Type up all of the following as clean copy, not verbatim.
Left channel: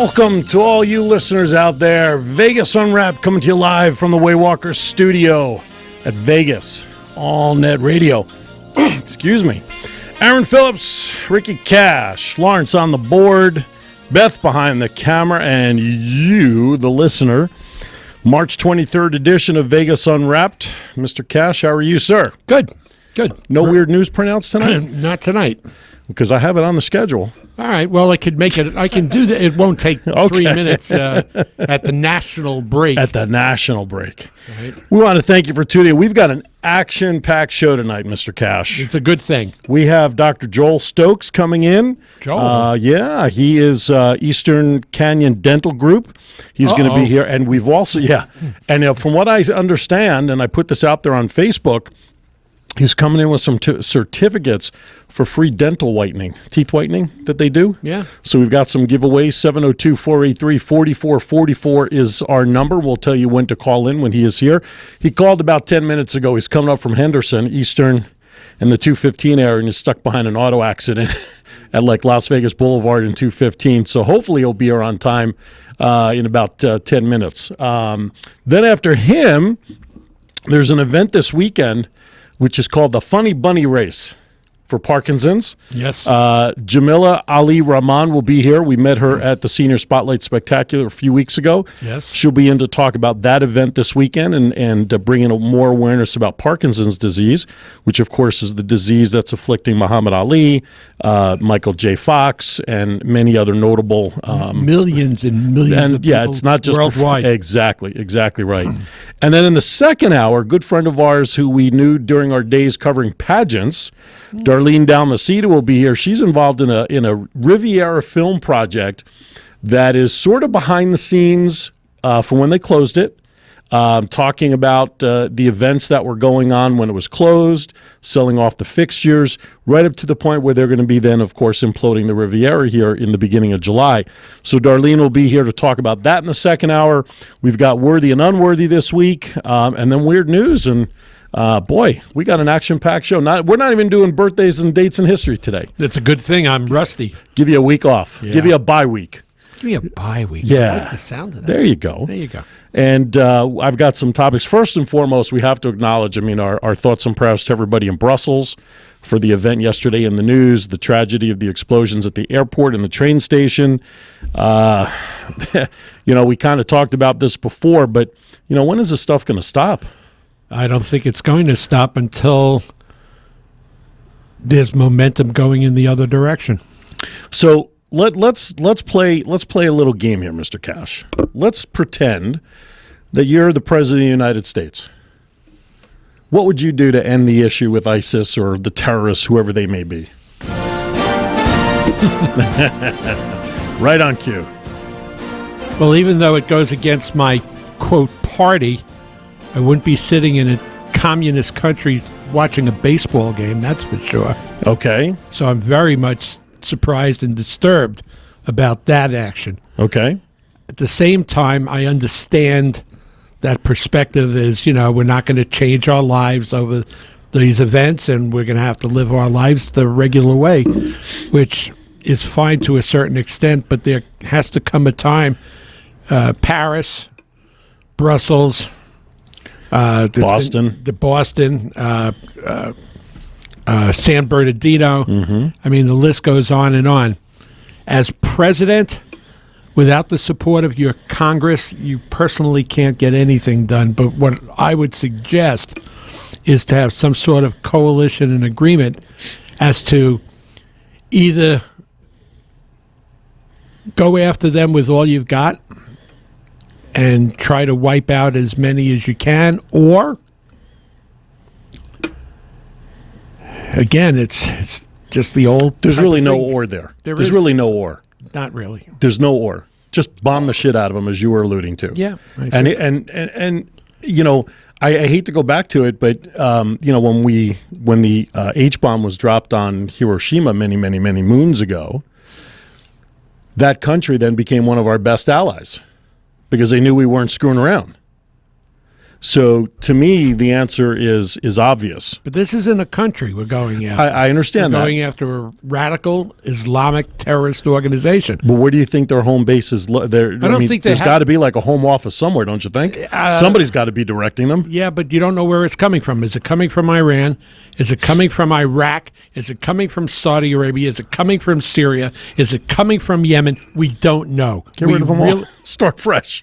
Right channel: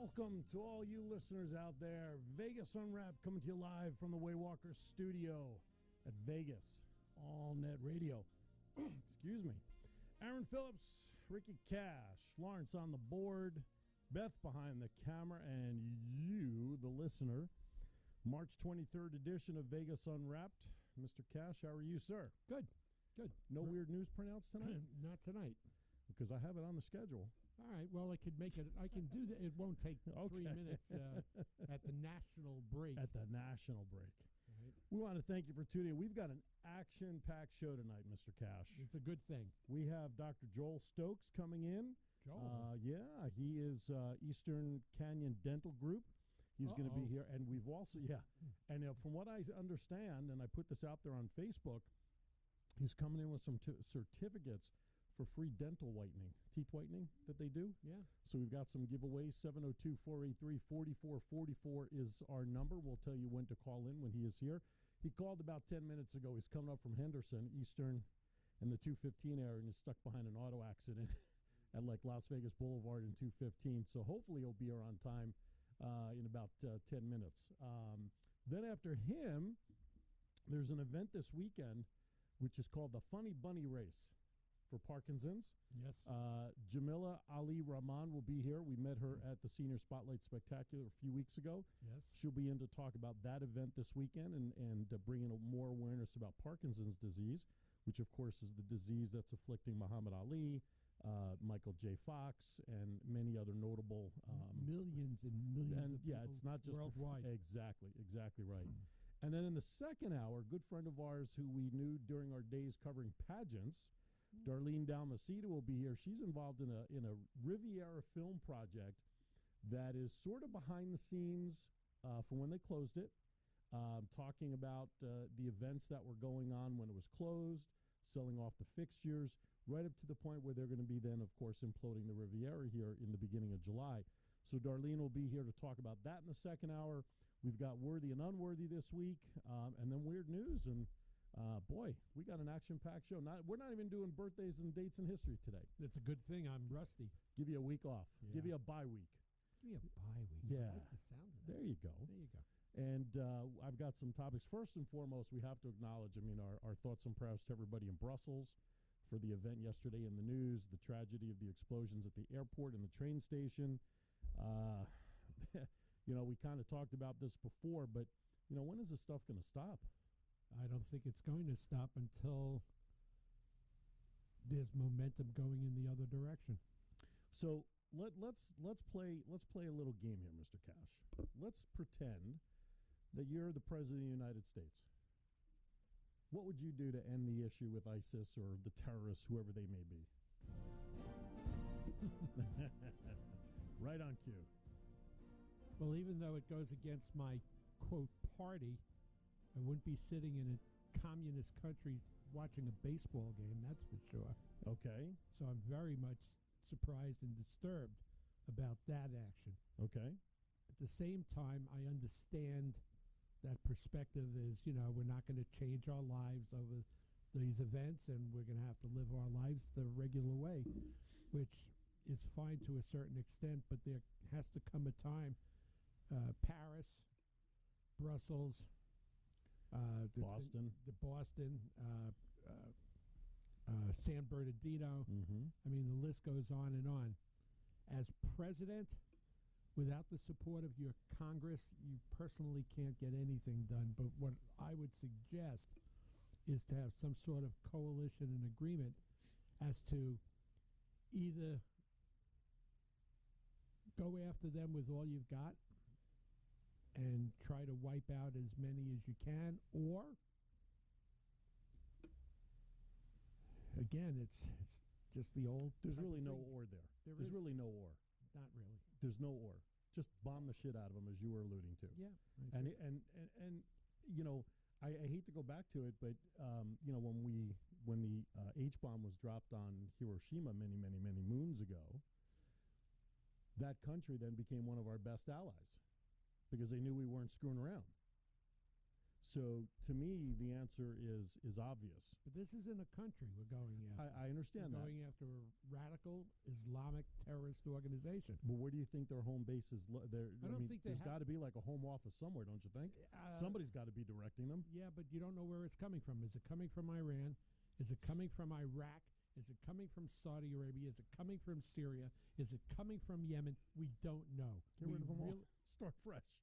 Welcome to all you listeners out there. Vegas Unwrapped coming to you live from the Waywalker studio at Vegas All Net Radio. Excuse me. Aaron Phillips, Ricky Cash, Lawrence on the board, Beth behind the camera, and you, the listener. March 23rd edition of Vegas Unwrapped. Mr. Cash, how are you, sir? Good. No weird news printouts tonight? Not tonight. Because I have it on the schedule. All right. Well, I could make it. I can do that. It won't take 3 minutes at the national break. At the national break. Right. We want to thank you for tuning in. We've got an action-packed show tonight, Mr. Cash. It's a good thing. We have Dr. Joel Stokes coming in. Joel? Yeah, he is Eastern Canyon Dental Group. He's going to be here. And we've also, and from what I understand, and I put this out there on Facebook, he's coming in with some certificates for free dental whitening, teeth whitening that they do. Yeah. So we've got some giveaways. 702-483-4444 is our number. We'll tell you when to call in when he is here. He called about 10 minutes ago. He's coming up from Henderson, Eastern, and the 215 area, and he's stuck behind an auto accident at like Las Vegas Boulevard in 215. So hopefully he'll be here on time in about 10 minutes. Then after him, there's an event this weekend which is called the Funny Bunny Race for Parkinson's. Yes. Jamillah Ali-Rahman will be here. We met her at the Senior Spotlight Spectacular a few weeks ago. Yes. She'll be in to talk about that event this weekend and bring in more awareness about Parkinson's disease, which, of course, is the disease that's afflicting Muhammad Ali, Michael J. Fox, and many other notable millions and millions of people it's not just worldwide. Exactly right. And then in the second hour, a good friend of ours who we knew during our days covering pageants, Darlene Dalmaceda, will be here. She's involved in a Riviera film project that is sort of behind the scenes from when they closed it, talking about the events that were going on when it was closed, selling off the fixtures, right up to the point where they're going to be then, of course, imploding the Riviera here in the beginning of July. So Darlene will be here to talk about that in the second hour. We've got Worthy and Unworthy this week, and then Weird News. And boy, we got an action-packed show. We're not even doing birthdays and dates in history today. It's a good thing. I'm rusty. Give you a week off. Yeah. Give you a bye week. Give me a bye week. Yeah. I like the sound of that. There you go. There you go. And I've got some topics. First and foremost, we have to acknowledge, our thoughts and prayers to everybody in Brussels for the event yesterday in the news, the tragedy of the explosions at the airport and the train station. We kind of talked about this before, but, when is this stuff going to stop? I don't think it's going to stop until there's momentum going in the other direction. So let's play a little game here, Mr. Cash. Let's pretend that you're the president of the United States. What would you do to end the issue with ISIS or the terrorists, whoever they may be? Right on cue. Well, even though it goes against my, quote, party, I wouldn't be sitting in a communist country watching a baseball game, that's for sure. Okay. So I'm very much surprised and disturbed about that action. Okay. At the same time, I understand that perspective is, we're not going to change our lives over these events, and we're going to have to live our lives the regular way, which is fine to a certain extent, but there has to come a time. Paris, Brussels, Boston, San Bernardino. Mm-hmm. The list goes on and on. As president, without the support of your Congress, you personally can't get anything done. But what I would suggest is to have some sort of coalition and agreement as to either go after them with all you've got and try to wipe out as many as you can, or again, it's just the old. There's really no or there. There's really no or. Not really. There's no or. Just bomb the shit out of them, as you were alluding to. Yeah. And I hate to go back to it, but when the H-bomb was dropped on Hiroshima many moons ago, that country then became one of our best allies because they knew we weren't screwing around. So to me, the answer is obvious. But this isn't a country we're going after. I understand we're that. going after a radical Islamic terrorist organization. But where do you think their home base is? I don't think there's got to be like a home office somewhere, don't you think? Somebody's got to be directing them. Yeah, but you don't know where it's coming from. Is it coming from Iran? Is it coming from Iraq? Is it coming from Saudi Arabia? Is it coming from Syria? Is it coming from Yemen? We don't know. Get rid of them all. Start fresh.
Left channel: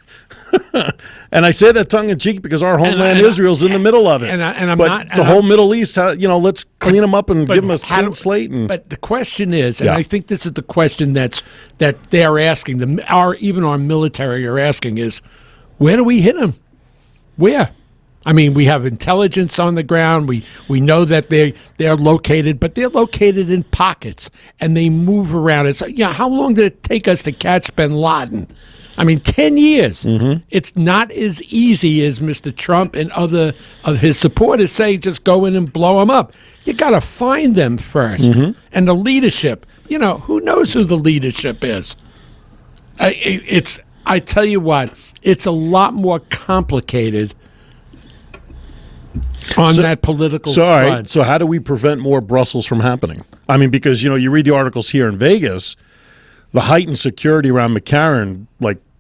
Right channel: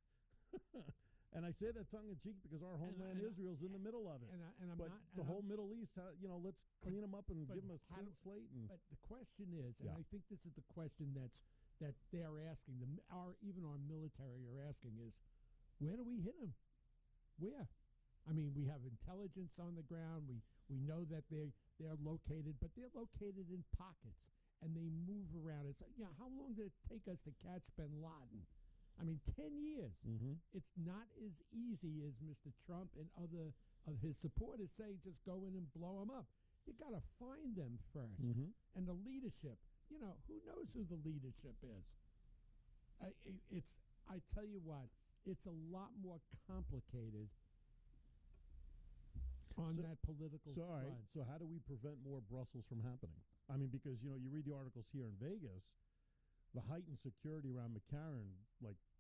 And I say that tongue in cheek because our homeland Israel's in the middle of it. But the whole Middle East, let's clean them up and give them a clean slate. But the question is, and I think this is the question that they're asking, even our military are asking, is where do we hit them? Where? I mean, we have intelligence on the ground. We know that they're located, but they're located in pockets, and they move around. It's how long did it take us to catch bin Laden? I mean, 10 years. Mm-hmm. It's not as easy as Mr. Trump and other of his supporters say, just go in and blow them up. You got to find them first. Mm-hmm. And the leadership, who knows who the leadership is? I tell you what, it's a lot more complicated on that political front. Right. So how do we prevent more Brussels from happening? I mean, because, you read the articles here in Vegas, the heightened security around McCarran,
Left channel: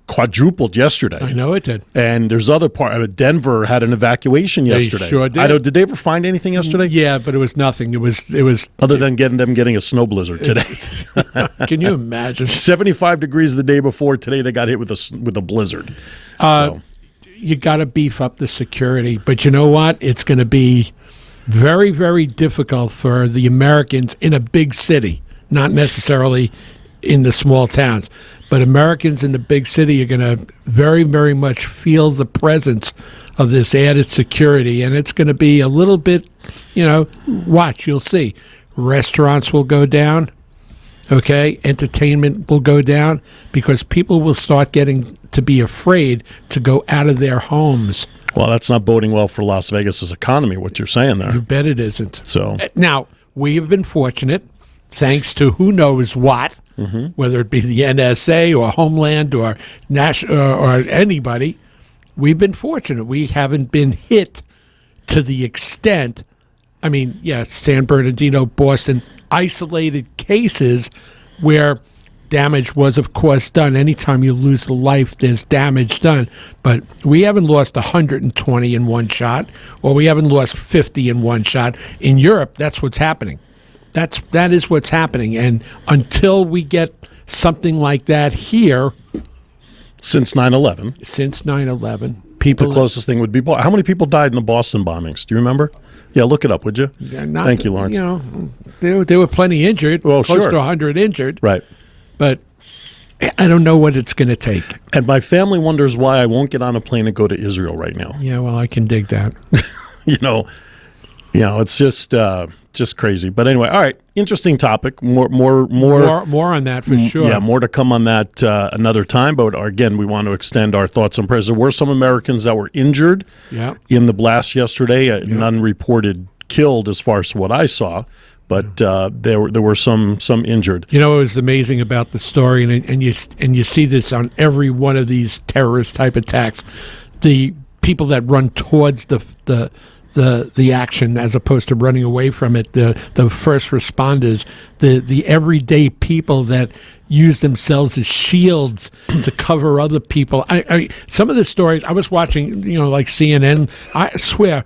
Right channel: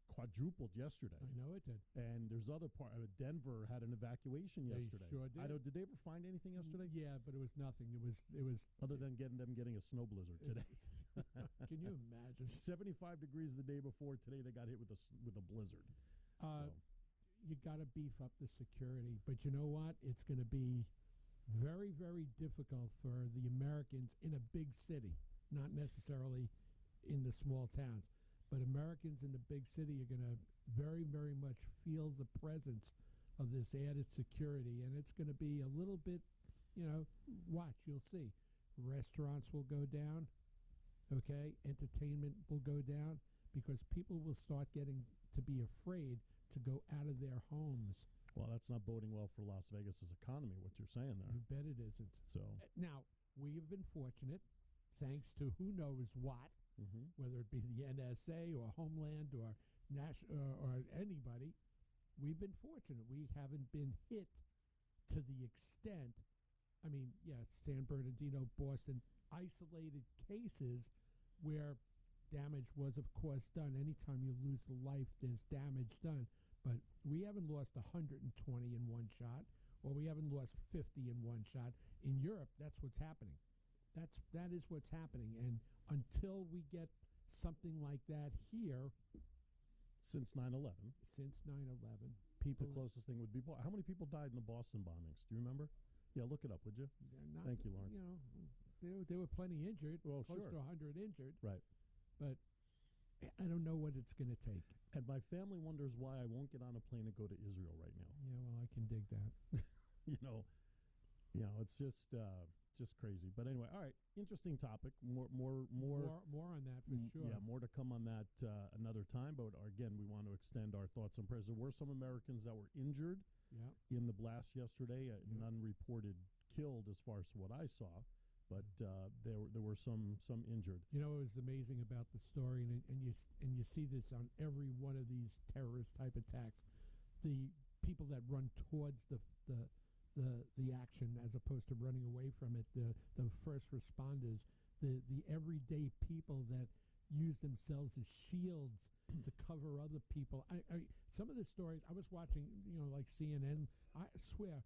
quadrupled yesterday. I know it did. And there's other Denver had an evacuation yesterday. They sure did. Did they ever find anything yesterday? Yeah, but it was nothing. It was other than getting a snow blizzard today. Can you imagine? 75 degrees the day before. Today they got hit with a blizzard. You got to beef up the security, but you know what? It's going to be very, very difficult for the Americans in a big city, not necessarily in the small towns. But Americans in the big city are going to very, very much feel the presence of this added security. And it's going to be a little bit, watch, you'll see. Restaurants will go down, okay? Entertainment will go down because people will start getting to be afraid to go out of their homes. Well, that's not boding well for Las Vegas's economy, what you're saying there. You bet it isn't. So now, we have been fortunate, thanks to who knows what, whether it be the NSA or Homeland or or anybody, we've been fortunate. We haven't been hit to the extent, San Bernardino, Boston, isolated cases where damage was, of course, done. Anytime you lose a life, there's damage done. But we haven't lost 120 in one shot, or we haven't lost 50 in one shot. In Europe, that's what's happening. That is what's happening, and until we get something like that here, since 9/11, people. The closest thing would be how many people died in the Boston bombings? Do you remember? Yeah, look it up, would you? Thank you, Lawrence. There were plenty injured. Well, close sure. to 100 injured. Right. But I don't know what it's going to take. And my family wonders why I won't get on a plane and go to Israel right now. Yeah, well, I can dig that. It's just crazy. But anyway, all right, interesting topic. More on that for sure. Yeah, more to come on that another time. But again, we want to extend our thoughts and prayers. There were some Americans that were injured in the blast yesterday. None reported killed, as far as what I saw. But there were some injured. What was amazing about the story, and you see this on every one of these terrorist type attacks, the people that run towards the action as opposed to running away from it, the first responders, the everyday people that use themselves as shields to cover other people. Some of the stories I was watching, like CNN, I swear,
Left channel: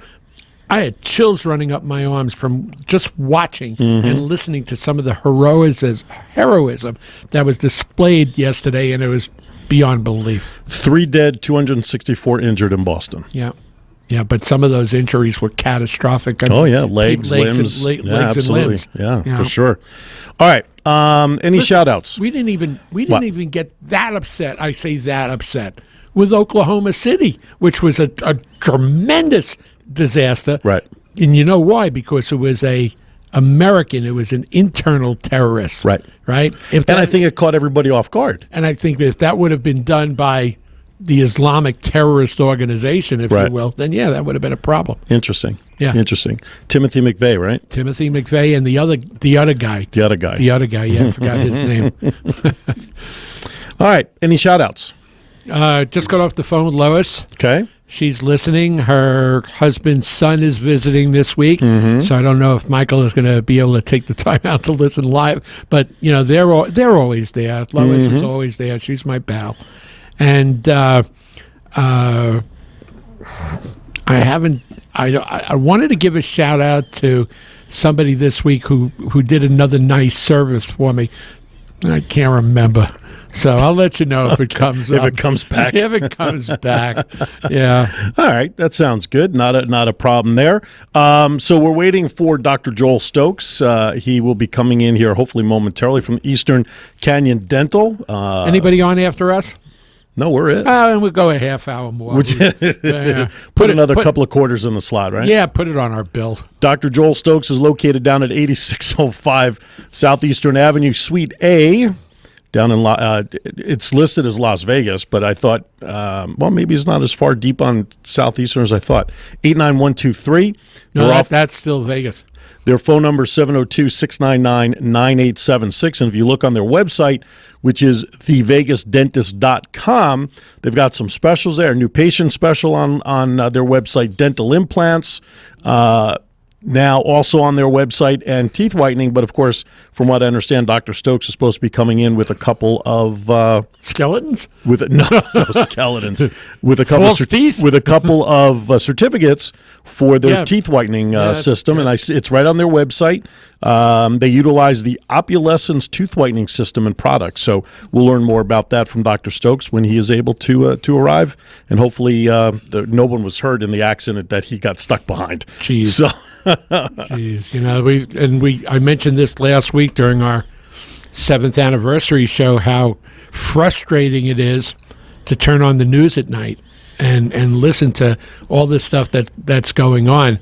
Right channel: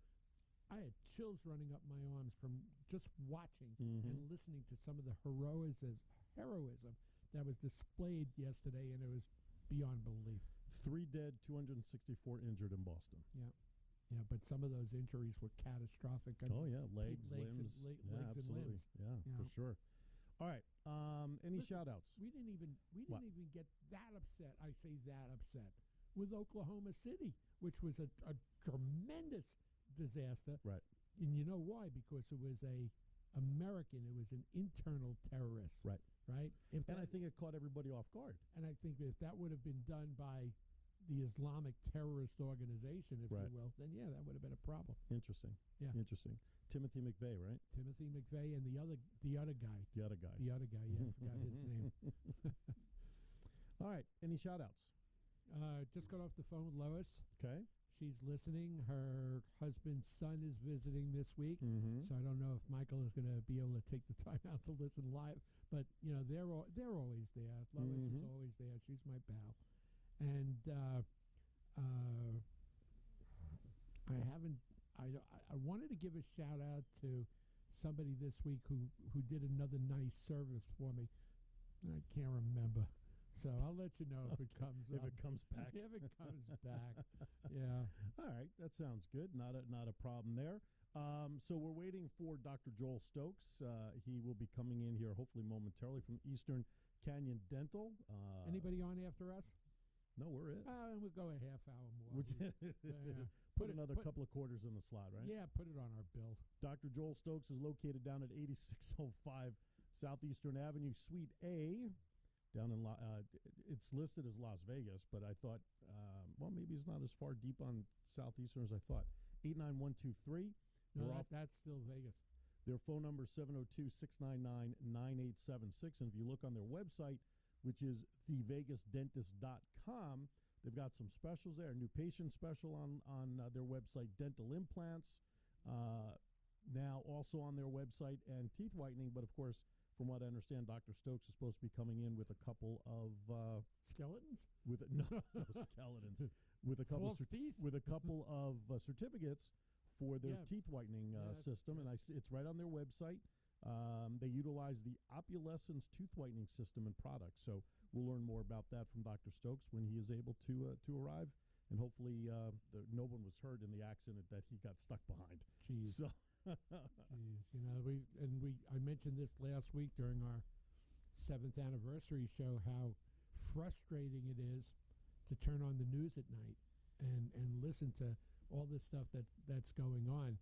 I had chills running up my arms from just watching and listening to some of the heroism that was displayed yesterday, and it was beyond belief. 3 dead, 264 injured in Boston. Yeah. Yeah, but some of those injuries were catastrophic. Legs, limbs. Legs absolutely. and limbs. Yeah, for sure. All right. Any shout-outs? We didn't even get that upset. I say that upset with Oklahoma City, which was a tremendous disaster. Right. And you know why? Because it was an American. It was an internal terrorist. Right. Right. I think it caught everybody off guard. And I think that if that would have been done by the Islamic terrorist organization, if you will, then that would have been a problem. Interesting. Yeah. Interesting. Timothy McVeigh, right? Timothy McVeigh and the other guy. The other guy. Yeah, I forgot his name. All right. Any shout-outs? Just got off the phone with Lois. Okay. she's listening. Her husband's son is visiting this week, so I don't know if Michael is going to be able to take the time out to listen live. But they're always there. Lois is always there. She's my pal, and I wanted to give a shout out to somebody this week who did another nice service for me. I can't remember. So I'll let you know if it comes up. If it comes back. If it comes back. Yeah. All right. That sounds good. Not a problem there. So we're waiting for Dr. Joel Stokes. He will be coming in here hopefully momentarily from Eastern Canyon Dental. Anybody on after us? No, we're it. And we'll go a half hour more. Put another couple of quarters in the slot, right? Yeah, put it on our bill. Dr. Joel Stokes is located down at 8605 Southeastern Avenue, Suite A. Down in it's listed as Las Vegas, but I thought, maybe it's not as far deep on Southeastern as I thought. 89123. No, that's still Vegas. Their phone number is 702-699-9876. And if you look on their website, which is thevegasdentist.com, they've got some specials there. A new patient special on their website, dental implants. Now also on their website, and teeth whitening. But of course, from what I understand, Dr. Stokes is supposed to be coming in with a couple of skeletons. No skeletons. With a couple false teeth. With a couple of certificates for their teeth whitening system, and it's right on their website. They utilize the Opulescence tooth whitening system and products. So we'll learn more about that from Dr. Stokes when he is able to arrive, and hopefully no one was hurt in the accident that he got stuck behind. Jeez. So. Jeez, I mentioned this last week during our 7th anniversary show, how frustrating it is to turn on the news at night and listen to all this stuff that's going on.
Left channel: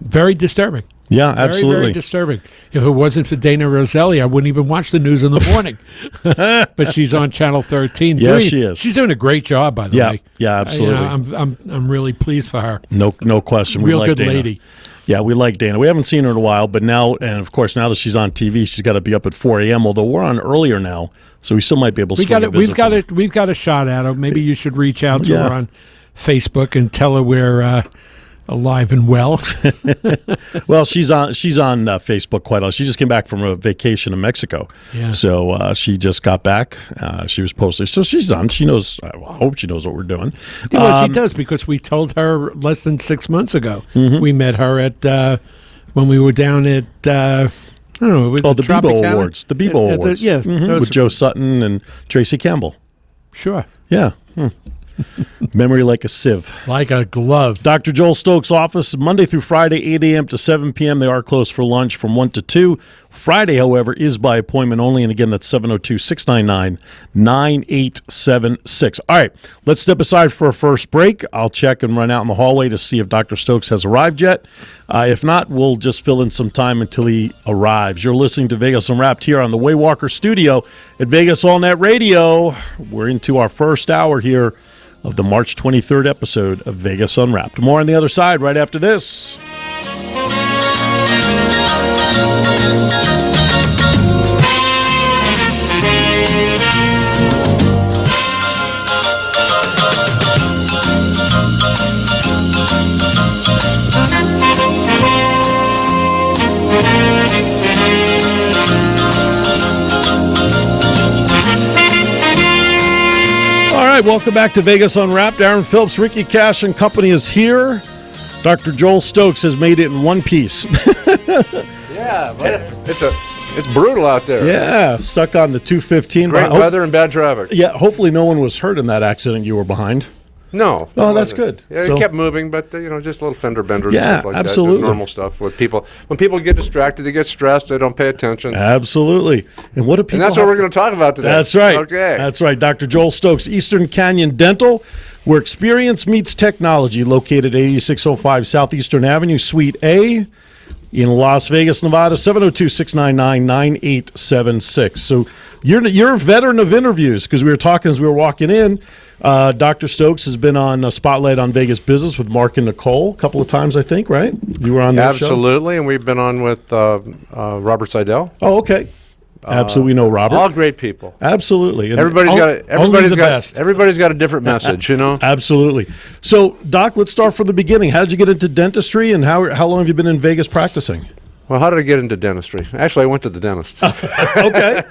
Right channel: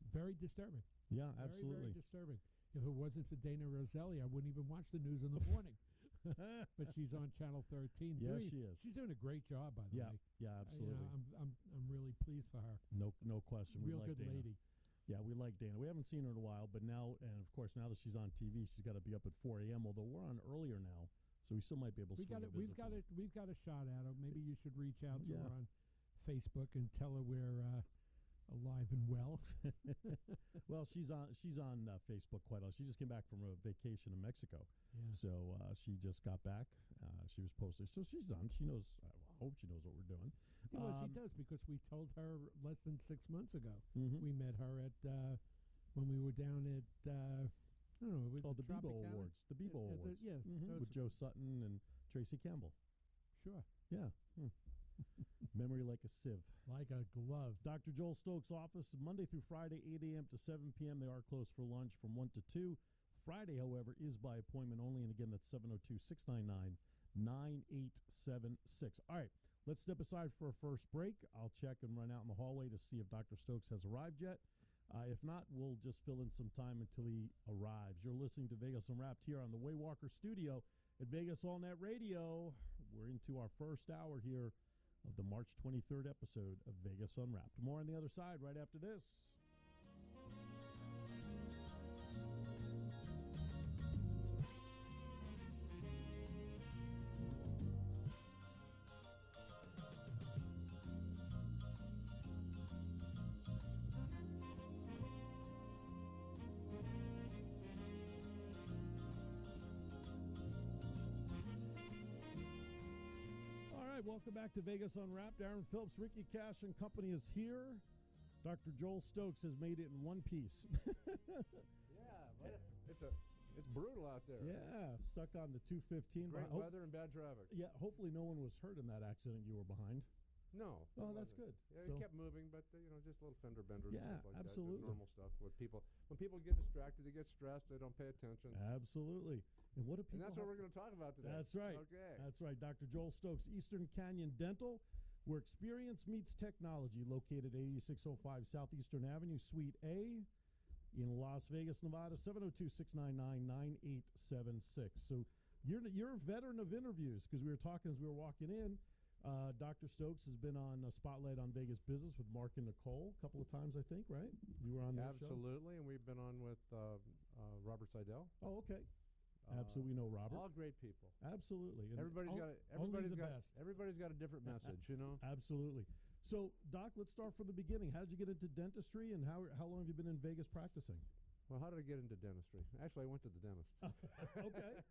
Very disturbing. Yeah, absolutely. Very, very disturbing. If it wasn't for Dana Roselli, I wouldn't even watch the news in the morning. But she's on Channel 13. Yes, she is. She's doing a great job, by the way. Yeah, absolutely. I'm really pleased for her. No question. Real we like good Dana. lady. Yeah, we like Dana. We haven't seen her in a while, but now, and of course, now that she's on TV, she's got to be up at 4 a.m., although we're on earlier now, so we still might be able to We've got a shot at her. Maybe you should reach out to her on Facebook and tell her we're alive and well. Well, she's on Facebook quite a lot. She just came back from a vacation in Mexico. Yeah. So she just got back. She was posted. So she's on. She knows. I hope she knows what we're doing. Yeah, well, she does, because we told her less than 6 months ago. We met her at when we were down at I don't know. It was the Bebo Awards. The Bebo Awards. With Joe Sutton and Tracy Campbell. Sure. Yeah. Memory like a sieve. Like a glove. Dr. Joel Stokes' office, Monday through Friday, 8 a.m. to 7 p.m. They are closed for lunch from 1 to 2. Friday, however, is by appointment only. And again, that's 702-699-9876. All right, let's step aside for a first break. I'll check and run out in the hallway to see if Dr. Stokes has arrived yet. If not, we'll just fill in some time until he arrives. You're listening to Vegas Unwrapped here on the Waywalker studio at Vegas All Net Radio. We're into our first hour here of the March 23rd episode of Vegas Unwrapped. More on the other side right after this. All right, welcome back to Vegas Unwrapped. Aaron Phillips, Ricky Cash and company is here. Dr. Joel Stokes has made it in one piece. Yeah, but it's brutal out there. Yeah, stuck on the 215. Great weather and bad traffic. Yeah, hopefully no one was hurt in that accident you were behind. No. Oh, that's good. Yeah, So- it kept moving, but just little fender benders Yeah, and stuff like absolutely. that. Just normal stuff. With people, when people get distracted, they get stressed, they don't pay attention. Absolutely. And what do people And that's what we're going to talk about today. That's right. Okay. That's right. Dr. Joel Stokes, Eastern Canyon Dental, where experience meets technology, located at 8605 Southeastern Avenue, Suite A, in Las Vegas, Nevada, 702-699-9876. So you're a veteran of interviews, because we were talking as we were walking in. Dr. Stokes has been on Spotlight on Vegas Business with Mark and Nicole a couple of times, I think, right? You were on that show? Absolutely, and we've been on with Robert Seidel. Oh, okay. Absolutely, no, Robert. All great people. Absolutely. And Everybody's the best. everybody's got a different message, you know. absolutely. So, Doc, let's start from the beginning. How did you get into dentistry, and how long have you been in Vegas practicing? Well, how did I get into dentistry? Actually, I went to the dentist. Okay.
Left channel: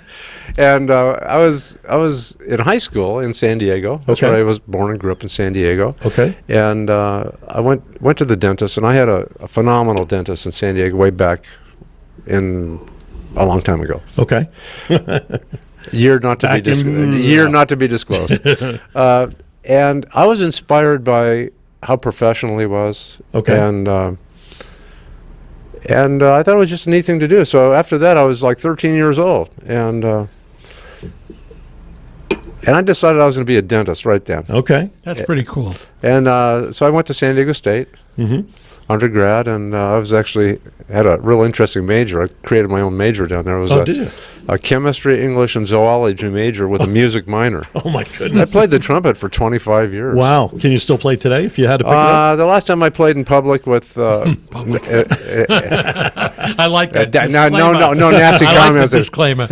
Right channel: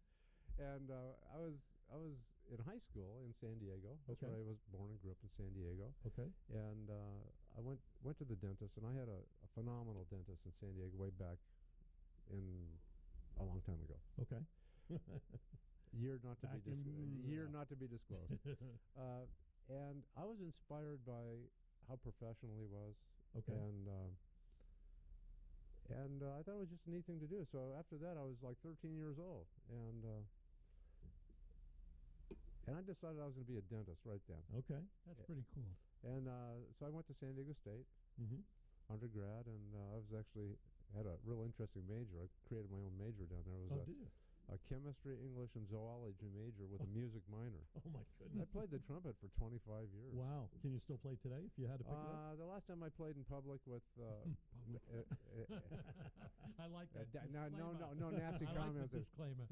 And I was in high school in San Diego. That's Okay. where I was born and grew up in San Diego. Okay. And I went to the dentist, and I had a phenomenal dentist in San Diego way back in a long time ago. Okay. Year not to Back be in- not to be disclosed. And I was inspired by how professional he was. Okay. And I thought it was just a neat thing to do. So after that, I was like 13 years old, and I decided I was going to be a dentist right then. Okay. That's pretty cool. And so I went to San Diego State Mm-hmm. undergrad, and I was actually had a real interesting major. I created my own major down there. It was Did you? a chemistry, English, and zoology major with a music minor. Oh, my I goodness. played the trumpet for 25 years. Wow. Can you still play today if you had to pick it up? The last time I played in public with I like that. no, nasty I like comments. the disclaimer.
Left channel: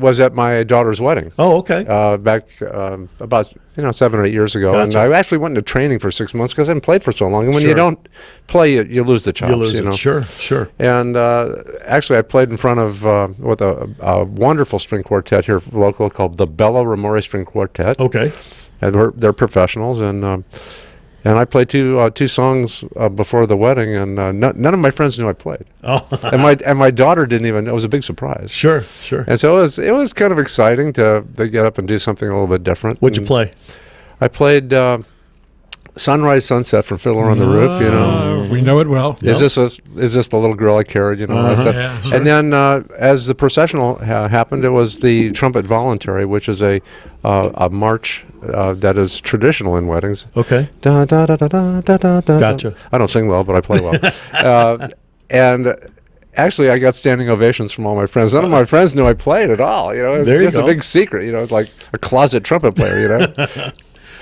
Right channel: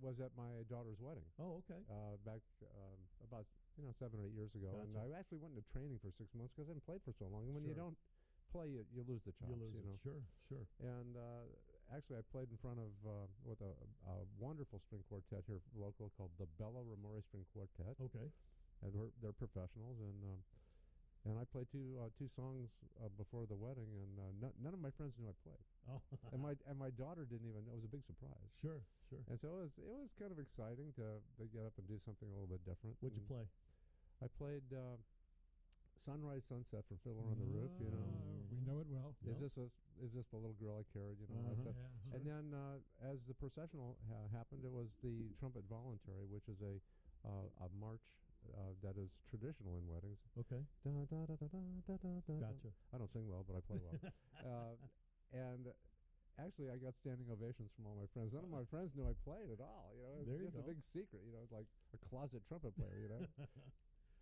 Was at my daughter's wedding. Oh, okay. Back about 7 or 8 years ago, and Gotcha. I actually went into training for 6 months because I hadn't played for so long. And when you Sure. don't play, you lose the chops. You lose it. know. Sure, sure. And actually, I played in front of with a wonderful string quartet here local called the Bella Ramore String Quartet. Okay. And they're professionals, and I played two songs before the wedding, and none of my friends knew I played. Oh, and my daughter didn't even know. It was a big surprise. sure, sure. And so it was kind of exciting to get up and do something a little bit different. What'd you And play? I played Sunrise Sunset from Fiddler on the Roof. We know it well. Yeah. Is this the little girl I carried? All that stuff. Yeah, sure. And then as the processional happened, it was the Trumpet Voluntary, which is a march that is traditional in weddings. Okay. Da, da, da, da, da, da, da, da. Gotcha. I don't sing well, but I play well. And actually, I got standing ovations from all my friends. None of my friends knew I played at all. It was There you just a go. big secret. It's like a closet trumpet player.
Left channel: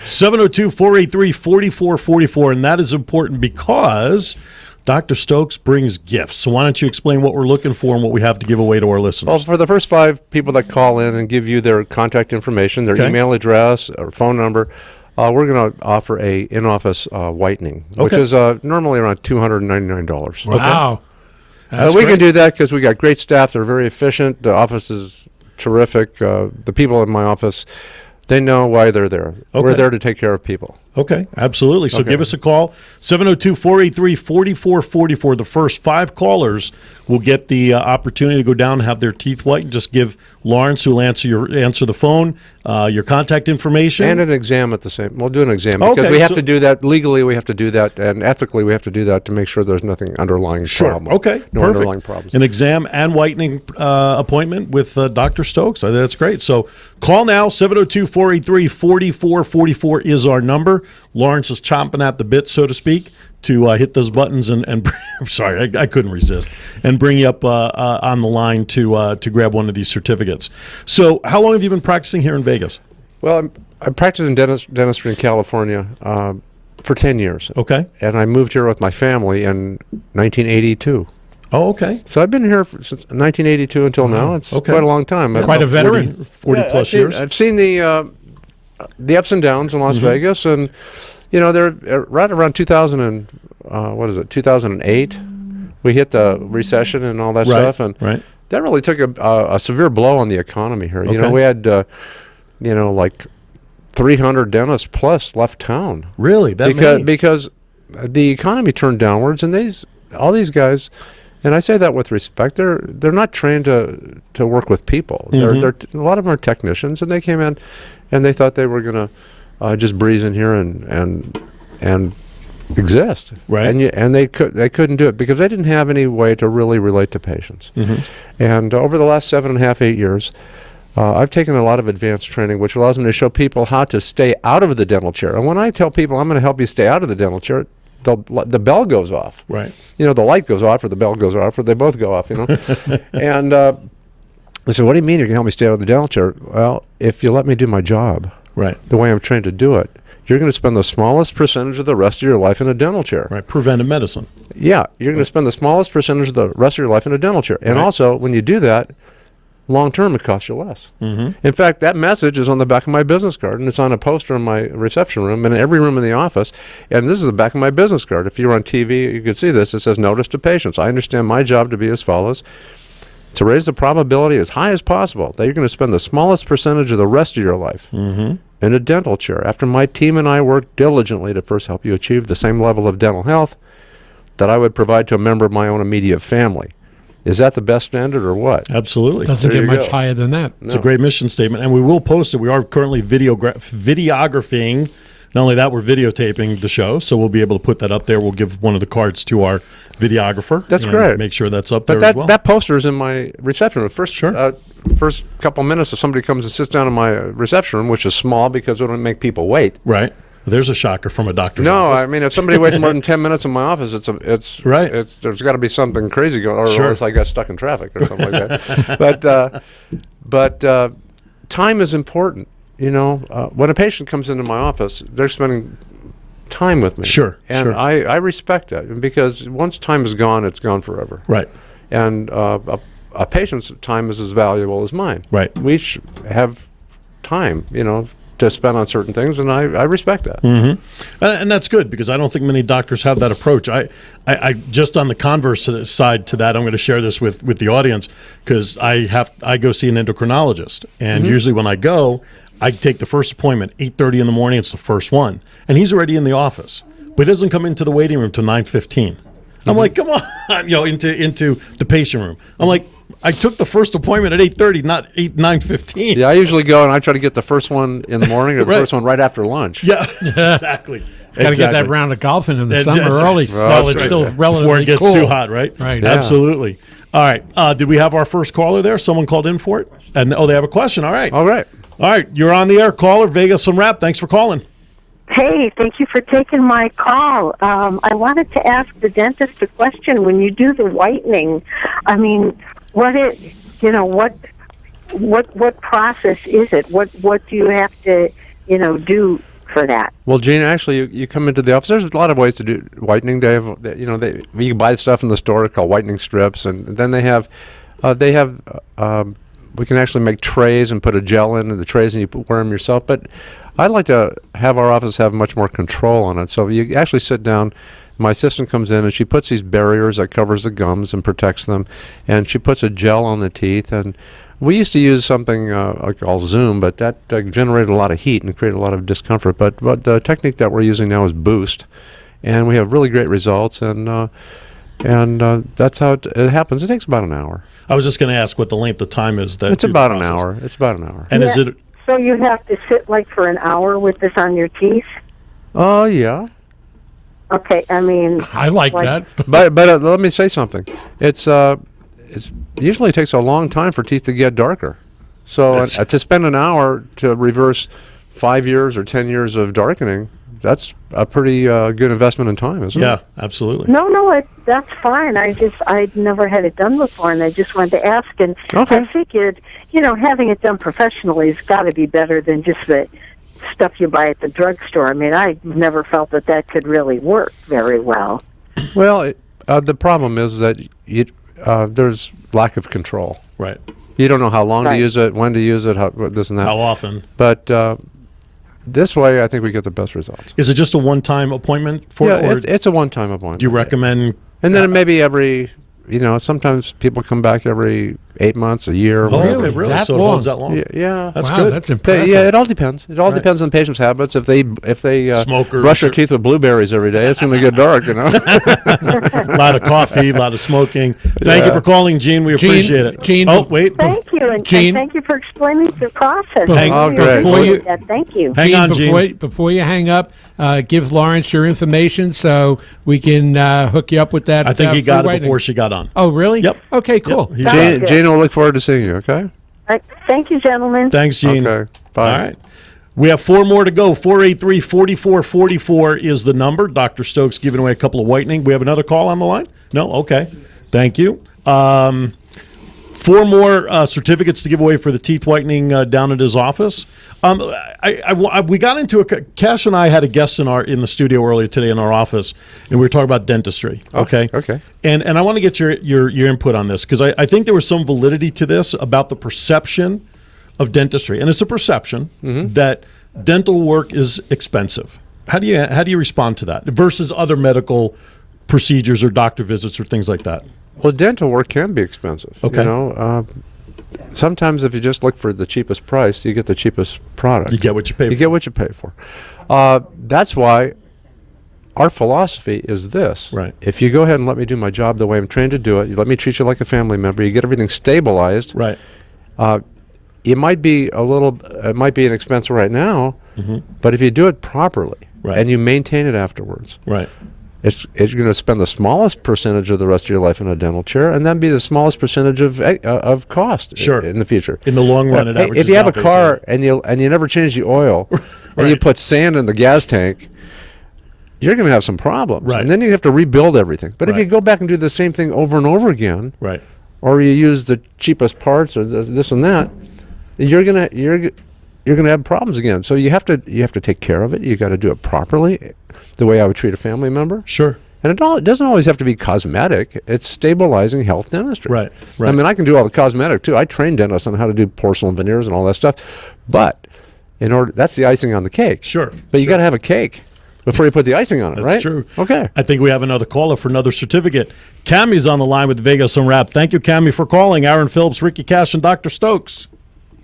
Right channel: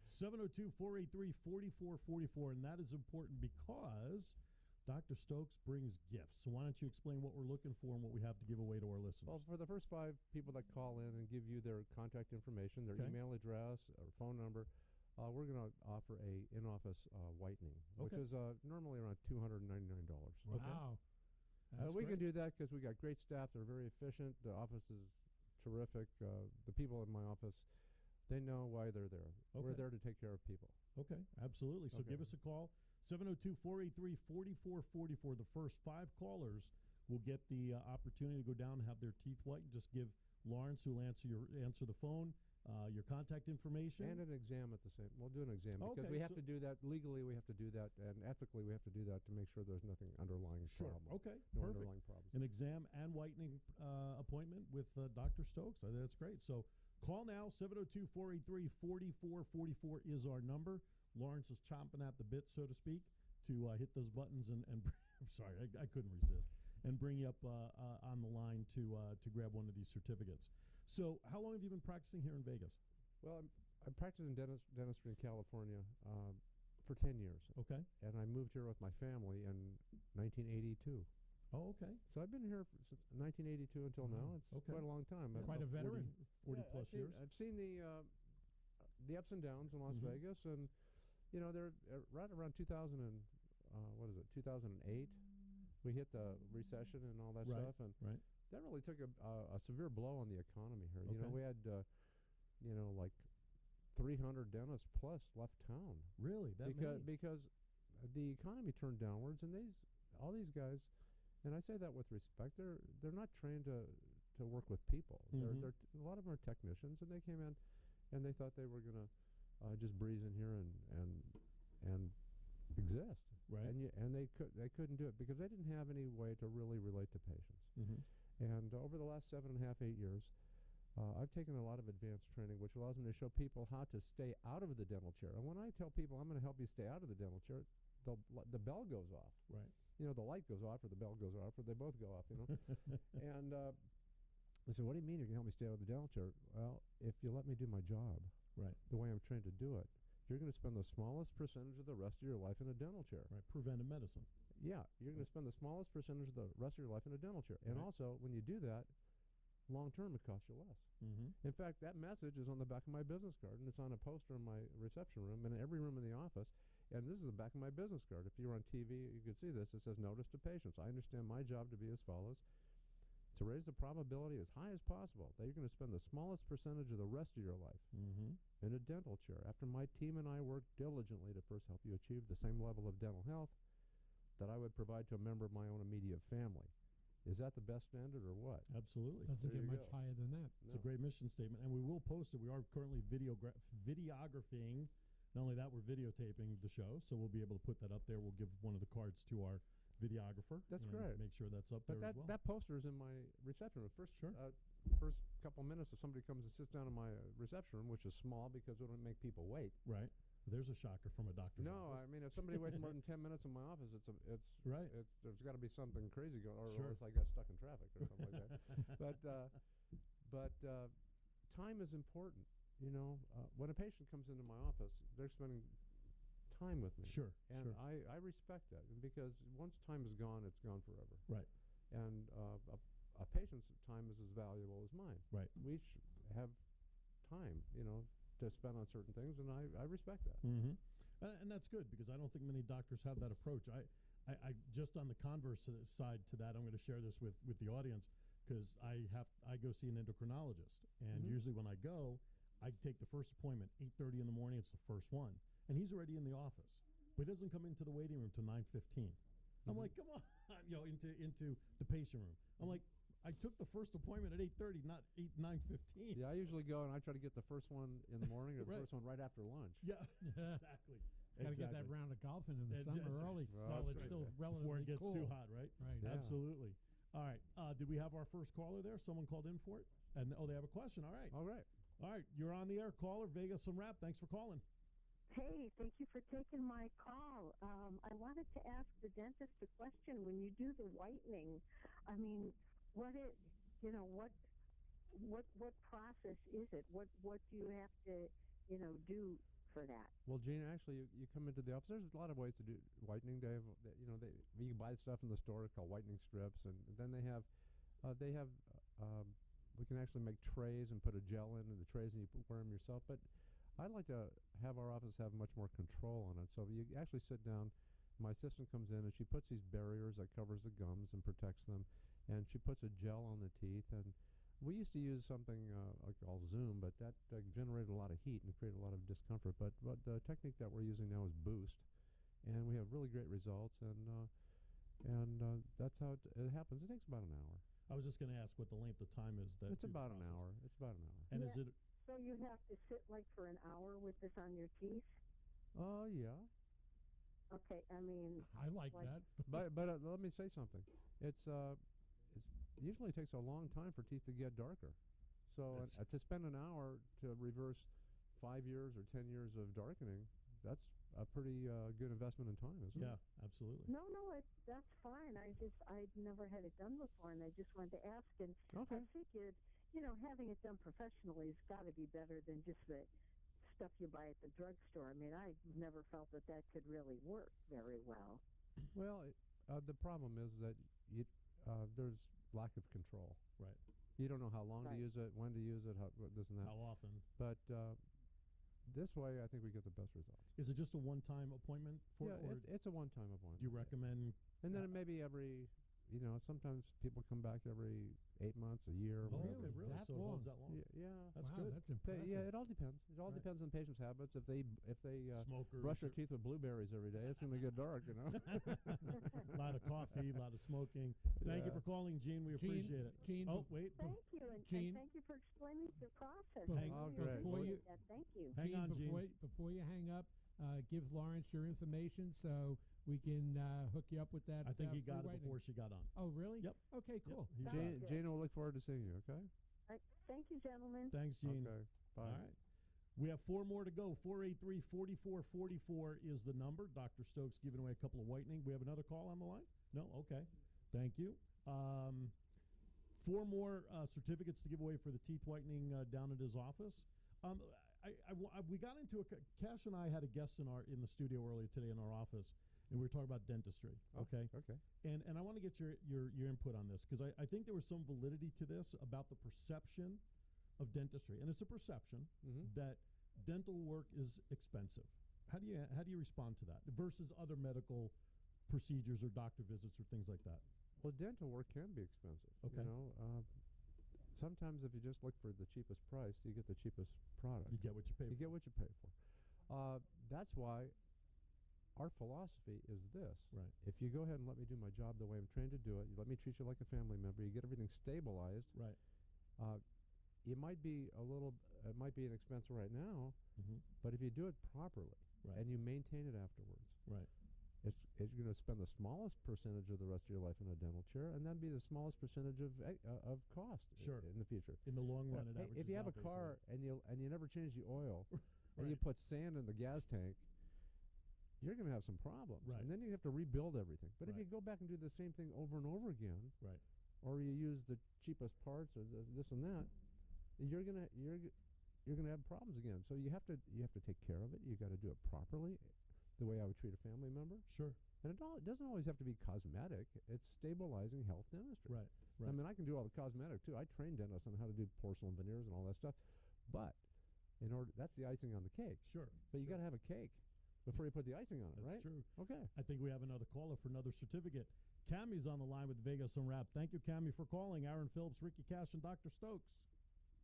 702-483-4444, and that is important because Dr. Stokes brings gifts. So why don't you explain what we're looking for and what we have to give away to our listeners? Well, for the first 5 people that call in and give you their contact information, their Okay. email address or phone number, we're going to offer a in-office whitening, which Okay. is normally around $299. Wow. That's We great. can do that because we got great staff. They're very efficient. The office is terrific. The people in my office, they know why they're there. We're Okay. there to take care of people. Okay, absolutely. So Okay. give us a call, 702-483-4444. The first 5 callers will get the opportunity to go down and have their teeth whitened. Just give Lawrence, who will answer the phone, your contact information. And an exam at the same. We'll do an exam Okay, because we have so- to do that legally. We have to do that, and ethically we have to do that to make sure there's nothing underlying Sure. problem. Okay. No Perfect. underlying problems. An exam and whitening appointment with Dr. Stokes. I think that's great. So call now. 702-483-4444 is our number. Lawrence is chomping at the bit, so to speak, to hit those buttons and I'm sorry, I couldn't resist, and bring you up on the line to grab one of these certificates. So how long have you been practicing here in Vegas? Well, I practiced in dentistry in California for 10 years. Okay. And I moved here with my family in 1982. Oh, okay. So I've been here since 1982 until now. It's Okay. quite a long time. Quite a veteran. 40 Yeah, plus years. I've seen the ups and downs in Las Vegas, and they're right around 2008. We hit the recession and all that stuff, and Right. that really took a severe blow on the economy here. Okay. We had like 300 dentists plus left town Really? That many? because the economy turned downwards, and all these guys, and I say that with respect, they're not trained to work with people. They're a lot of them are technicians, and they came in and they thought they were going to just breeze in here and exist. Right. And they couldn't do it because they didn't have any way to really relate to patients. And over the last 7.5, 8 years, I've taken a lot of advanced training, which allows me to show people how to stay out of the dental chair. And when I tell people I'm going to help you stay out of the dental chair, the bell goes off. Right. The light goes off, or the bell goes off, or they both go off. And they said, "What do you mean you can help me stay out of the dental chair?" Well, if you let me do my job Right. the way I'm trained to do it, you're going to spend the smallest percentage of the rest of your life in a dental chair. Right. Preventive medicine. Yeah, you're going to spend the smallest percentage of the rest of your life in a dental chair. And Right. also, when you do that, long term it costs you less. In fact, that message is on the back of my business card, and it's on a poster in my reception room and in every room in the office. And this is the back of my business card. If you're on TV, you can see this. It says, "Notice to patients. I understand my job to be as follows: to raise the probability as high as possible that you're going to spend the smallest percentage of the rest of your life in a dental chair, after my team and I work diligently to first help you achieve the same level of dental health that I would provide to a member of my own immediate family." Is that the best standard or what? Absolutely. Doesn't There get you much go. higher than that. It's a great mission statement, and we will post it. We are currently videographing. Not only that, we're videotaping the show, so we'll be able to put that up there. We'll give one of the cards to our videographer. That's and great. Make sure that's up But there as well. that poster is in my reception room. First couple minutes, if somebody comes and sits down in my reception room, which is small because we don't make people wait. Right. There's a shocker from a doctor's No, office. I mean, if somebody waits more than 10 minutes in my office, it's Right. there's got to be something crazy going on, or Sure. else I got stuck in traffic or something like that. But time is important. You know, when a patient comes into my office, they're spending time with me. Sure, And sure. I respect that, because once time is gone, it's gone forever. Right. And a patient's time is as valuable as mine. Right. We each have time, you know, to spend on certain things, and I respect that. And that's good, because I don't think many doctors have that approach. I just on the converse side to that, I'm going to share this with the audience, because I go see an endocrinologist, and usually when I go, I take the first appointment 8:30 in the morning. It's the first one, and he's already in the office, but he doesn't come into the waiting room till 9:15. I'm like, come on, you know, into the patient room. I'm like, I took the first appointment at 8:30, not 9:15. Yeah, I usually go and I try to get the first one in the morning or the Right. first one right after lunch. Yeah, exactly. Got to get that round of golfing in the That's summer right. early. Well, While that's it's right. still Before relatively it gets cool. too hot, right? Right. Yeah. Absolutely. All right. Did we have our first caller there? Someone called in for it? And they have a question. All right. All right. All right. You're on the air, caller. Vegas Unwrapped. Thanks for calling. Hey, thank you for taking my call. I wanted to ask the dentist a question. When you do the whitening, I mean, what process is it? What do you have to, do for that? Well, Gene, actually, you come into the office. There's a lot of ways to do whitening. They have, you can buy stuff in the store called whitening strips, and then they have, we can actually make trays and put a gel in the trays, and you wear them yourself. But I'd like to have our office have much more control on it. So you actually sit down. My assistant comes in and she puts these barriers that covers the gums and protects them, and she puts a gel on the teeth. And we used to use something called Zoom, but that generated a lot of heat and created a lot of discomfort. But the technique that we're using now is Boost, and we have really great results. And that's how it happens. It takes about an hour. I was just going to ask what the length of time is. It's about an hour. It's about an hour. And is it? So you have to sit like for an hour with this on your teeth? Oh, yeah. Okay, I mean... I like that. But let me say something. It's usually takes a long time for teeth to get darker. So to spend an hour to reverse 5 years or 10 years of darkening, that's a pretty good investment in time, isn't it? Mm-hmm. Yeah, absolutely. No, that's fine. I'd never had it done before, and I just wanted to ask. And Okay. I figured, having it done professionally has got to be better than just the stuff you buy at the drugstore. I mean, I never felt that could really work very well. Well, the problem is that there's lack of control. Right. You don't know how long to Right. use it, when to use it, this and that. How often? But this way, I think we get the best results. Is it just a one-time appointment for Yeah, it? Or it's a one-time appointment. do you recommend? And then maybe every, sometimes people come back every 8 months, a year. Oh, whatever. okay, really? That So it long? holds that long? Yeah. That's Wow, good. that's impressive. Yeah, it all depends. It all Right. depends on the patient's habits. If they Smokers brush their or- teeth with blueberries every day, it's going to get dark, A lot of coffee, a lot of smoking. Thank you Yeah. for calling, Gene. We Gene- appreciate it. Gene- oh, wait. Thank you, and Gene- thank you for explaining the process. Hang- I really great. Before appreciate you- that. Thank you. Hang on, before, Gene. before you hang up, give Lawrence your information so we can hook you up with that. I think he free got it whitening. before she got on. Oh, really? Yep. Okay, cool. Yep. Jane, good. Jane will look forward to seeing you, okay? Thank you, gentlemen. Thanks, Gene. Okay. Bye. All right. We have 4 more to go. 483-4444 is the number. Dr. Stokes giving away a couple of whitening. We have another call on the line? No? Okay. Thank you. 4 more certificates to give away for the teeth whitening down at his office. We got into Cash and I had a guest in the studio earlier today in our office, and we were talking about dentistry. Okay. Okay. And I want to get your input on this, because I think there was some validity to this about the perception of dentistry, and it's a perception that dental work is expensive. How do you respond to that versus other medical procedures or doctor visits or things like that? Well, dental work can be expensive. Okay. You know, sometimes if you just look for the cheapest price, you get the cheapest product. You get what you pay for. You get what you pay for. That's why our philosophy is this. Right. If you go ahead and let me do my job the way I'm trained to do it, you let me treat you like a family member, you get everything stabilized. Right. It might be an expense right now, but if you do it properly and you maintain it afterwards, right, it's going to spend the smallest percentage of the rest of your life in a dental chair, and then be the smallest percentage of cost in the future. In the long run, it averages. If you have a out, car and you never change the oil, and you put sand in the gas tank, you're going to have some problems, Right. and then you have to rebuild everything. But if Right. you go back and do the same thing over and over again, right, or you use the cheapest parts or this and that, you're gonna have problems again. So you have to take care of it. You got to do it properly, the way I would treat a family member. sure, And it doesn't always have to be cosmetic. It's stabilizing health dentistry. right. I mean, I can do all the cosmetic too. I train dentists on how to do porcelain veneers and all that stuff. But that's the icing on the cake. Sure. But you got to have a cake before you put the icing on it, right? That's true. Okay. I think we have another caller for another certificate. Cammie's on the line with Vegas Unwrapped. Thank you, Cammie, for calling. Aaron Phillips, Ricky Cash, and Dr. Stokes.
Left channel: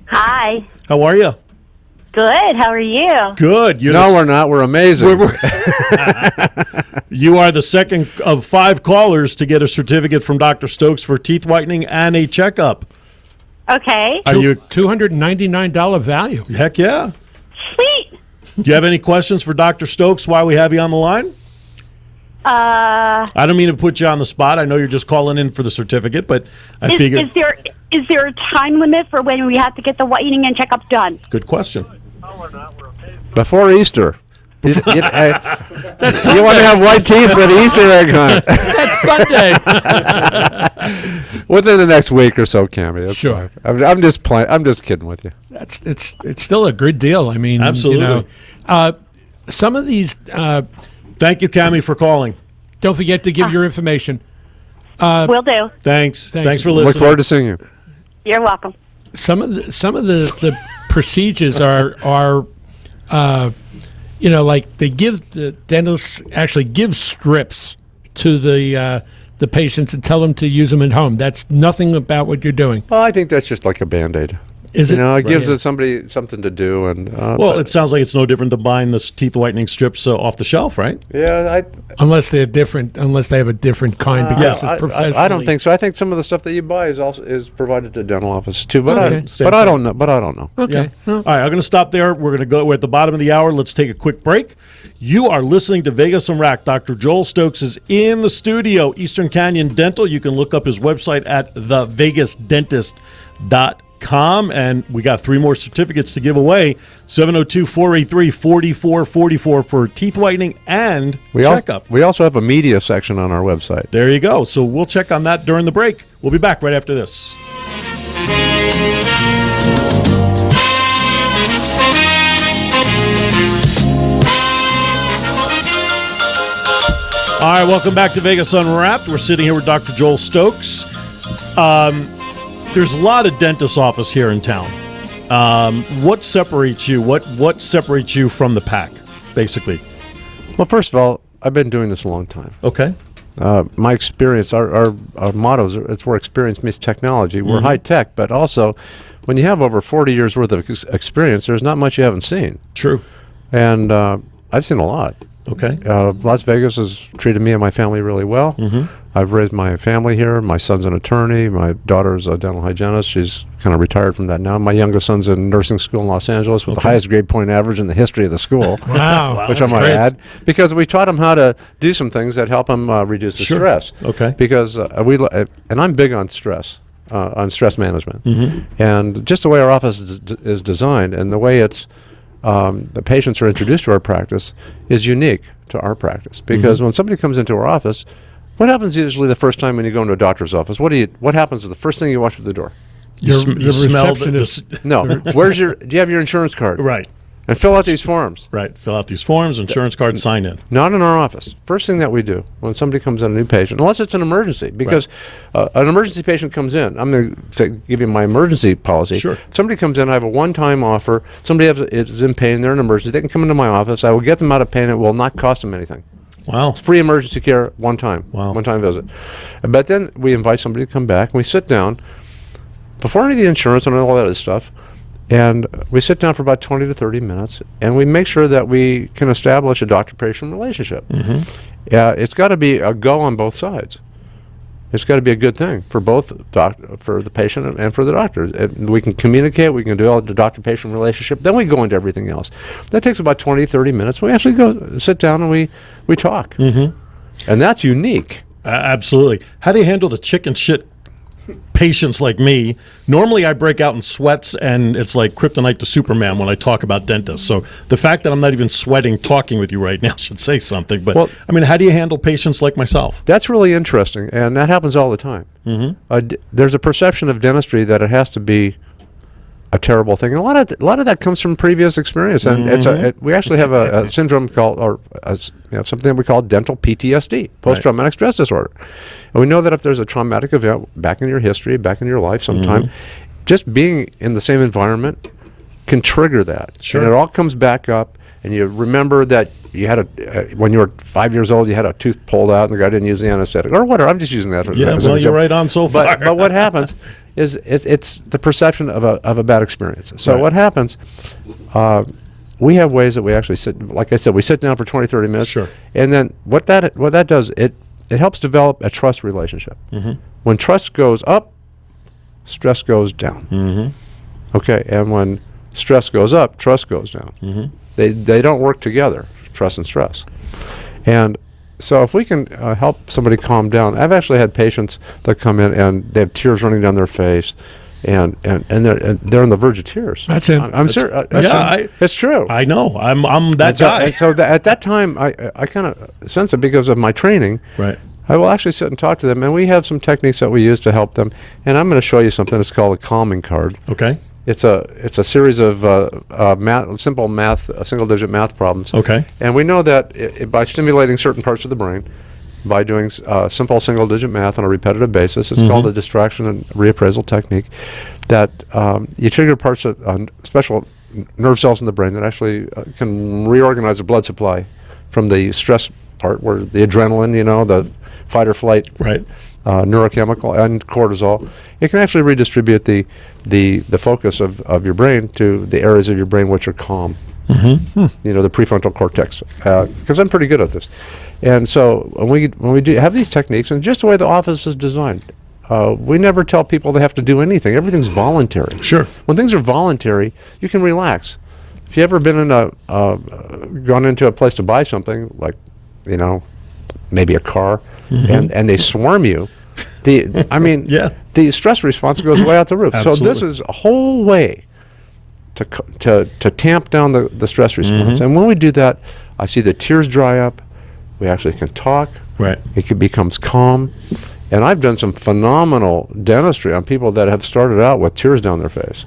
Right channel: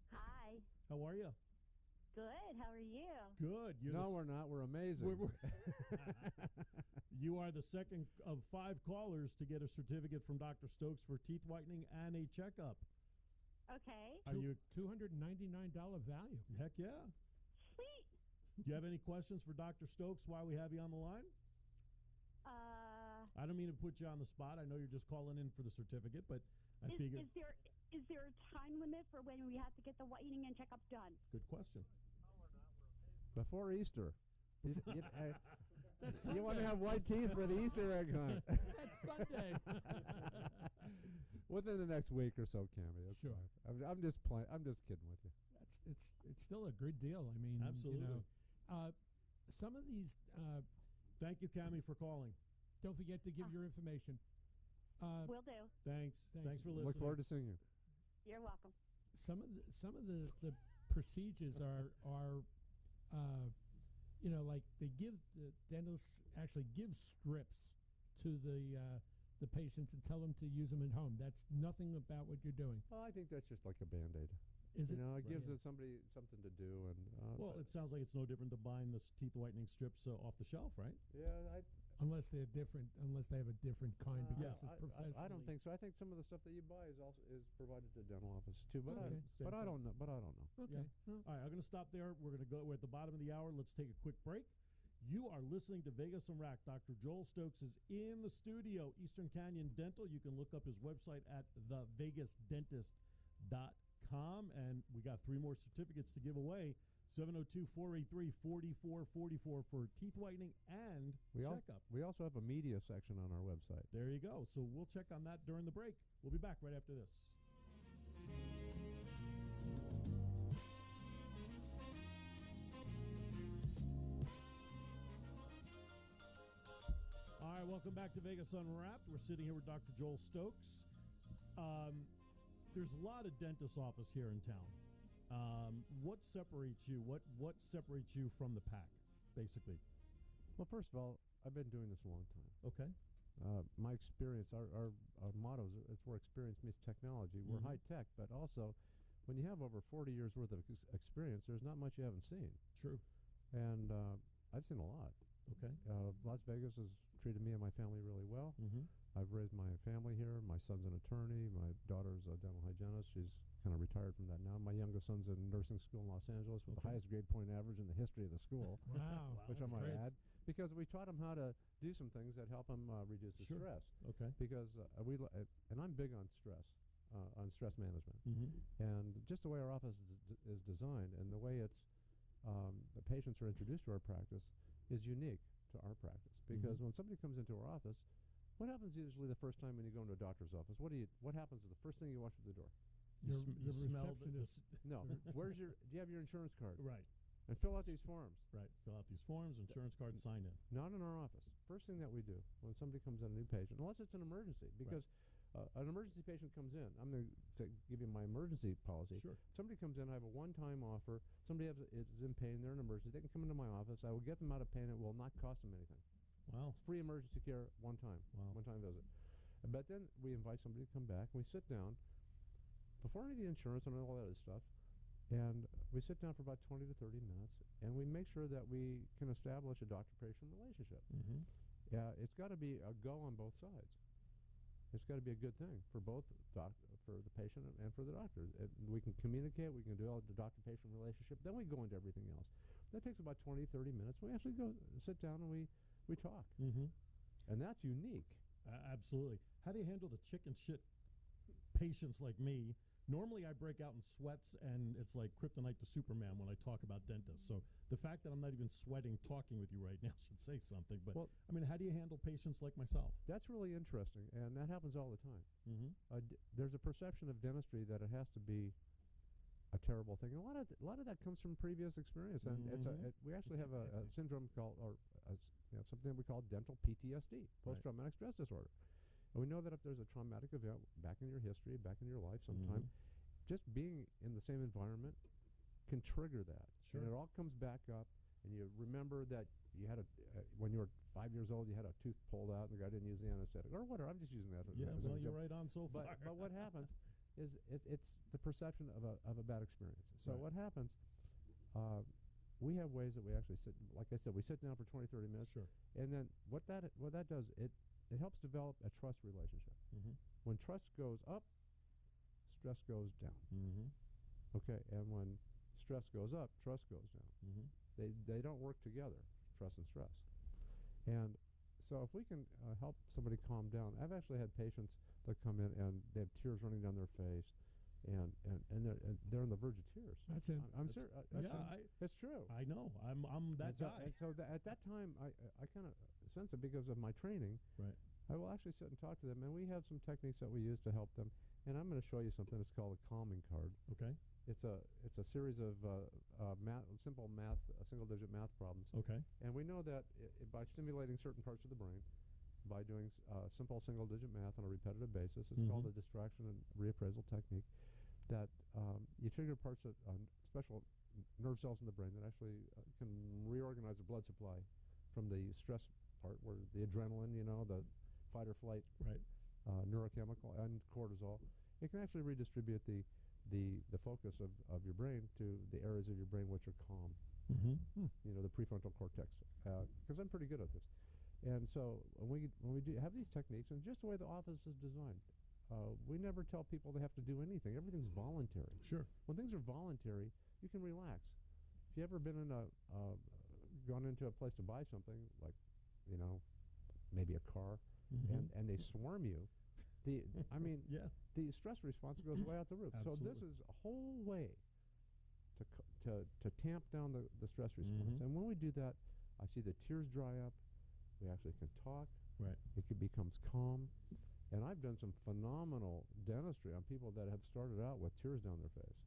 Hi. How are you? Good. How are you? Good. We're not. We're amazing. You are the second of 5 callers to get a certificate from Dr. Stokes for teeth whitening and a checkup. Okay. Are you? $299 value. Heck yeah. Sweet. Do you have any questions for Dr. Stokes while we have you on the line? I don't mean to put you on the spot. I know you're just calling in for the certificate, but I figured. Is there a time limit for when we have to get the whitening and checkup done? Good question. Before Easter. You want to have white teeth with Easter egg hunt. That's Sunday. Within the next week or so, Cammie. That's Sure. fine. I'm just playing. I'm just kidding with you. It's still a good deal. I mean, Absolutely. Some of these. Thank you, Cammie, for calling. Don't forget to give your information. Will do. Thanks for listening. Look forward to seeing you. You're welcome. Some of the procedures are like the dentists actually give strips to the patients and tell them to use them at home. That's nothing about what you're doing. Well, I think that's just like a Band-Aid. Is it? It gives somebody something to do. And Well, it sounds like it's no different than buying the teeth whitening strips off the shelf, right? yeah, Unless they're different, unless they have a different kind because it's professional. I don't think so. I think some of the stuff that you buy is provided to dental offices too. But Okay. I don't know. But I don't know. Okay. Yeah. All right, I'm going to stop there. We're at the bottom of the hour. Let's take a quick break. You are listening to Vegas Unwrapped. Dr. Joel Stokes is in the studio, Eastern Canyon Dental. You can look up his website at thevegasdentist.com. And we got 3 more certificates to give away. 702-483-4444 for teeth whitening and checkup. We also have a media section on our website. There you go. So we'll check on that during the break. We'll be back right after this. All right, welcome back to Vegas Unwrapped. We're sitting here with Dr. Joel Stokes. There's a lot of dentist office here in town. What separates you? What separates you from the pack, basically? Well, first of all, I've been doing this a long time. Okay. My experience, our mottos, it's where experience meets technology. We're high tech, but also when you have over 40 years worth of experience, there's not much you haven't seen. True. And I've seen a lot. Okay. Las Vegas has treated me and my family really well. I've raised my family here. My son's an attorney. My daughter's a dental hygienist. She's kind of retired from that now. My youngest son's in nursing school in Los Angeles with the highest grade point average in the history of the school. Wow. Which I might add, because we taught him how to do some things that help him reduce the stress. Okay. Because and I'm big on stress management, and just the way our office is designed and the way it's the patients are introduced to our practice is unique to our practice. Because when somebody comes into our office, What happens usually the first time when you go into a doctor's office? What happens the first thing you watch through the door? You smell receptionist. No. Do you have your insurance card? right. And fill out these forms. Right. Fill out these forms, insurance card, sign in. Not in our office. First thing that we do when somebody comes in, a new patient, unless it's an emergency, because an emergency patient comes in. I'm going to give you my emergency policy. Sure. If somebody comes in, I have a one-time offer. Somebody is in pain, they're in emergency. They can come into my office. I will get them out of pain. It will not cost them anything. Wow. Free emergency care, one time. Wow. One-time visit. But then we invite somebody to come back, and we sit down before any of the insurance and all that other stuff. And we sit down for about 20 to 30 minutes, and we make sure that we can establish a doctor-patient relationship. It's got to be a go on both sides. It's got to be a good thing for both for the patient and for the doctor. And we can communicate, we can develop the doctor-patient relationship, then we go into everything else. That takes about 20, 30 minutes. We actually go sit down and we talk. And that's unique. Absolutely. How do you handle the chicken shit patients like me? Normally I break out in sweats and it's like kryptonite to Superman when I talk about dentists. So the fact that I'm not even sweating talking with you right now should say something. But, Well, I mean, how do you handle patients like myself? That's really interesting, and that happens all the time. There's a perception of dentistry that it has to be a terrible thing. And a lot of that comes from previous experience, and we actually have a syndrome called, something that we call dental PTSD, post-traumatic stress disorder. And we know that if there's a traumatic event back in your history, back in your life sometime, just being in the same environment can trigger that. Sure. And it all comes back up, and you remember that you had when you were 5 years old, you had a tooth pulled out, and the guy didn't use the anesthetic, or whatever. I'm just using that. Yeah, as an well, you're example. right on so far. But what happens is it's the perception of a bad experience. So Right. what happens, we have ways that we actually sit, like I said, we sit down for 20, 30 minutes. Sure. And then what that does, it helps develop a trust relationship. When trust goes up, stress goes down. Okay, and when stress goes up, trust goes down. They don't work together, trust and stress. And so if we can help somebody calm down, I've actually had patients that come in and they have tears running down their face, and they're on the verge of tears. That's it. I'm serious. It's true. I know. I'm that guy. At that time, I kind of sense it because of my training. Right. I will actually sit and talk to them, and we have some techniques that we use to help them. And I'm going to show you something. It's called a calming card. Okay. It's a series of simple math, single-digit math problems. Okay. And we know that by stimulating certain parts of the brain, by doing simple single-digit math on a repetitive basis, it's called a distraction and reappraisal technique, that you trigger parts of special nerve cells in the brain that actually can reorganize the blood supply from the stress part, where the adrenaline, the fight or flight, Right. neurochemical, and cortisol. It can actually redistribute the focus of your brain to the areas of your brain which are calm. The prefrontal cortex. Because I'm pretty good at this. And so when we do have these techniques, and just the way the office is designed, we never tell people they have to do anything. Everything's voluntary. Sure. When things are voluntary, you can relax. If you ever been in gone into a place to buy something, like, maybe a car, and they swarm you, the stress response goes way out the roof. So this is a whole way to tamp down the stress response. And when we do that, I see the tears dry up. We actually can talk. Right. It becomes calm. And I've done some phenomenal dentistry on people that have started out with tears down their face,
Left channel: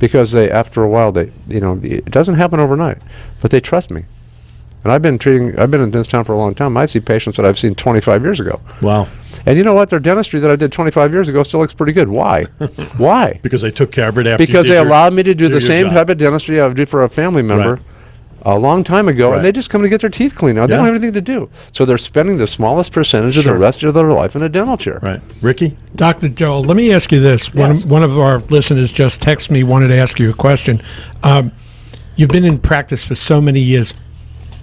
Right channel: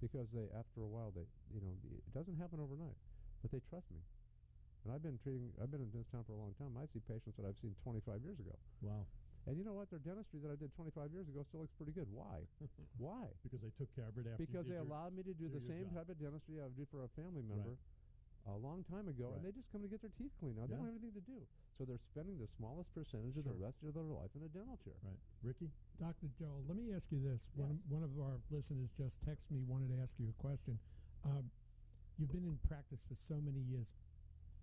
because after a while, it doesn't happen overnight, but they trust me. And I've been in this town for a long time. I see patients that I've seen 25 years ago. Wow. And you know what? Their dentistry that I did 25 years ago still looks pretty good. Why? Why? Because they took care of it after Because you did they allowed me to do the same job. type of dentistry I would do for a family member a long time ago, Right. and they just come to get their teeth cleaned out. They don't have anything to do. So they're spending the smallest percentage of the rest of their life in a dental chair. Right. Ricky? Dr. Joel, let me ask you this. Yes. One of our listeners just texted me, wanted to ask you a question. You've been in practice for so many years.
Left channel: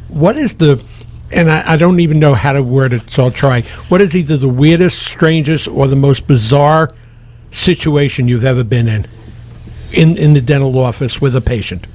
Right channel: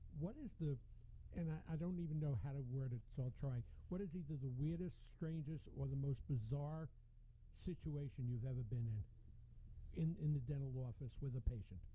What is and I don't even know how to word it, so I'll try. What is either the weirdest, strangest, or the most bizarre situation you've ever been in the dental office with a patient?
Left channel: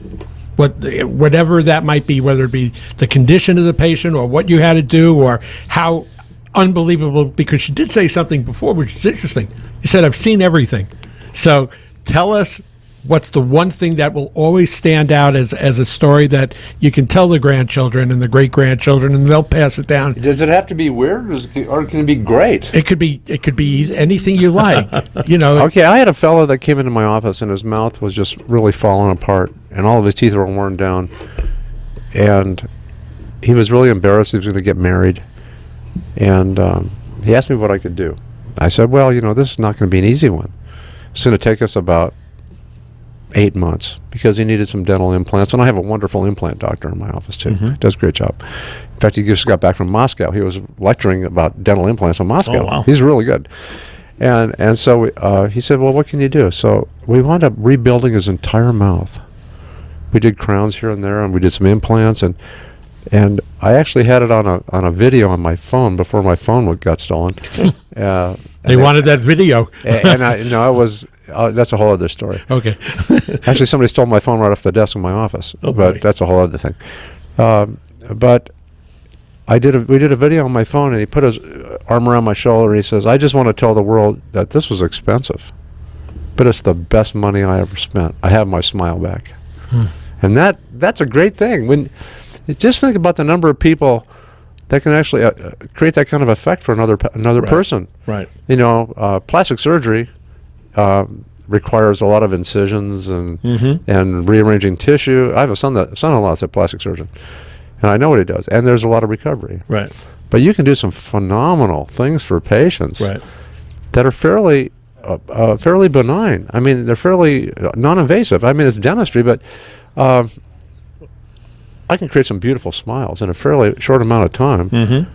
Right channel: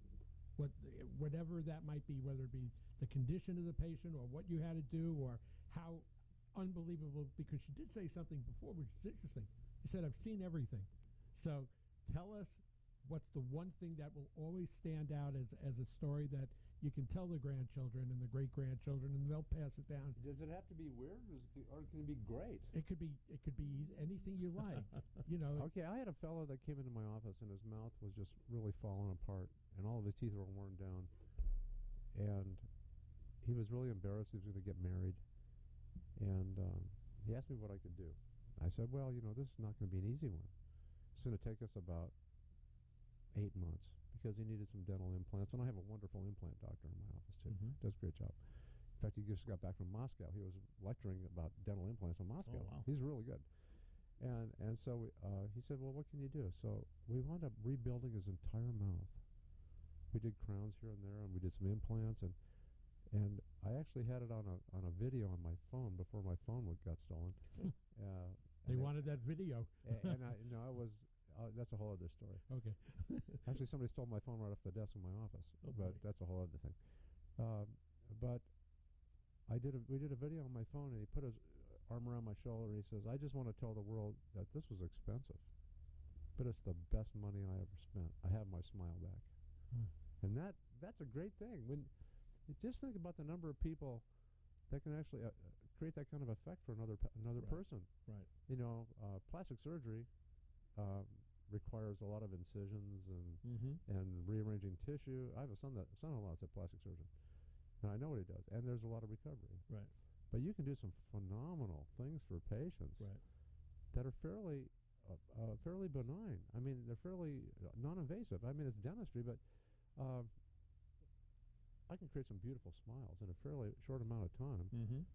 Whatever that might be, whether it be the condition of the patient or what you had to do or how unbelievable, because you did say something before which is interesting. You said, I've seen everything. So tell us what's the one thing that will always stand out as a story that you can tell the grandchildren and the great grandchildren, and they'll pass it down? Does it have to be weird, or can it be great? It could be anything you like. You know. Okay, I had a fellow that came into my office and his mouth was just really falling apart, and all of his teeth were worn down, and he was really embarrassed. He was going to get married, and he asked me what I could do. I said, well, this is not going to be an easy one. It's going to take us about 8 months because he needed some dental implants, and I have a wonderful implant doctor in my office too. Does a great job. In fact, he just got back from Moscow. He was lecturing about dental implants in Moscow. Oh, wow. He's really good. And so he said, well, what can you do? So we wound up rebuilding his entire mouth. We did crowns here and there, and we did some implants, and I actually had it on a video on my phone before my phone got stolen. They wanted that video. And I was. That's a whole other story. Okay. Actually, somebody stole my phone right off the desk in my office. Oh, but boy. that's a whole other thing. But we did a video on my phone, and he put his arm around my shoulder, and he says, "I just want to tell the world that this was expensive, but it's the best money I ever spent. I have my smile back." And that's a great thing. When just think about the number of people that can actually create that kind of effect for another person. Right. Plastic surgery requires a lot of incisions and rearranging tissue. I have a son-in-law that's a plastic surgeon, and I know what he does. And there's a lot of recovery. Right. But you can do some phenomenal things for patients that are fairly benign. I mean, they're fairly non-invasive. I mean, it's dentistry, but I can create some beautiful smiles in a fairly short amount of time.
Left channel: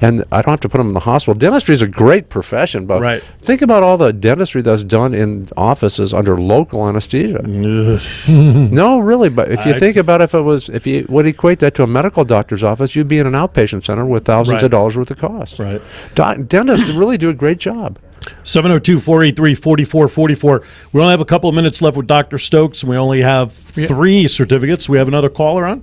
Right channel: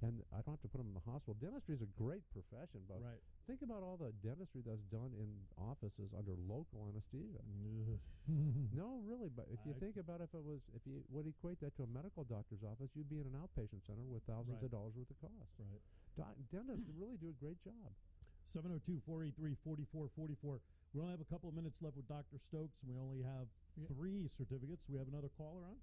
And I don't have to put them in the hospital. Dentistry is a great profession, but think about all the dentistry that's done in offices under local anesthesia. No, really, but if you think about if you would equate that to a medical doctor's office, you'd be in an outpatient center with thousands of dollars worth of costs. Right. Dentists really do a great job. 702-483-4444. We only have a couple of minutes left with Dr. Stokes, and we only have 3 certificates. We have another caller on.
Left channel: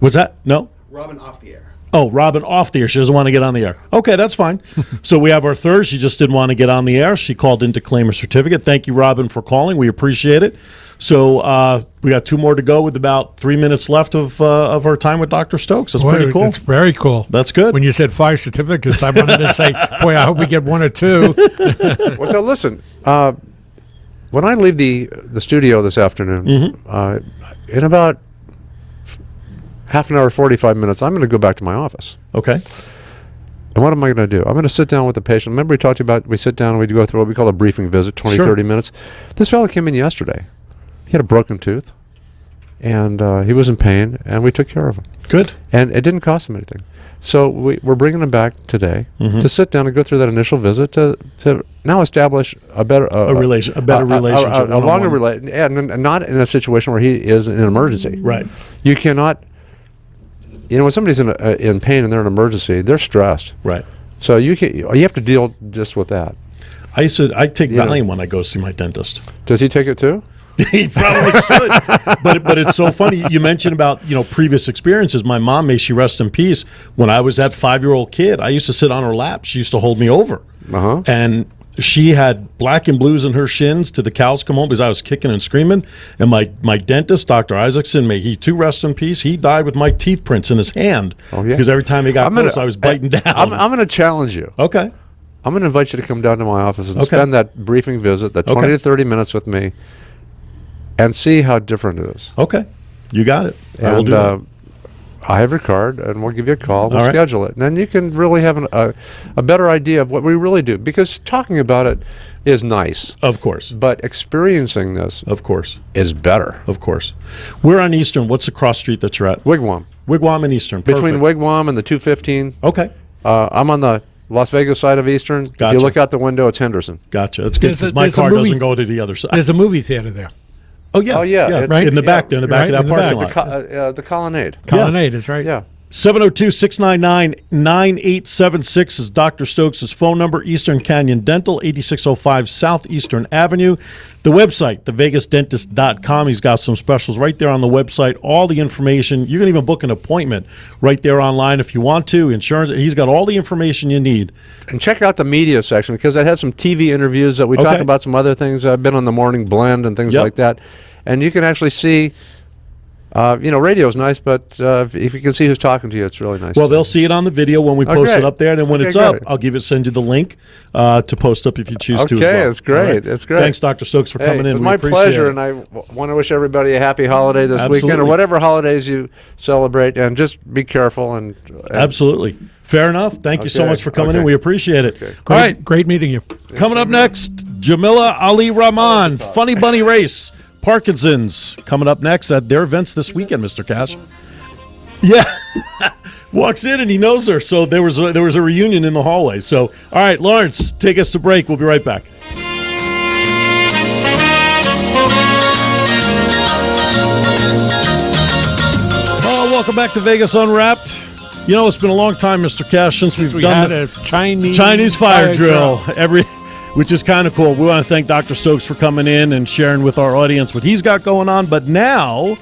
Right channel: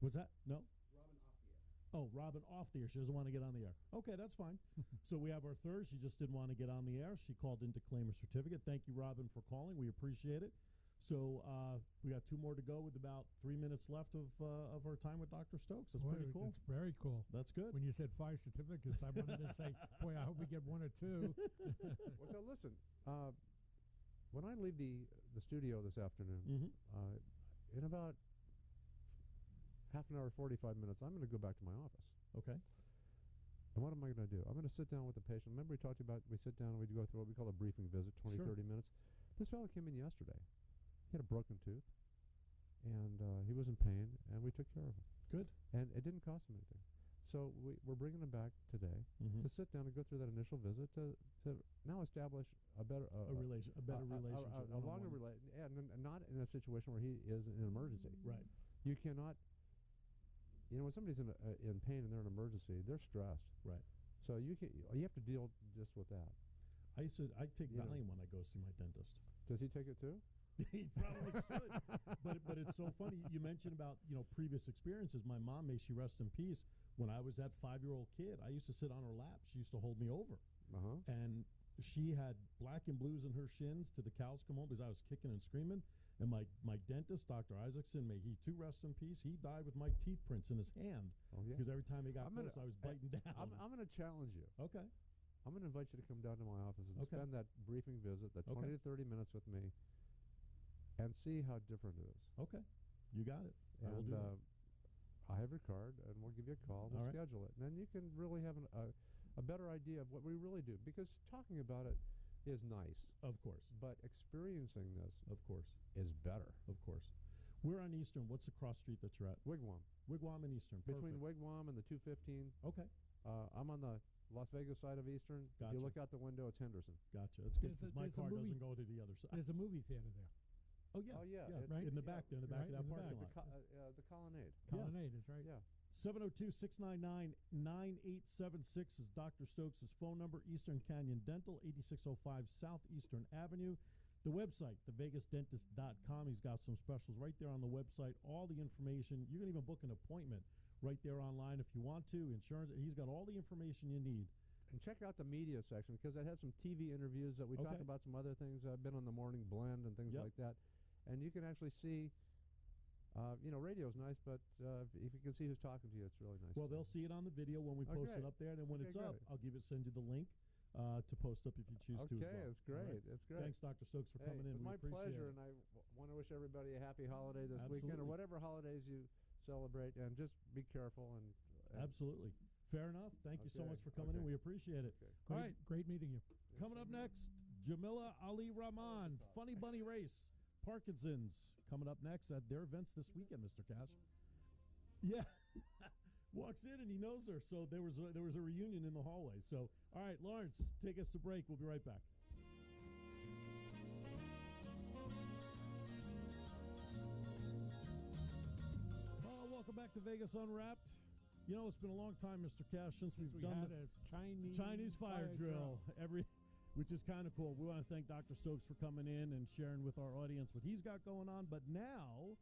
Was that? No? Robin off the air. Oh, Robin off the air. She doesn't want to get on the air. Okay, that's fine. So we have our third. She just didn't want to get on the air. She called in to claim her certificate. Thank you, Robin, for calling. We appreciate it. So we got 2 more to go with about 3 minutes left of our time with Dr. Stokes. That's pretty cool. That's very cool. That's good. When you said 5 certificates, I wanted to say, boy, I hope we get 1 or 2. Well, so listen, when I leave the studio this afternoon, in about half an hour, 45 minutes, I'm going to go back to my office. Okay. And what am I going to do? I'm going to sit down with the patient. Remember we talked about, we sit down and we go through what we call a briefing visit, 20, 30 minutes. This fellow came in yesterday. He had a broken tooth, and he was in pain, and we took care of him. Good. And it didn't cost him anything. So we're bringing him back today to sit down and go through that initial visit to now establish a better relationship, a longer relationship, and not in a situation where he is in an emergency. Right. You cannot. When somebody's in pain and they're in an emergency, they're stressed. Right. So you have to deal just with that. I take Valium when I go see my dentist. Does he take it too? He probably should. But it's so funny. You mentioned about previous experiences. My mom, may she rest in peace, when I was that 5-year-old kid, I used to sit on her lap. She used to hold me over. And she had black and blues in her shins to the cows come home because I was kicking and screaming. And my dentist, Dr. Isaacson, may he too rest in peace, he died with my teeth prints in his hand. Oh, yeah. Because every time he got close, I was biting down. I'm going to challenge you. Okay. I'm going to invite you to come down to my office and spend that briefing visit, that 20 to 30 minutes with me, and see how different it is. Okay. You got it. I will do that. I have your card, and we'll give you a call. We'll schedule it. And then you can really have a better idea of what we really do. Because talking about it is nice. Of course. But experiencing this of course is better. Of course. We're on Eastern. What's the cross street that you're at? Wigwam. Wigwam and Eastern. Perfect. Between Wigwam and the 215. Okay. I'm on the Las Vegas side of Eastern. Gotcha. If you look out the window, it's Henderson. Gotcha. That's good because my car doesn't go to the other side. There's a movie theater there. Oh, yeah. Oh, yeah. Right in the back there, in the back of that parking lot. The Colonnade. Colonnade is right. Yeah. 702-699-9876 is Dr. Stokes' phone number. Eastern Canyon Dental, 8605 Southeastern Avenue. The website, thevegasdentist.com. He's got some specials right there on the website. All the information. You can even book an appointment right there online if you want to. Insurance. He's got all the information you need. And check out the media section, because I had some TV interviews that we talk about some other things. I've been on the Morning Blend and things like that. And you can actually see, radio is nice, but if you can see who's talking to you, it's really nice. Well, they'll see it on the video when we post great. it up there. And then when Okay, it's up, great. send you the link to post up if you choose to as well. Okay, that's great. All right. That's great. Thanks, Dr. Stokes, for coming in. It was We my appreciate pleasure, it. and I want to wish everybody a happy holiday this weekend, or Absolutely. whatever holidays you celebrate, and just be careful. And Absolutely. Fair enough. Thank you so Okay, much for coming in. okay. We appreciate it. Okay. All right. Great meeting you. Coming up next, Jamillah Ali-Rahman, Funny Bunny Race, Parkinson's, coming up next at their events this weekend, Mr. Cash. Yeah. Walks in and he knows her. So there was a reunion in the hallway. So, all right, Lawrence, take us to break. We'll be right back. Oh, welcome back to Vegas Unwrapped. You know, it's been a long time, Mr. Cash, since we've We done had a Chinese fire drill which is kind of cool. We want to thank Dr. Stokes for coming in and sharing with our audience what he's got going on. But now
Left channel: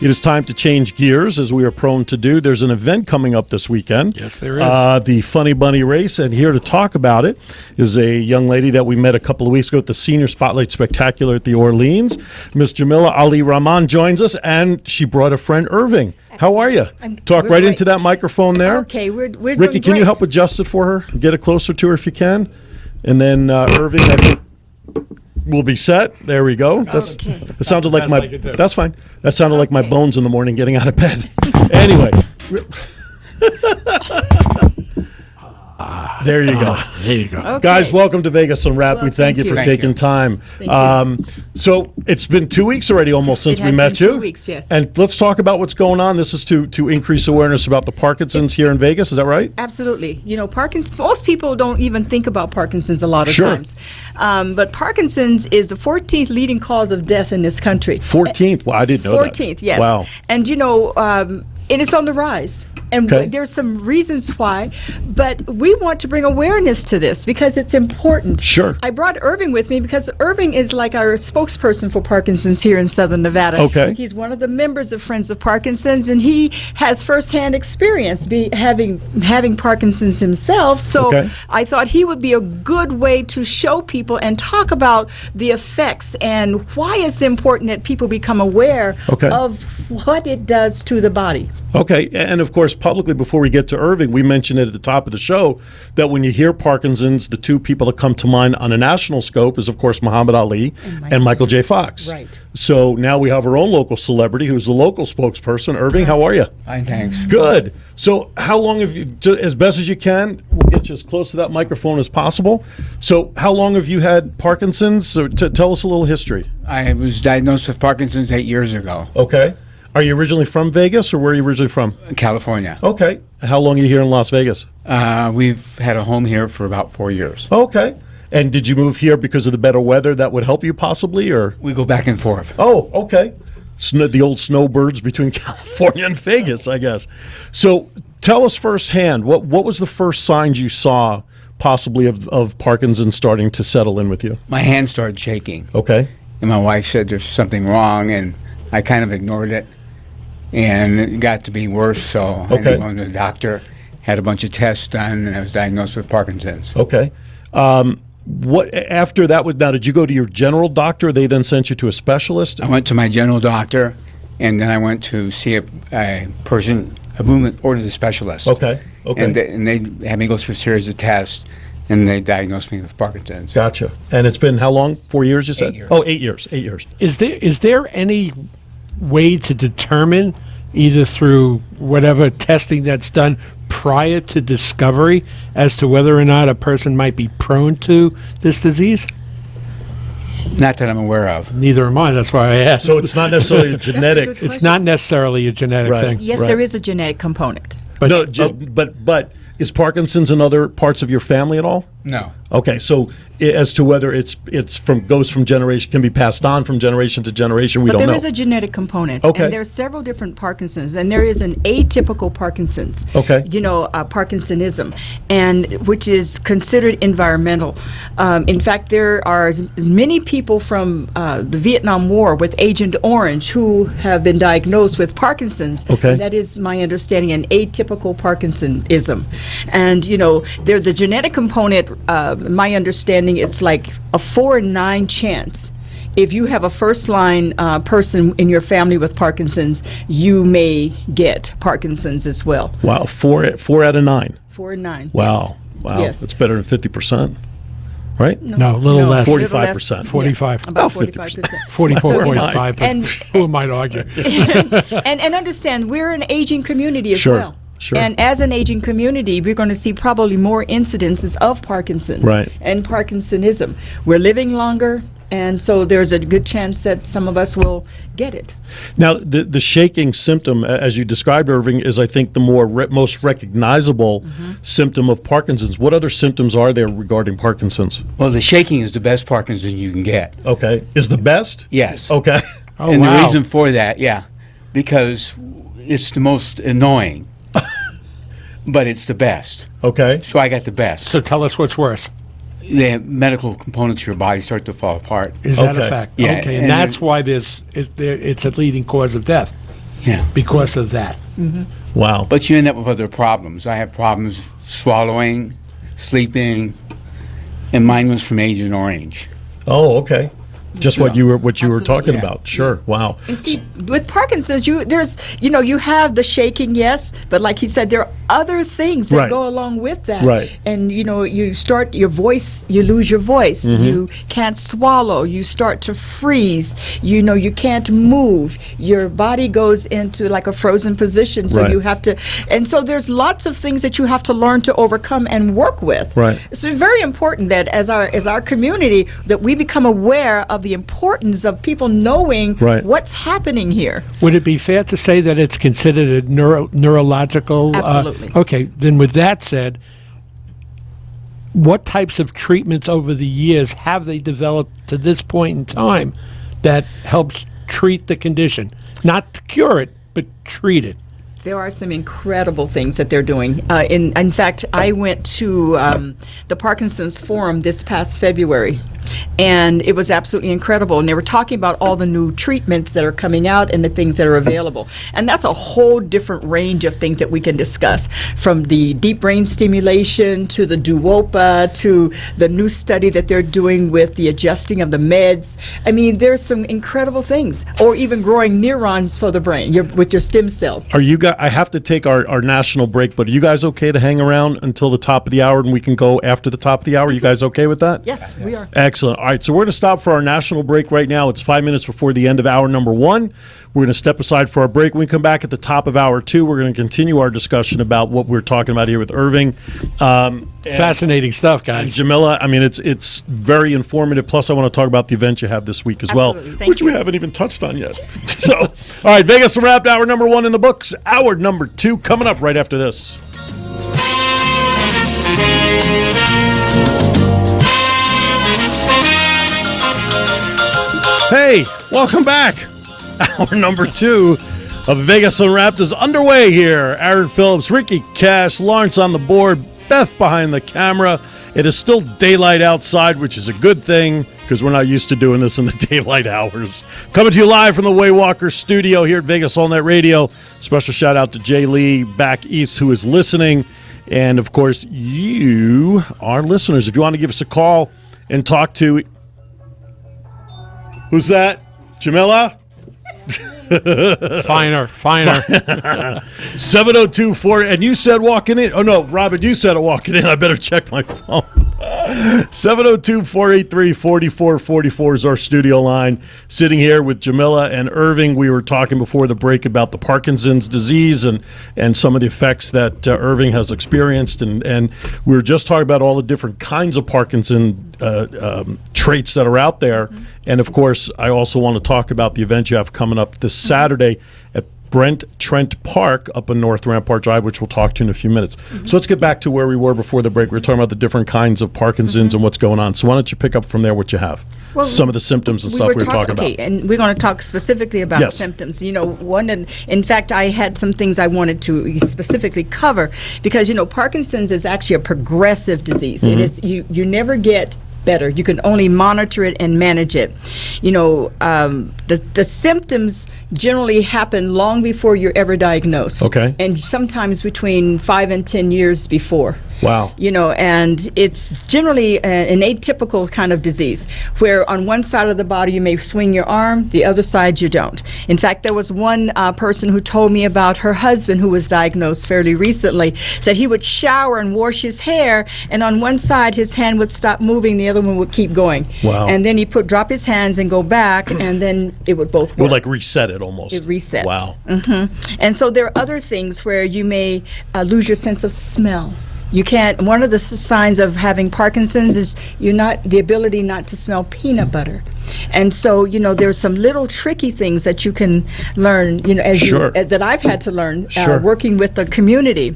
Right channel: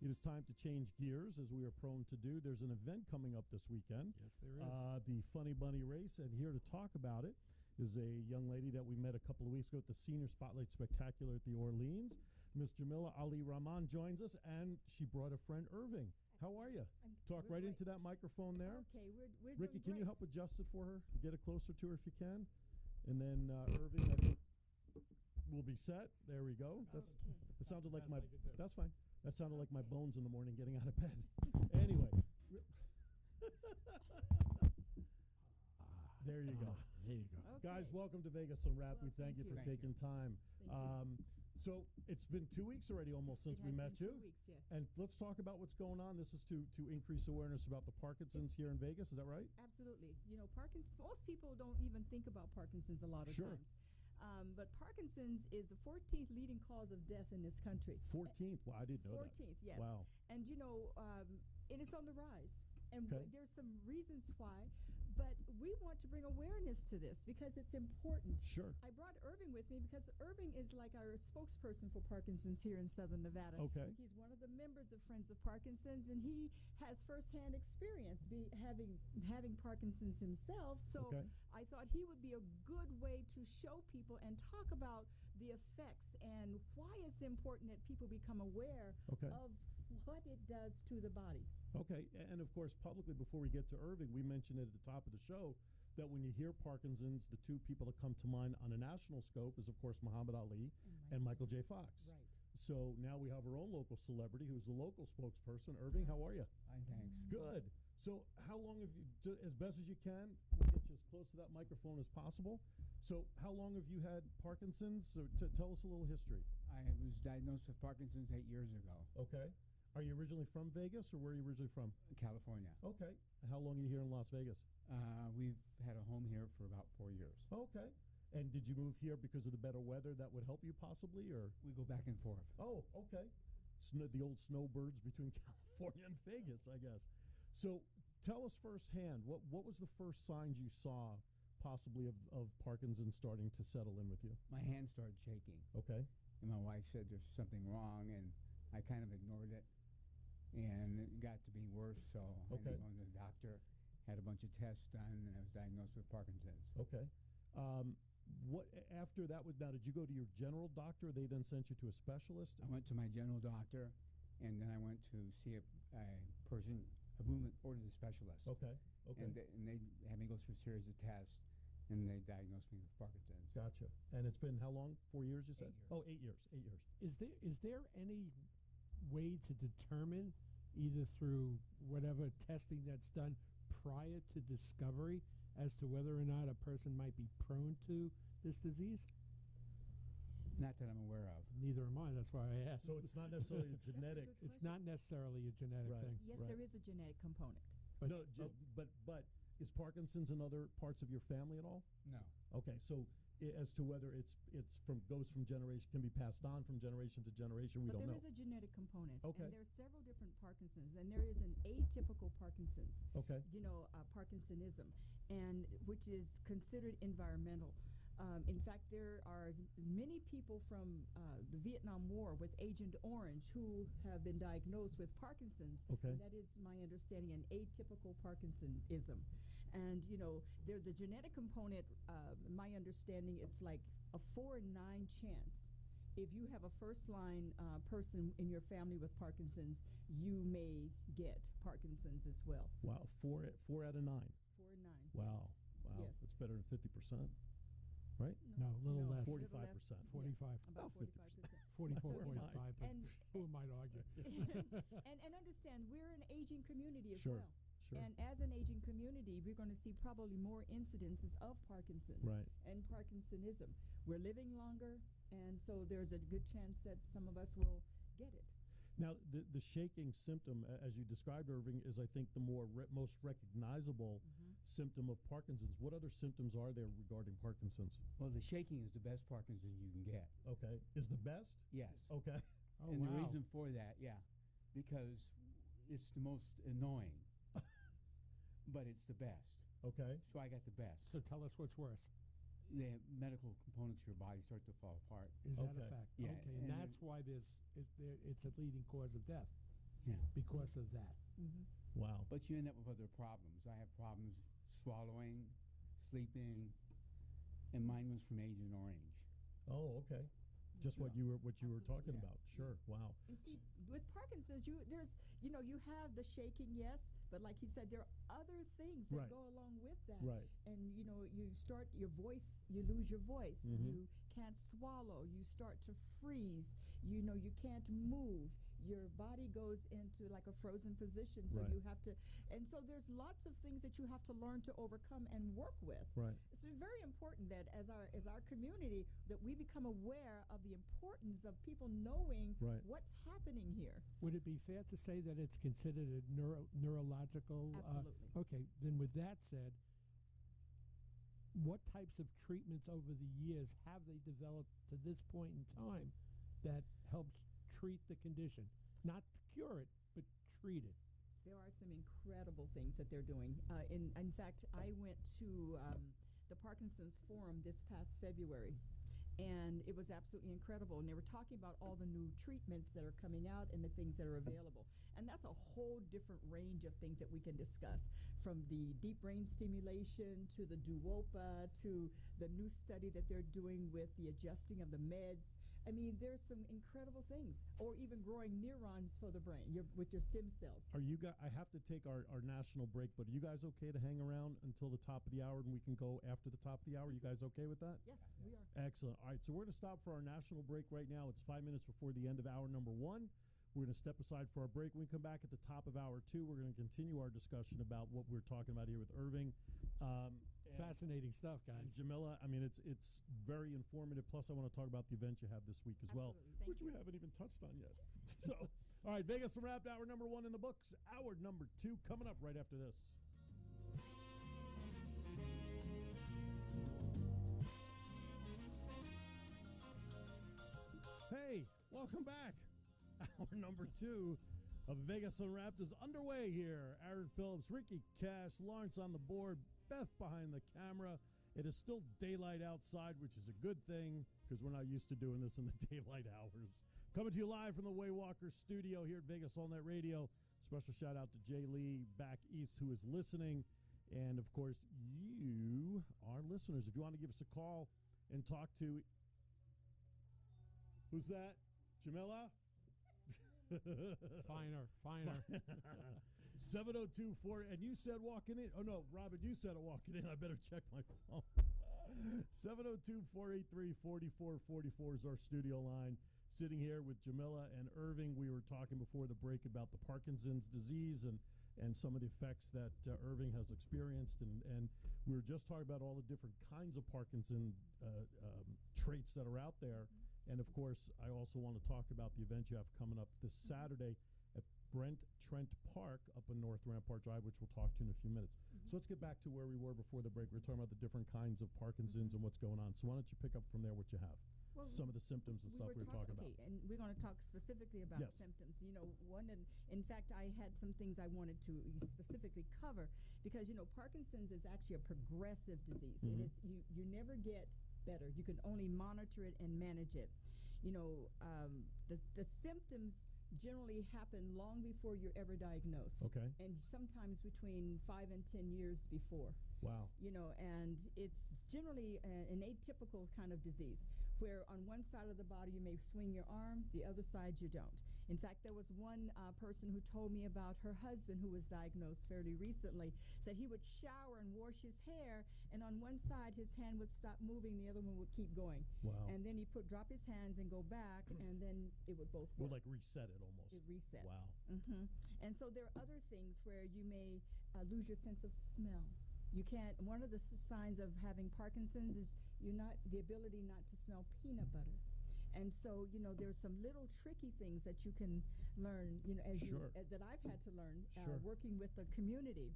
it is time to change gears, as we are prone to do. There's an event coming up this weekend. Yes, there is. The Funny Bunny Race. And here to talk about it is a young lady that we met a couple of weeks ago at the Senior Spotlight Spectacular at the Orleans. Miss Jamillah Ali-Rahman joins us, and she brought a friend, Irving. How are you? Talk we're right great. into that microphone there. Okay, we're Ricky, doing can you great. help adjust it for her? Get it closer to her if you can. And then Irving, I think we'll be set. There we go. That's Okay. that sounded like Best my. I could do. That's fine. That sounded like my Okay. bones in the morning getting out of bed. Anyway. There you go. There you go. Okay. Guys, welcome to Vegas Unwrapped. Well, we thank you thank for you. taking Thank time. Thank you. So it's been 2 weeks already almost since It we has met been you. 2 weeks, yes. And let's talk about what's going on. This is to increase awareness about the Parkinson's here in Vegas. Is that right? Absolutely. You know, Parkinson's, most people don't even think about Parkinson's a lot of Sure. times. But Parkinson's is the 14th leading cause of death in this country. 14th. Well, I didn't know that. 14th, yes. Wow. And, and it's on the rise. And Okay. there's some reasons why, but we want to bring awareness to this because it's important. Sure. I brought Irving with me because Irving is like our spokesperson for Parkinson's here in Southern Nevada. Okay. He's one of the members of Friends of Parkinson's, and he has firsthand experience having Parkinson's himself. So Okay. I thought he would be a good way to show people and talk about the effects and why it's important that people become aware Okay. of what it does to the body. Okay, and of course, publicly, before we get to Irving, we mentioned it at the top of the show that when you hear Parkinson's, the two people that come to mind on a national scope is, of course, Muhammad Ali and Michael J. Fox. Right. So now we have our own local celebrity who's the local spokesperson. Irving, how are you? Fine, thanks. Good. So how long have you, as best as you can, we'll get you as close to that microphone as possible. So how long have you had Parkinson's? So tell us a little history. I was diagnosed with Parkinson's 8 years ago, Okay. Are you originally from Vegas, or where are you originally from? California. Okay. How long are you here in Las Vegas? We've had a home here for about 4 years. Okay. And did you move here because of the better weather that would help you possibly, or? We go back and forth. Oh, okay. The old snowbirds between California and Vegas, I guess. So tell us firsthand, what was the first signs you saw possibly of Parkinson's starting to settle in with you? My hand started shaking, Okay. and my wife said there's something wrong, and I kind of ignored it. And it got to be worse, so I Okay. ended up going to the doctor, had a bunch of tests done, and I was diagnosed with Parkinson's. Okay. What after that was now? Did you go to your general doctor? They then sent you to a specialist. I went to my general doctor, and then I went to see a movement orthopedic specialist. Okay. Okay. And they had me go through a series of tests, and they diagnosed me with Parkinson's. Gotcha. And it's been how long? 4 years, you said? 8 years. Oh, 8 years. 8 years. Is there any way to determine, either through whatever testing that's done prior to discovery, as to whether or not a person might be prone to this disease? Not that I'm aware of. Neither am I. That's why I asked. So it's not necessarily a genetic. good it's not necessarily a genetic Right. thing. Yes, Right. there is a genetic component. But No, but is Parkinson's in other parts of your family at all? No. Okay, so as to whether goes from generation, can be passed on from generation to generation, we But don't know. there is a genetic component. Okay. And there's several different Parkinson's, and there is an atypical Parkinson's. Okay. Parkinsonism, and which is considered environmental. In fact, there are many people from the Vietnam War with Agent Orange who have been diagnosed with Parkinson's. Okay. And that is my understanding, an atypical Parkinsonism. And, there's the genetic component, my understanding, it's like a 4 in 9 chance. If you have a first-line person in your family with Parkinson's, you may get Parkinson's as well. Wow, 4 out of 9. 4 in 9. Wow, Yes. wow, Yes. that's better than 50%, right? No, a little less. 45%. 45. About 50%. 45%. 44.5, but And- who might argue? and understand, we're an aging community as Sure, well. sure. And as an aging community, we're going to see probably more incidences of Parkinson's Right. and Parkinsonism. We're living longer, and so there's a good chance that some of us will get it. Now, the shaking symptom, as you described, Irving, is, I think, the most recognizable symptom of Parkinson's. What other symptoms are there regarding Parkinson's? Well, the shaking is the best Parkinson you can get. Okay. Is the best? Yes. Okay. Oh, And wow. the reason for that, because it's the most annoying, but it's the best. Okay. So I got the best. So tell us what's worse. The medical components of your body start to fall apart. Is that Okay. a fact? Yeah, Okay, and and that's then- why it's a leading cause of death, Yeah. because of that. Wow. But you end up with other problems. I have problems swallowing, sleeping, and mine was from Agent Orange. Oh, okay. Just what you were Absolutely. talking Yeah. about. Sure. Wow. And see, with Parkinson's, you have the shaking, yes, but like he said, there are other things that Right. go along with that. Right. And you start your voice, you lose your voice, you can't swallow, you start to freeze, you can't move, your body goes into like a frozen position, so Right. you have to, and so there's lots of things that you have to learn to overcome and work with. Right. It's very important that as our community that we become aware of the importance of people knowing Right. what's happening here. Would it be fair to say that it's considered a neurological? Absolutely. Okay, then with that said, what types of treatments over the years have they developed to this point in time that helps treat the condition? Not to cure it, but treat it. There are some incredible things that they're doing. In fact, I went to the Parkinson's Forum this past February, and it was absolutely incredible. And they were talking about all the new treatments that are coming out and the things that are available. And that's a whole different range of things that we can discuss, from the deep brain stimulation to the duopa to the new study that they're doing with the adjusting of the meds. I mean, there's some incredible things, or even growing neurons for the brain with your stem cell. Are you guys? I have to take our national break, but are you guys okay to hang around until the top of the hour, and we can go after the top of the hour? You guys okay with that? Yes, we are. Excellent. All right, so we're going to stop for our national break right now. It's 5 minutes before the end of hour number 1. We're going to step aside for our break. When we come back at the top of hour 2, we're going to continue our discussion about what we're talking about here with Irving. Fascinating stuff, And guys. Jamillah, I mean, it's very informative. Plus, I want to talk about the event you have this week as well, Absolutely. Thank which we you. haven't even touched on yet. So, all right, Vegas Unwrapped, hour number 1 in the books. Hour number 2 coming up right after this. Hey, welcome back. Hour number 2 of Vegas Unwrapped is underway here. Aaron Phillips, Ricky Cash, Lawrence on the board, Beth behind the camera. It is still daylight outside, which is a good thing because we're not used to doing this in the daylight hours. Coming to you live from the Waywalker studio here at Vegas All Net Radio. Special shout out to Jay Lee back east who is listening. And, of course, you, our listeners, if you want to give us a call and talk to... Who's that? Jamillah? Finer. 702-4, and you said walking in. Oh, no, Robin, you said it walking in. I better check my phone. 702-483-4444 is our studio line. Sitting here with Jamillah and Irving. We were talking before the break about the Parkinson's disease and some of the effects that Irving has experienced. And we were just talking about all the different kinds of Parkinson traits that are out there. And, of course, I also want to talk about the event you have coming up this Saturday at Brent Trent Park up in North Rampart Drive, which we'll talk to in a few minutes. So let's get back to where we were before the break. We were talking about the different kinds of Parkinson's and what's going on. So why don't you pick up from there what you have? Well, some of the symptoms and stuff we were talking about. Okay, and we're going to talk specifically about Yes. symptoms. You know, in fact, I had some things I wanted to specifically cover because, you know, Parkinson's is actually a progressive disease. It is, you never get better. You can only monitor it and manage it. You know, the symptoms generally happen long before you're ever diagnosed. Okay. And sometimes between 5 and 10 years before. Wow. You know, and it's generally an atypical kind of disease where on one side of the body you may swing your arm, the other side you don't. In fact, there was one person who told me about her husband who was diagnosed fairly recently, said he would shower and wash his hair, and on one side his hand would stop moving, the other one would keep going. Wow. And then he drop his hands and go back, and then it would both We'll work. like reset it almost. It resets. Wow. And so there are other things where you may lose your sense of smell. You can't. One of the signs of having Parkinson's is the ability not to smell peanut butter. And so, you know, there's some little tricky things that you can learn, you know, that I've had to learn working with the community.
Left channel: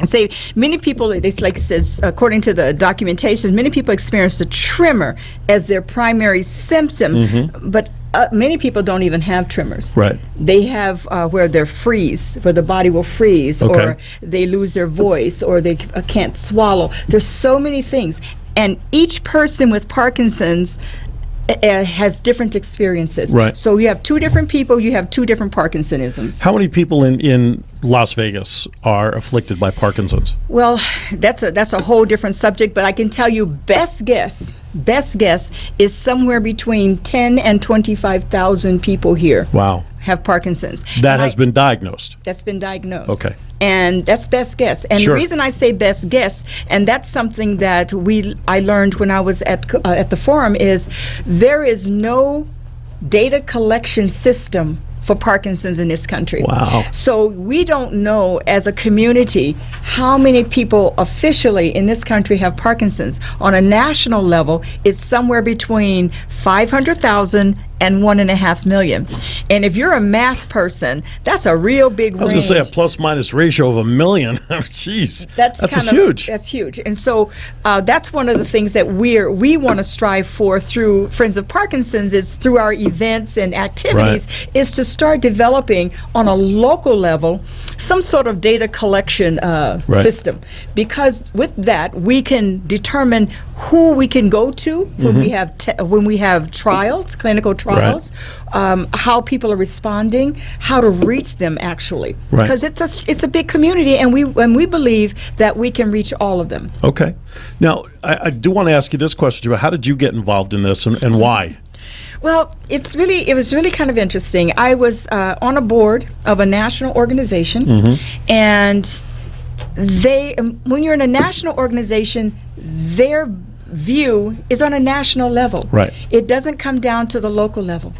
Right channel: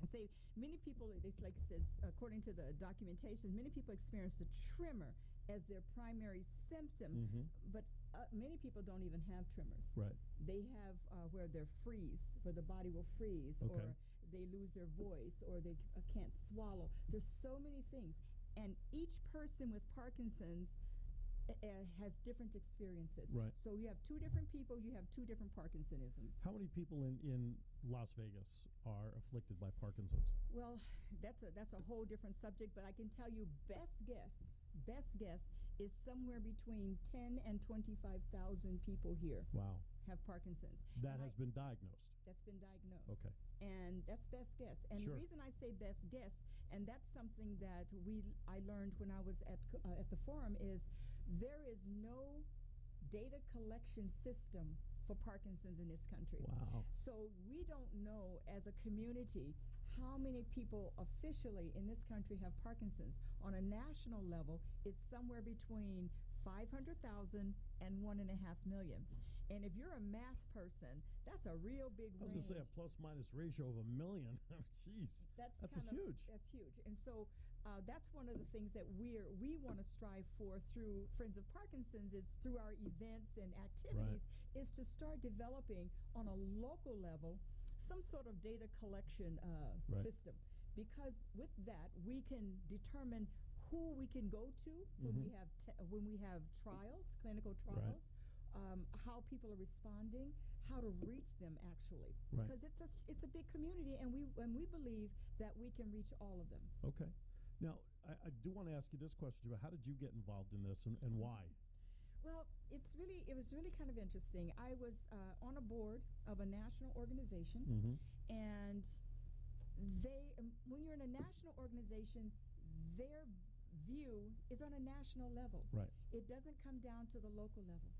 And say many people, it's like it says, according to the documentation, many people experience the tremor as their primary symptom, but many people don't even have tremors. Right. They have where they freeze, where the body will freeze, Okay. or they lose their voice, or they can't swallow. There's so many things. And each person with Parkinson's has different experiences. Right. So you have two different people, you have two different Parkinsonisms. How many people in Las Vegas are afflicted by Parkinson's? Well, that's a whole different subject, but I can tell you best guess is somewhere between 10 and 25,000 people here Wow. have Parkinson's. That And has been diagnosed. That's been diagnosed. Okay. And that's best guess. And Sure. the reason I say best guess, and that's something that I learned when I was at the forum, is there is no data collection system for Parkinson's in this country. Wow. So we don't know as a community how many people officially in this country have Parkinson's. On a national level, it's somewhere between 500,000 and 1.5 million. And if you're a math person, that's a real big range. I was going to say a plus minus ratio of 1 million. Jeez. That's huge. That's huge. And so that's one of the things that we want to strive for through Friends of Parkinson's, is through our events and activities, is to start developing on a local level some sort of data collection system. Because with that, we can determine who we can go to when we have trials, clinical trials, how people are responding, how to reach them actually, because it's a big community, and we believe that we can reach all of them. Okay. Now, I do want to ask you this question, about how did you get involved in this and why? Well, it was really kind of interesting. I was on a board of a national organization, and when you're in a national organization, their view is on a national level. Right. It doesn't come down to the local level.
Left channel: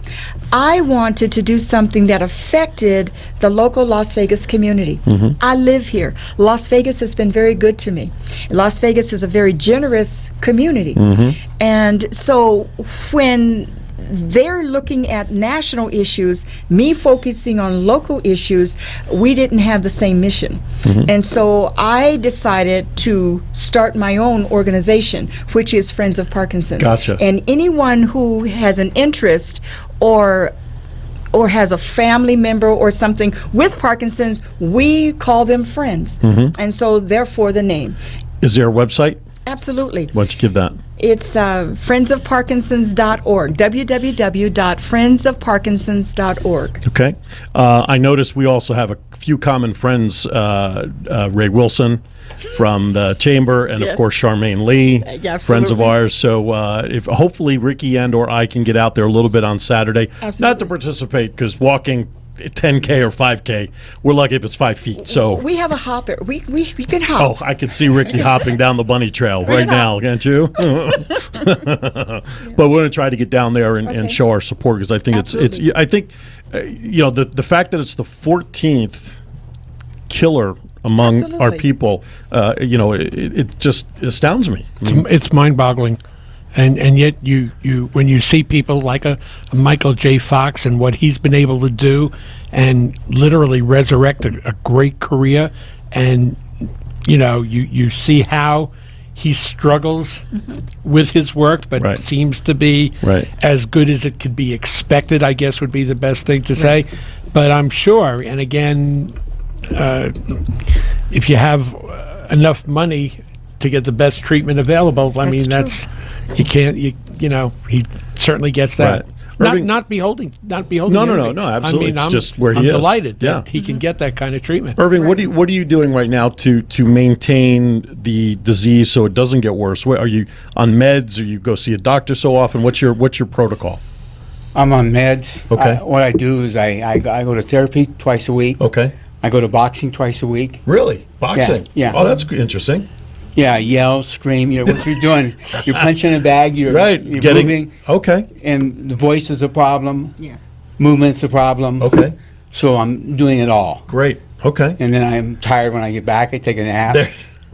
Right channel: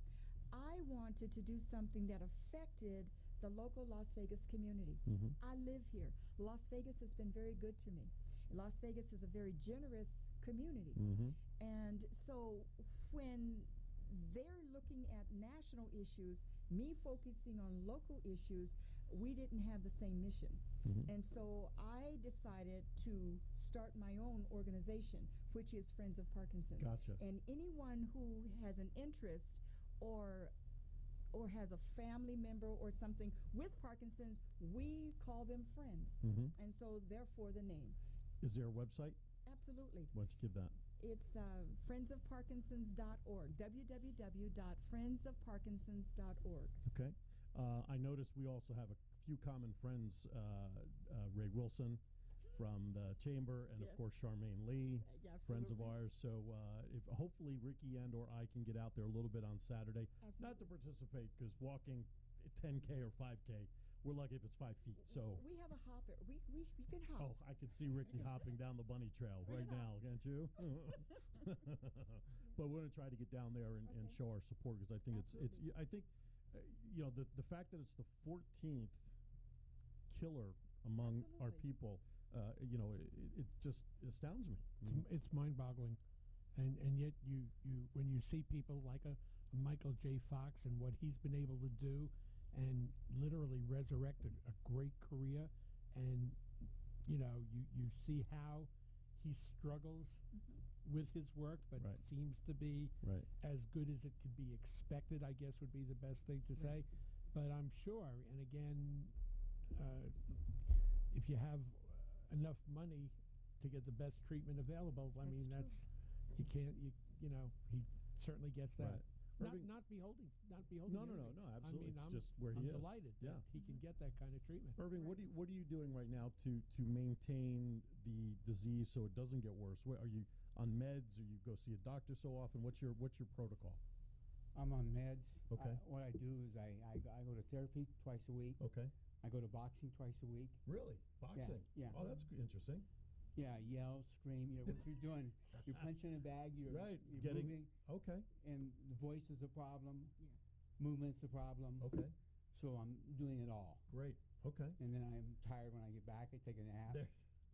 I wanted to do something that affected the local Las Vegas community. I live here. Las Vegas has been very good to me. Las Vegas is a very generous community. And so when they're looking at national issues, me focusing on local issues, we didn't have the same mission. And so I decided to start my own organization, which is Friends of Parkinson's. Gotcha. And anyone who has an interest or has a family member or something with Parkinson's, we call them friends. And so therefore the name. Is there a website? Absolutely. Why don't you give that? It's friendsofparkinsons.org, www.friendsofparkinsons.org. Okay. I noticed we also have a few common friends, Ray Wilson from the Chamber, and of course Charmaine Lee, friends of ours. So if hopefully Ricky and or I can get out there a little bit on Saturday, not to participate because walking 10K or 5K, we're lucky if it's 5 feet. So we have a hopper. We can hop. Oh, I can see Ricky hopping down the bunny trail right now, can't you? But we're going to try to get down there and show our support, because I think it's I think you know, the fact that it's the 14th killer among our people, you know, it just astounds me. It's mind-boggling. And yet you when you see people like a Michael J. Fox and what he's been able to do, and literally resurrect a great career. And you see how he struggles with his work, but Right. seems to be Right. as good as it could be expected, I guess would be the best thing to say. But I'm sure, and again, if you have enough money to get the best treatment available, I mean, That's you can't, he certainly gets that. Right. Not Irving- not beholding. No, anything. absolutely. I mean, It's I'm, just where he I'm is. delighted Yeah. that he can get that kind of treatment. Irving, what are you doing right now to maintain the disease so it doesn't get worse? Are you on meds, or you go see a doctor so often? What's your protocol? I'm on meds. Okay. What I do is I go to therapy twice a week. Okay. I go to boxing twice a week. Really? Boxing? Yeah. Oh, that's interesting. Yeah, yell, scream. What you're doing, you're punching a bag. You're Right. You're moving, Okay. and the voice is a problem. Yeah. Movement's a problem. Okay. So I'm doing it all. Great. Okay. And then I'm tired when I get back. I take a nap. There-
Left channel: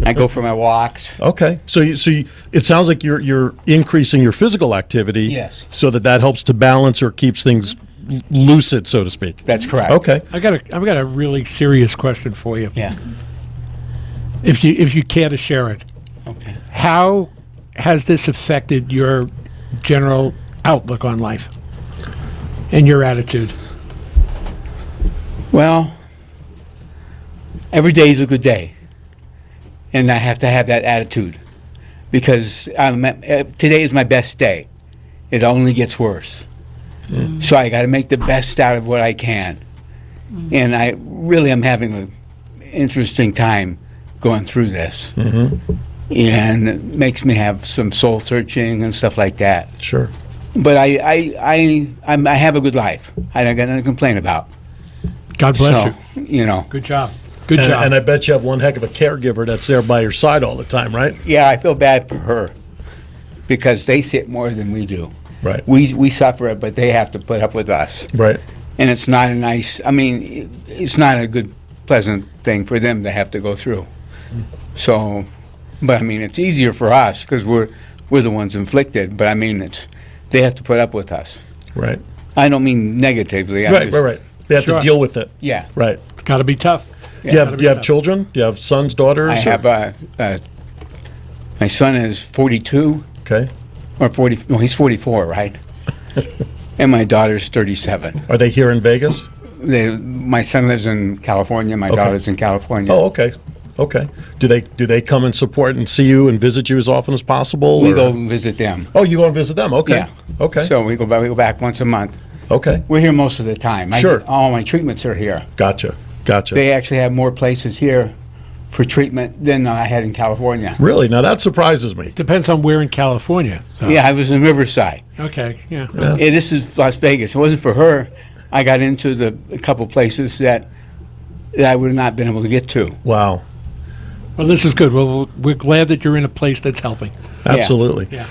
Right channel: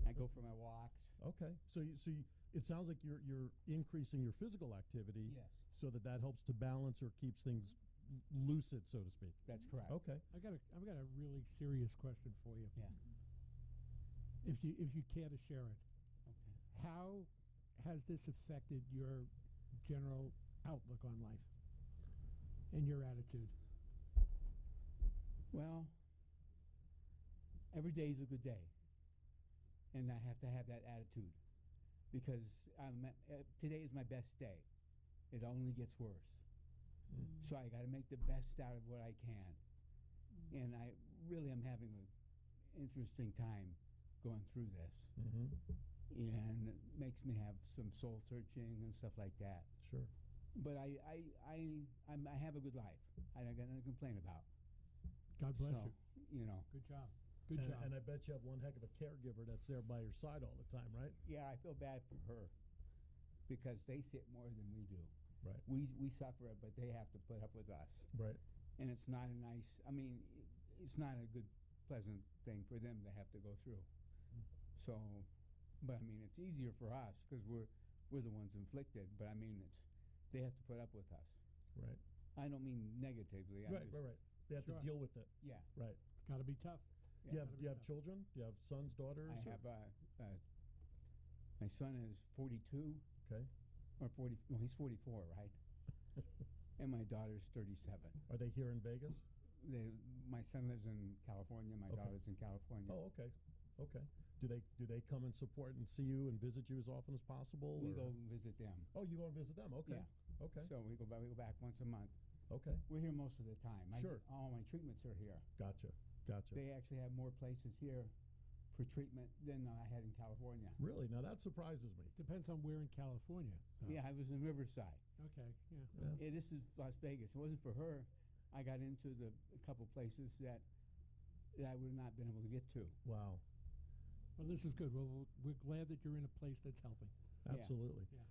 I go for my walks. Okay. So it sounds like you're increasing your physical activity. Yes. So that helps to balance or keeps things lucid, so to speak. That's correct. Okay. I've got a really serious question for you. Yeah. If you care to share it. Okay. How has this affected your general outlook on life and your attitude? Well, every day is a good day, and I have to have that attitude because today is my best day. It only gets worse. So I got to make the best out of what I can. And I really am having an interesting time going through this. And it makes me have some soul searching and stuff like that. Sure. But I have a good life. I don't got nothing to complain about. God bless So, you. Good job. Good job. And I bet you have one heck of a caregiver that's there by your side all the time, right? Yeah, I feel bad for her because they see it more than we do. Right. We suffer it, but they have to put up with us. Right. And it's not a nice, it's not a good, pleasant thing for them to have to go through. So, but it's easier for us because we're the ones inflicted, but they have to put up with us. Right. I don't mean negatively. Right. They have Sure. to deal with it. Yeah. Right. It's got to be tough. Do you have children? Do you have sons, daughters? I have my son is 42 Okay. or 40. No, he's 44, right? And my daughter's 37. Are they here in Vegas? My son lives in California. My daughter's in California. Oh, okay. Okay. Do they come and support and see you and visit you as often as possible? We or- go and visit them. Oh, you go and visit them. Okay. Yeah. Okay. So we go back once a month. Okay. We're here most of the time. Sure. All my treatments are here. Gotcha. They actually have more places here for treatment than I had in California. Really? Now that surprises me. Depends on where in California. So. Yeah, I was in Riverside. Okay. Yeah. Yeah, this is Las Vegas. It wasn't for her. I got into a couple places that I would have not been able to get to. Wow. Well, this is good. Well, we're glad that you're in a place that's helping. Absolutely. Yeah.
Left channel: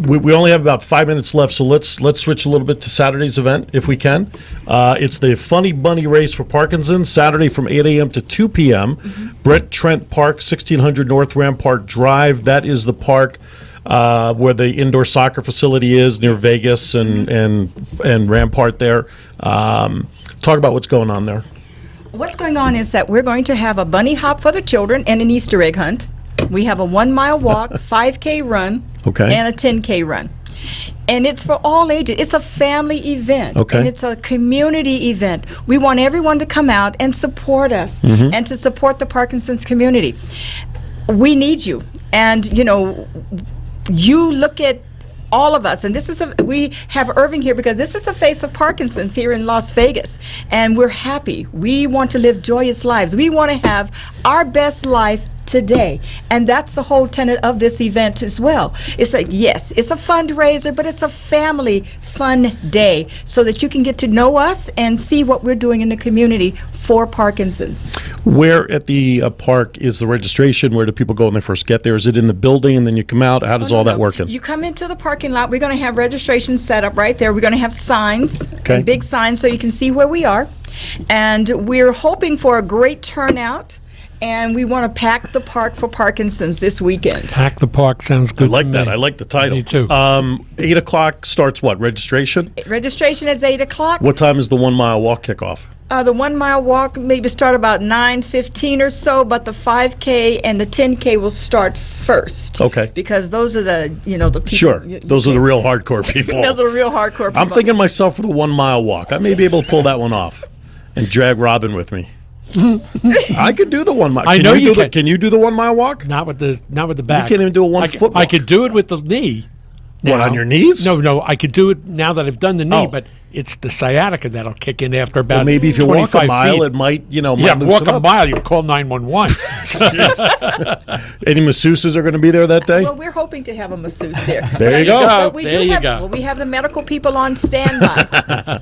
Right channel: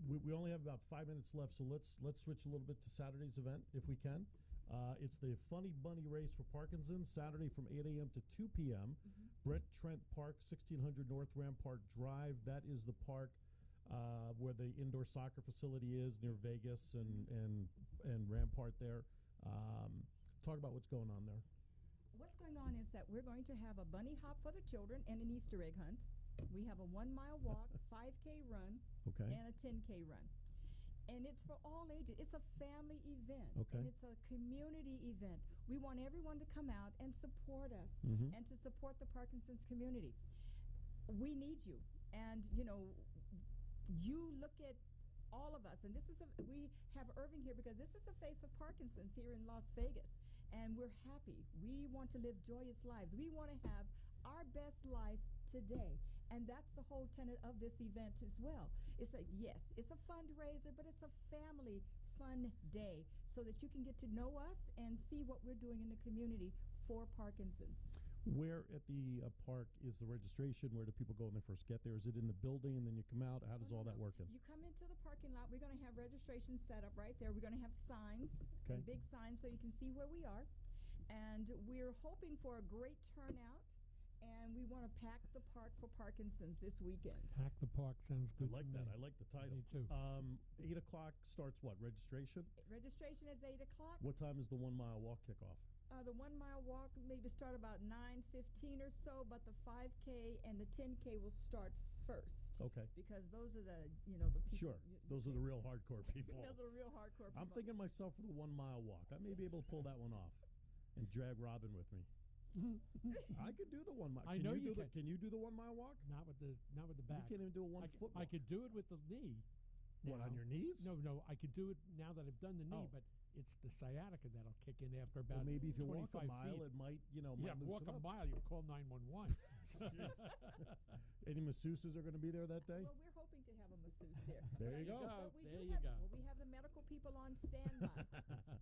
We only have about 5 minutes left, so let's switch a little bit to Saturday's event if we can. It's the Funny Bunny Race for Parkinson's, Saturday from 8 a.m. to 2 p.m. Brett Trent Park, 1600 North Rampart Drive. That is the park where the indoor soccer facility is near Vegas and Rampart there. Talk about what's going on there. What's going on is that we're going to have a bunny hop for the children and an Easter egg hunt. We have a 1 mile walk, 5K run, Okay. and a 10K run. And it's for all ages. It's a family event. Okay. And it's a community event. We want everyone to come out and support us and to support the Parkinson's community. We need you. And, you look at all of us, and we have Irving here because this is the face of Parkinson's here in Las Vegas, and we're happy. We want to live joyous lives. We want to have our best life today, and that's the whole tenet of this event as well. It's a fundraiser, but it's a family fun day so that you can get to know us and see what we're doing in the community for Parkinson's. Where at the park is the registration? Where do people go when they first get there? Is it in the building and then you come out? How does all that work? You come into the parking lot. We're going to have registration set up right there. We're going to have signs, Okay. big signs, so you can see where we are. And we're hoping for a great turnout. And we want to pack the park for Parkinson's this weekend. Pack the park sounds good. I like to that. me. I like the title. Me too. 8 o'clock starts what? Registration? Registration is 8 o'clock. What time is the 1 mile walk kickoff? The 1 mile walk maybe start about 9:15 or so, but the 5K and the 10K will start first. Okay. Because those are the the people. Sure. Those are the real hardcore people. Those are the real hardcore people. I'm thinking myself for the 1 mile walk. I may be able to pull that one off and drag Robin with me. I could do the 1 mile. I know you can. Can you do the 1 mile walk? Not with the back. You can't even do a 1 foot walk. I could do it with the knee. What, now. on your knees? No, I could do it now that I've done the knee, Oh. but it's the sciatica that'll kick in after about Well, maybe if you walk a 25 mile, feet. it might, might Yeah, loosen walk a up. mile, you call 911. Any masseuses are going to be there that day? Well, we're hoping to have a masseuse there. There you go. But we There do you have, go. Well, we have the medical people on standby.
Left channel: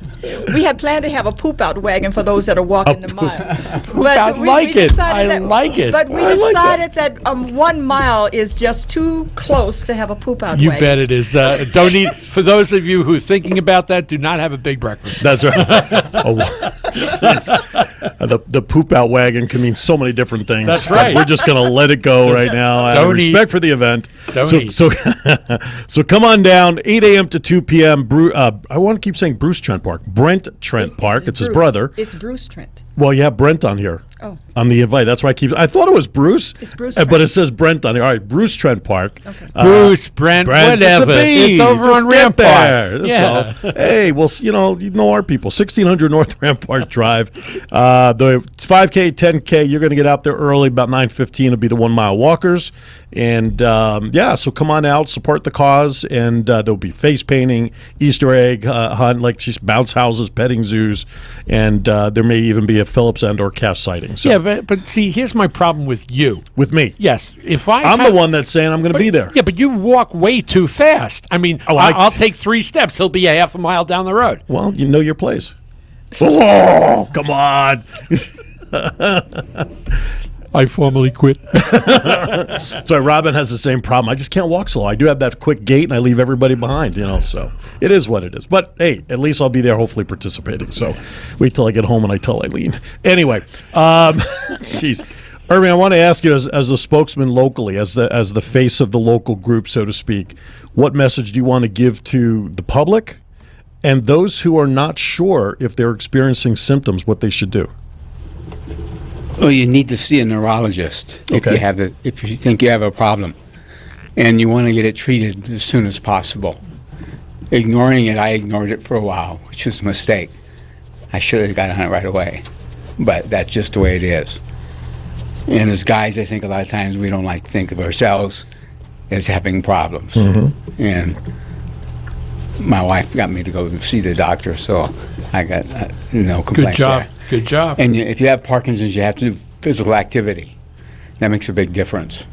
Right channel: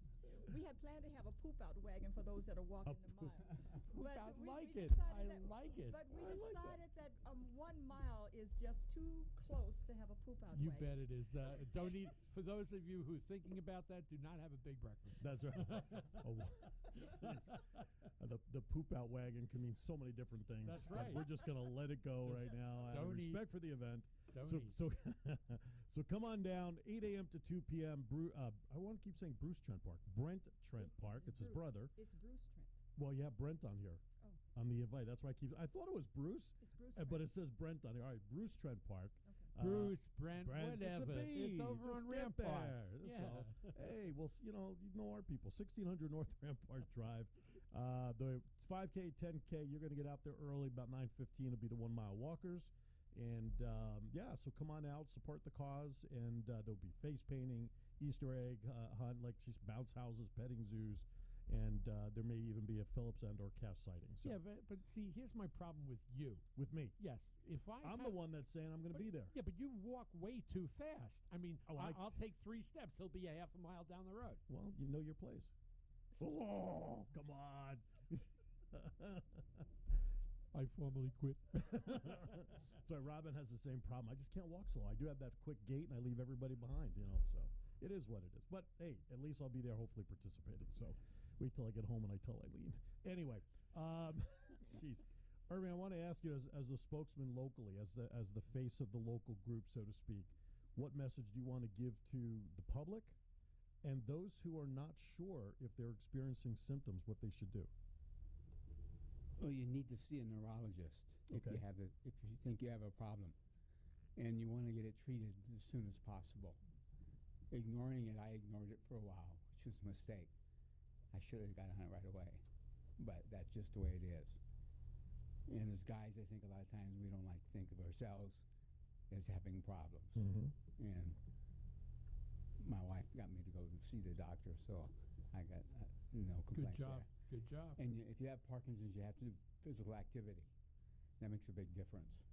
We had planned to have a poop out wagon for those that are walking the mile. But out like it. I like it. But we I like decided that 1 mile is just too close to have a poop out You wagon. bet it is. Don't eat. For those of you who are thinking about that, do not have a big breakfast. That's right. Oh, the poop out wagon can mean so many different things. That's right. We're just going to let it go right now. Out of don't eat. respect for the event. Don't so, eat. So come on down, 8 a.m. to 2 p.m. I want to keep saying Bruce Trent Park. Brent Trent Park. It's his Bruce. brother. It's Bruce Trent. Well, you have Brent on here. Oh. On the invite. That's why I thought it was Bruce. It's Bruce But Trent. it says Brent on here. All right, Bruce Trent Park. Okay. Bruce, Brent, whatever. It's over Just on get Rampart. there. That's Yeah. all. Hey, well, you know our people. 1600 North Rampart Drive. The 5K, 10K, you're going to get out there early. About 9:15 will be the 1 mile walkers. And so come on out, support the cause, and there'll be face painting, Easter egg hunt, like just bounce houses, petting zoos, and there may even be a Phillips and or Cash sighting. So Yeah, but see, here's my problem with you. with me, Yes, if I'm the one that's saying I'm going to be there. Yeah, but you walk way too fast. I mean, Oh, I'll take 3 steps. He'll be a half a mile down the road. Well, you know your place. Oh, come on. I formally quit. So Robin has the same problem. I just can't walk slow. I do have that quick gait, and I leave everybody behind, so it is what it is. But, hey, at least I'll be there hopefully participating. So wait till I get home and I tell Eileen. Anyway, jeez. Irving, I want to ask you as the spokesman locally, as the face of the local group, so to speak, what message do you want to give to the public and those who are not sure if they're experiencing symptoms, what they should do? Well, you need to see a neurologist Okay. if you think you have a problem, and you want to get it treated as soon as possible. Ignoring it, I ignored it for a while, which was a mistake. I should have got on it right away, but that's just the way it is. And as guys, I think a lot of times we don't like to think of ourselves as having problems. Mm-hmm. And my wife got me to go see the doctor, so I got no Good complaints job. there. Good job. And if you have Parkinson's, you have to do physical activity. That makes a big difference.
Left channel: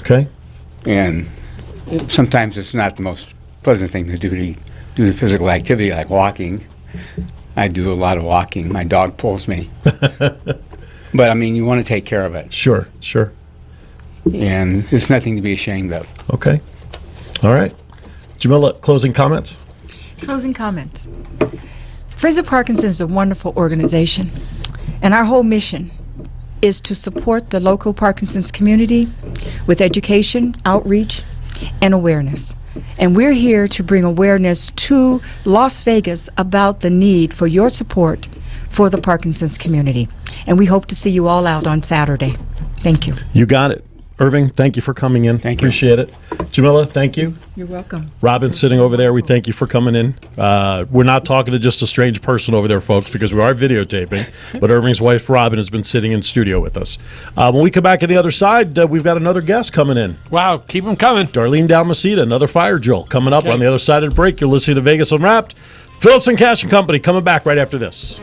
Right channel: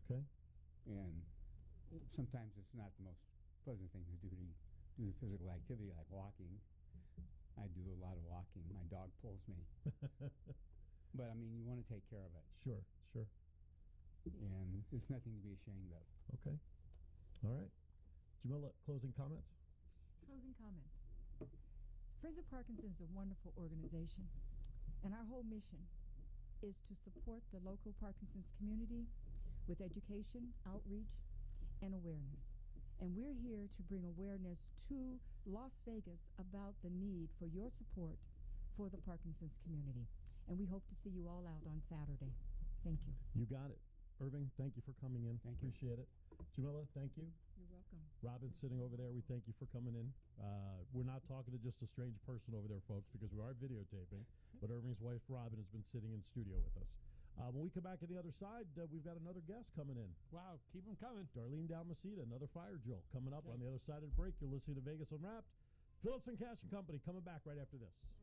Okay. And sometimes it's not the most pleasant thing to do the physical activity, like walking. I do a lot of walking. My dog pulls me. But, I mean, you want to take care of it. Sure. And it's nothing to be ashamed of. Okay. All right. Jamillah, closing comments? Closing comments. Friends of Parkinson's is a wonderful organization, and our whole mission is to support the local Parkinson's community with education, outreach, and awareness. And we're here to bring awareness to Las Vegas about the need for your support for the Parkinson's community. And we hope to see you all out on Saturday. Thank you. You got it. Irving, thank you for coming in. Thank you. Appreciate it. Jamillah, thank you. You're welcome. Robin sitting over there, we thank you for coming in. We're not talking to just a strange person over there, folks, because we are videotaping. But Irving's wife, Robin, has been sitting in studio with us. When we come back on the other side, we've got another guest coming in. Wow, keep them coming. Darlene Dalmaceda, another fire drill coming up on the other side of the break. You're listening to Vegas Unwrapped. Phillips and Cash and Company coming back right after this.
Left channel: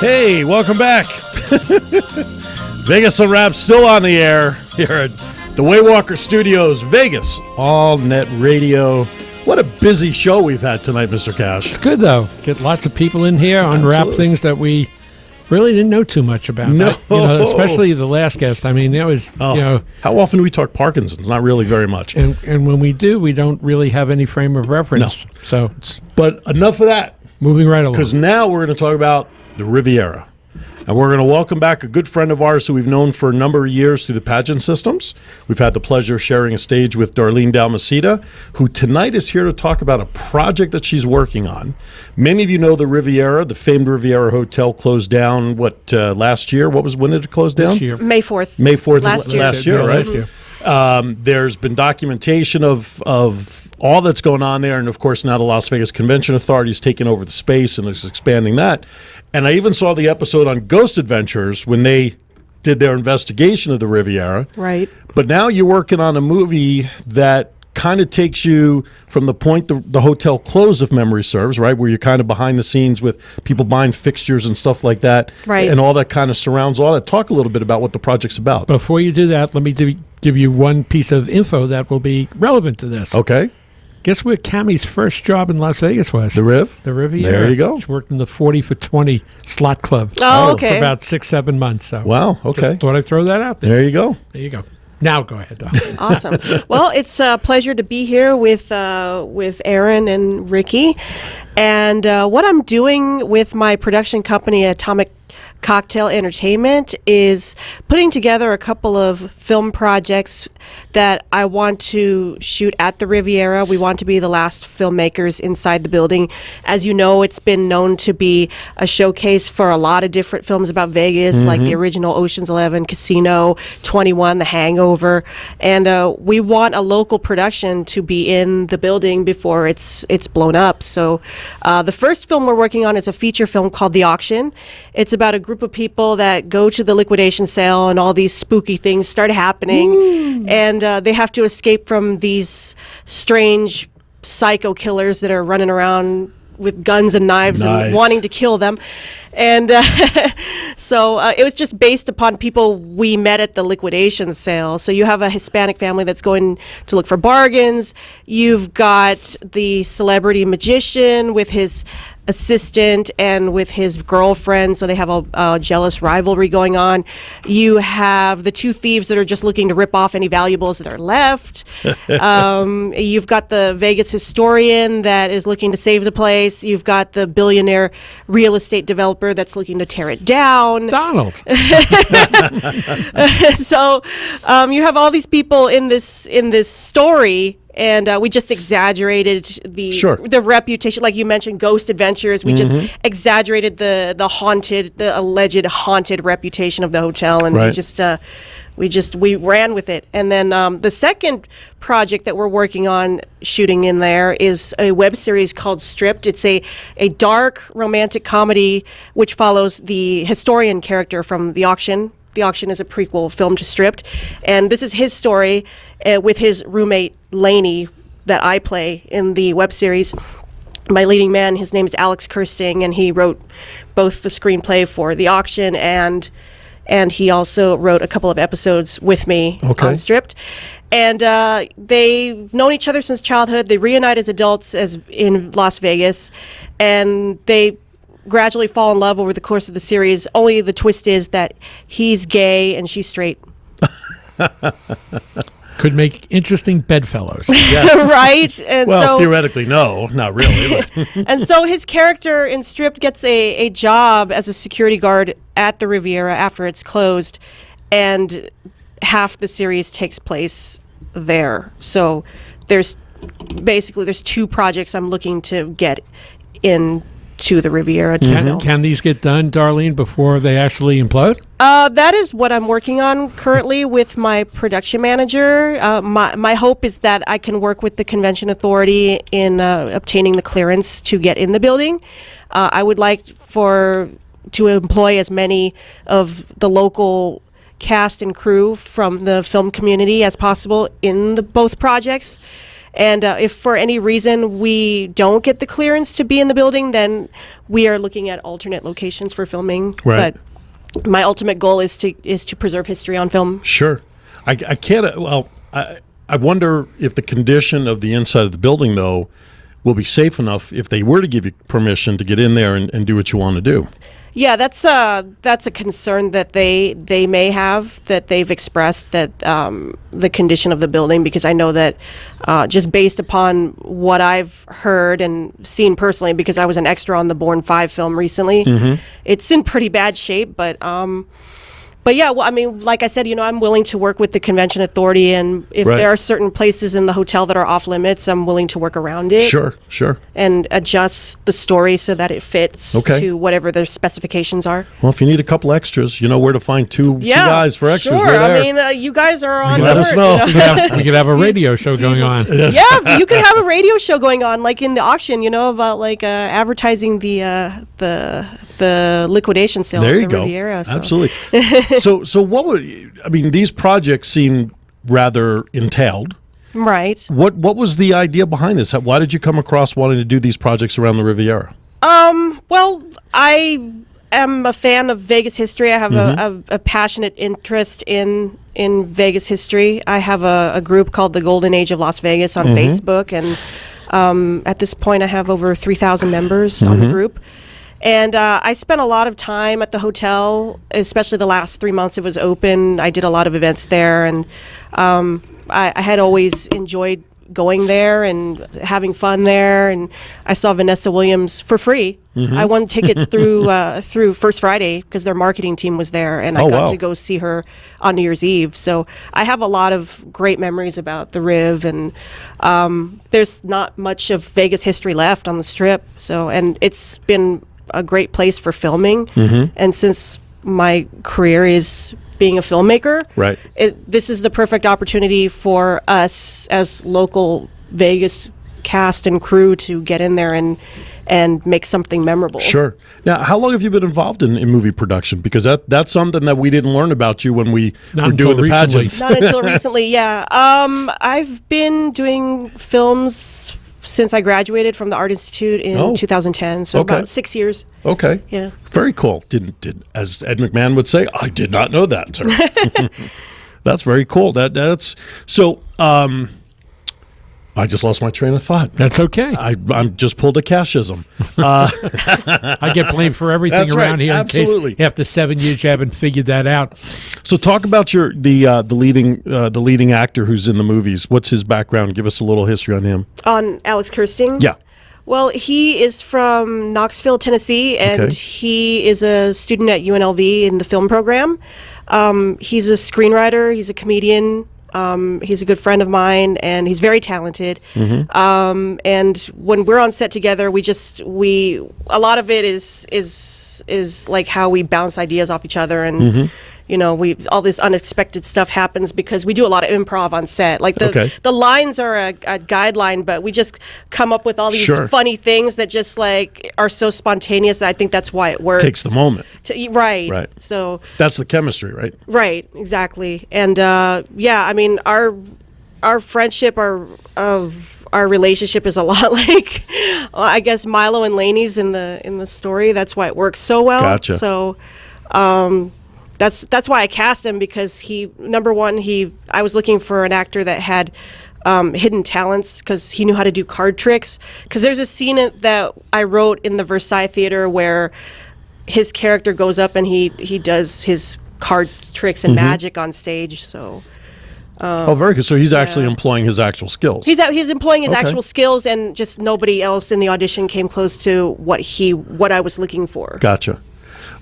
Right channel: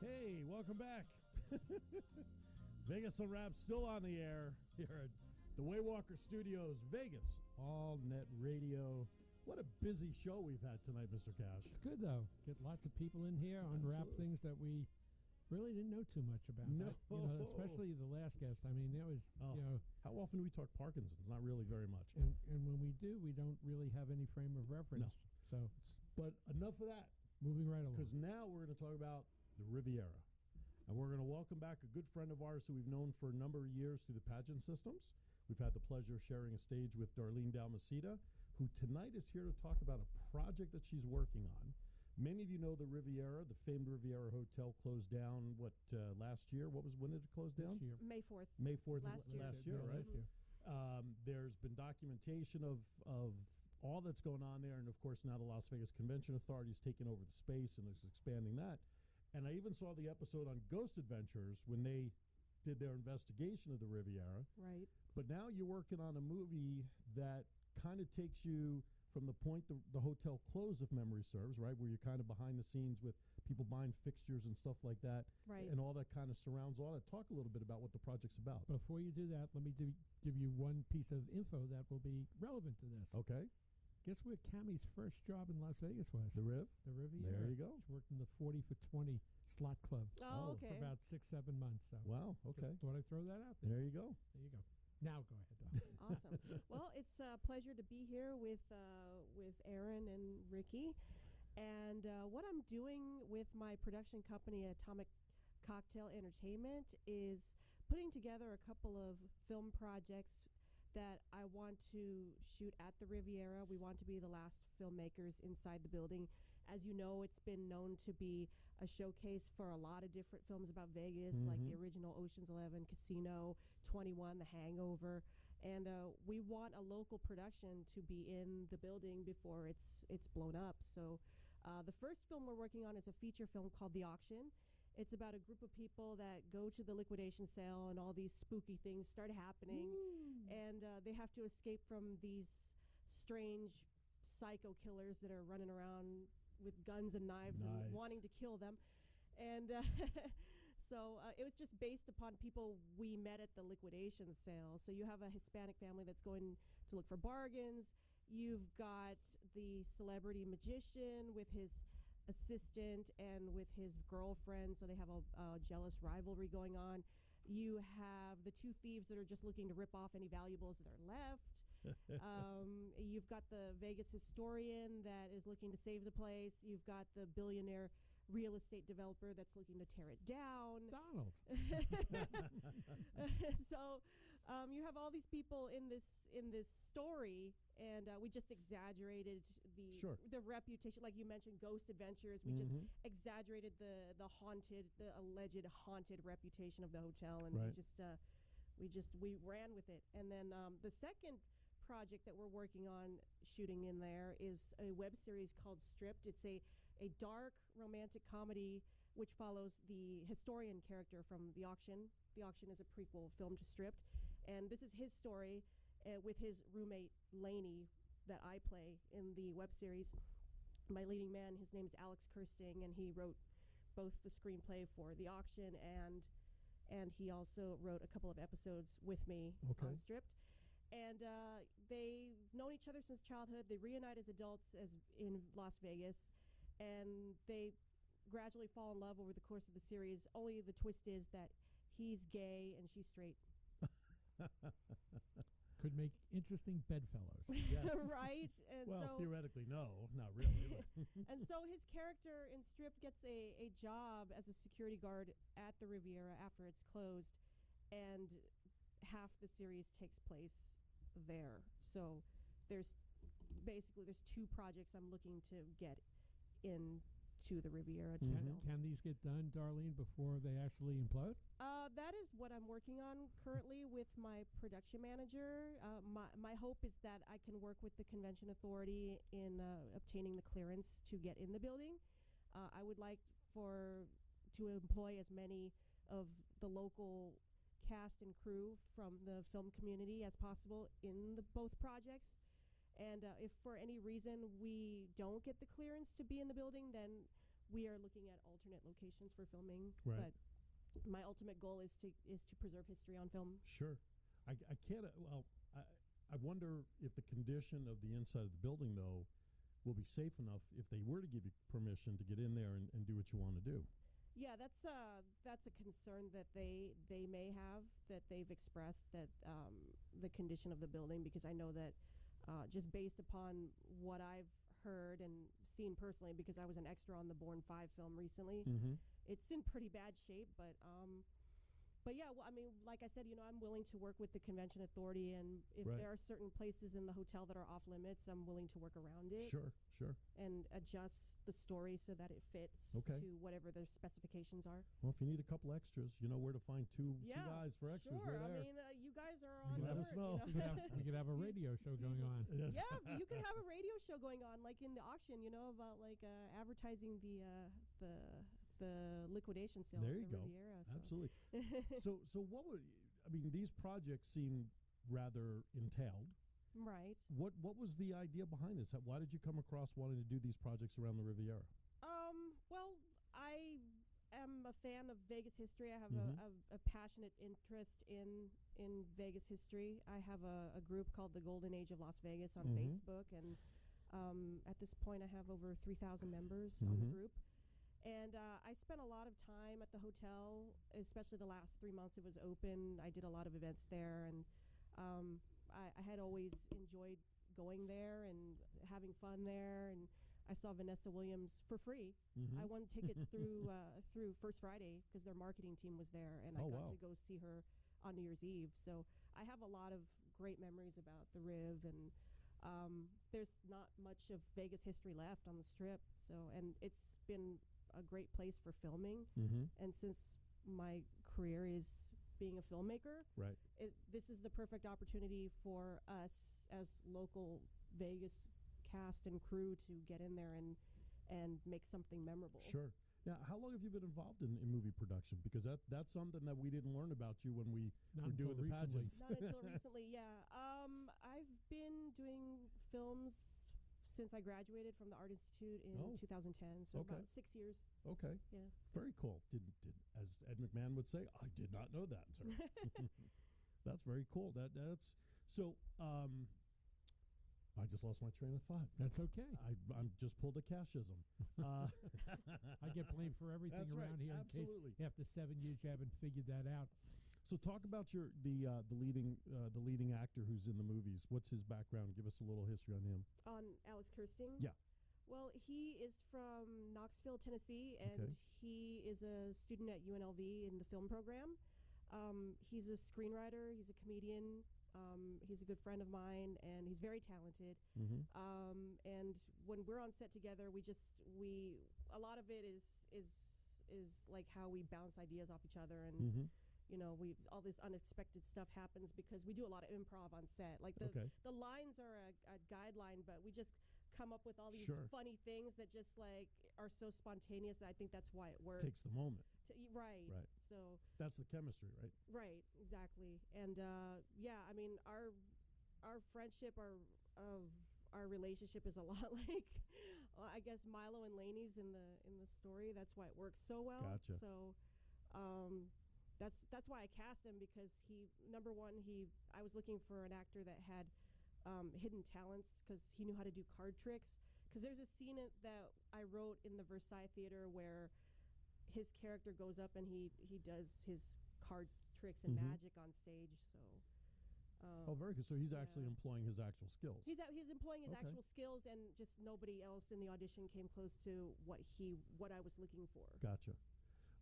Hey, welcome back. Vegas Unwrapped still on the air here at the Waywalker Studios, Vegas, All Net Radio. What a busy show we've had tonight, Mr. Cash. It's good, though. Get lots of people in here, unwrap Absolutely. things that we really didn't know too much about. No. Especially the last guest. I mean, that was, How often do we talk Parkinson's? Not really very much. and when we do, we don't really have any frame of reference. No. So it's But enough of that, moving right along. because now we're going to talk about the Riviera. And we're going to welcome back a good friend of ours who we've known for a number of years through the pageant systems. We've had the pleasure of sharing a stage with Darlene Dalmaceda, who tonight is here to talk about a project that she's working on. Many of you know the Riviera, the famed Riviera Hotel, closed down, last year? When did it close down? This year. May 4th. May 4th Last year. right? Last year. There's been documentation of all that's going on there, and of course now the Las Vegas Convention Authority is taking over the space and is expanding that. And I even saw the episode on Ghost Adventures when they did their investigation of the Riviera. Right. But now you're working on a movie that kind of takes you from the point the hotel closed, if memory serves, right, where you're kind of behind the scenes with people buying fixtures and stuff like that, Right. and all that kind of surrounds all that. Talk a little bit about what the project's about. Before you do that, let me give you one piece of info that will be relevant to this. Okay. Guess where Cammie's first job in Las Vegas was? The Riv? The Riviera. There you go. She worked in the 40 for 20 slot club. Oh, For okay. about 6-7 months. So Wow, okay. just thought I'd throw that out there. There you go. There you go. Now go ahead, Doc. Awesome. Well, it's a pleasure to be here with Aaron and Ricky. And what I'm doing with my production company, Atomic Cocktail Entertainment, is putting together a couple of film projects that I want to shoot at the Riviera. We want to be the last filmmakers inside the building. As you know, it's been known to be a showcase for a lot of different films about Vegas, like the original Ocean's 11, Casino, 21, The Hangover. And we want a local production to be in the building before it's blown up. So the first film we're working on is a feature film called The Auction. It's about a group of people that go to the liquidation sale and all these spooky things start happening. And they have to escape from these strange psycho killers that are running around with guns and knives Nice. and wanting to kill them. And so it was just based upon people we met at the liquidation sale. So you have a Hispanic family that's going to look for bargains. You've got the celebrity magician with his assistant and with his girlfriend, so they have a jealous rivalry going on. You have the two thieves that are just looking to rip off any valuables that are left. You've got the Vegas historian that is looking to save the place. You've got the billionaire real estate developer that's looking to tear it down. Donald. So you have all these people in this story. And we just exaggerated the reputation, like you mentioned, Ghost Adventures. We just exaggerated the alleged haunted reputation of the hotel, and Right. we ran with it. And then the second project that we're working on shooting in there is a web series called Stripped. It's a dark romantic comedy which follows the historian character from The Auction. The Auction is a prequel film to Stripped, and this is his story with his roommate Laney that I play in the web series. My leading man, his name is Alex Kirsting, and he wrote both the screenplay for The Auction and he also wrote a couple of episodes with me on Stripped. And they've known each other since childhood. They reunite as adults as in Las Vegas, and they gradually fall in love over the course of the series. Only the twist is that he's gay and she's straight. Could make interesting bedfellows. Yes. Right? And Well, so, theoretically, no, not really. But and so his character in Stripped gets a job as a security guard at the Riviera after it's closed, and half the series takes place there. So there's two projects I'm looking to get into the Riviera. Can these get done, Darlene, before they actually implode? That is what I'm working on currently with my production manager. My hope is that I can work with the Convention Authority in obtaining the clearance to get in the building. I would like to employ as many of the local cast and crew from the film community as possible in both projects. And if for any reason we don't get the clearance to be in the building, then we are looking at alternate locations for filming. Right. But my ultimate goal is to preserve history on film. Sure. I can't. Well, I wonder if the condition of the inside of the building, though, will be safe enough if they were to give you permission to get in there and do what you want to do. Yeah, that's a concern that they may have, that they've expressed, that the condition of the building, because I know that just based upon what I've heard and seen personally, because I was an extra on the Bourne 5 film recently, it's in pretty bad shape, but yeah, well, I mean, like I said, I'm willing to work with the convention authority, and if Right. there are certain places in the hotel that are off limits, I'm willing to work around it. Sure. And adjust the story so that it fits Okay. to whatever their specifications are. Well, if you need a couple extras, you know where to find two guys for extras. Sure. We're there. I mean, you guys are on Let us board, know. We could have a radio show going on. Yes. Yeah, you could have a radio show going on, like in the auction, about like advertising the liquidation sale. There at you the go. Riviera, so. Absolutely. So what would, I mean, these projects seem rather entailed. Right. What was the idea behind this? Why did you come across wanting to do these projects around the Riviera? Well, I am a fan of Vegas history. I have a passionate interest in Vegas history. I have a group called the Golden Age of Las Vegas on Facebook, and at this point I have over 3,000 members on the group. And I spent a lot of time at the hotel, especially the last 3 months it was open. I did a lot of events there, and I had always enjoyed going there and having fun there. And I saw Vanessa Williams for free. I won tickets through First Friday because their marketing team was there, and I got to go see her on New Year's Eve. So I have a lot of great memories about the Riv, and there's not much of Vegas history left on the Strip. So, and it's been a great place for filming. And since my career is being a filmmaker, Right. This is the perfect opportunity for us as local Vegas cast and crew to get in there and make something memorable. Sure. Now, how long have you been involved in movie production? Because that's something that we didn't learn about you when we Not were doing until the recently. pageants. Not until recently, yeah. I've been doing films since I graduated from the Art Institute in 2010, so Okay. about 6 years. Okay. Yeah. Very cool. Did as Ed McMahon would say, I did not know that, sir. That's very cool. That's so. I just lost my train of thought. That's okay. I'm just pulled a cashism. I get blamed for everything That's right. around here. Absolutely. In case after 7 years you haven't figured that out. So talk about the leading actor who's in the movies. What's his background? Give us a little history on him. On Alex Kirsting? Yeah. Well, he is from Knoxville, Tennessee, and Okay. he is a student at UNLV in the film program. He's a screenwriter. He's a comedian. He's a good friend of mine, and he's very talented. And when we're on set together, a lot of it is like how we bounce ideas off each other, and all this unexpected stuff happens because we do a lot of improv on set. Like the lines are a guideline, but we just come up with all these funny things that just like are so spontaneous. I think that's why it works. Takes the moment. Right. So That's the chemistry, right? right, exactly. And yeah, I mean our friendship, our relationship is a lot like I guess Milo and Laney's in the story. That's why it works so well. Gotcha. So that's why I cast him, because I was looking for an actor that had hidden talents, because he knew how to do card tricks. Because there's a scene that I wrote in the Versailles Theater where his character goes up and he does his card tricks and magic on stage. So Very good. So he's actually employing his actual skills. he's employing his actual skills, and just nobody else in the audition came close to what I was looking for. Gotcha.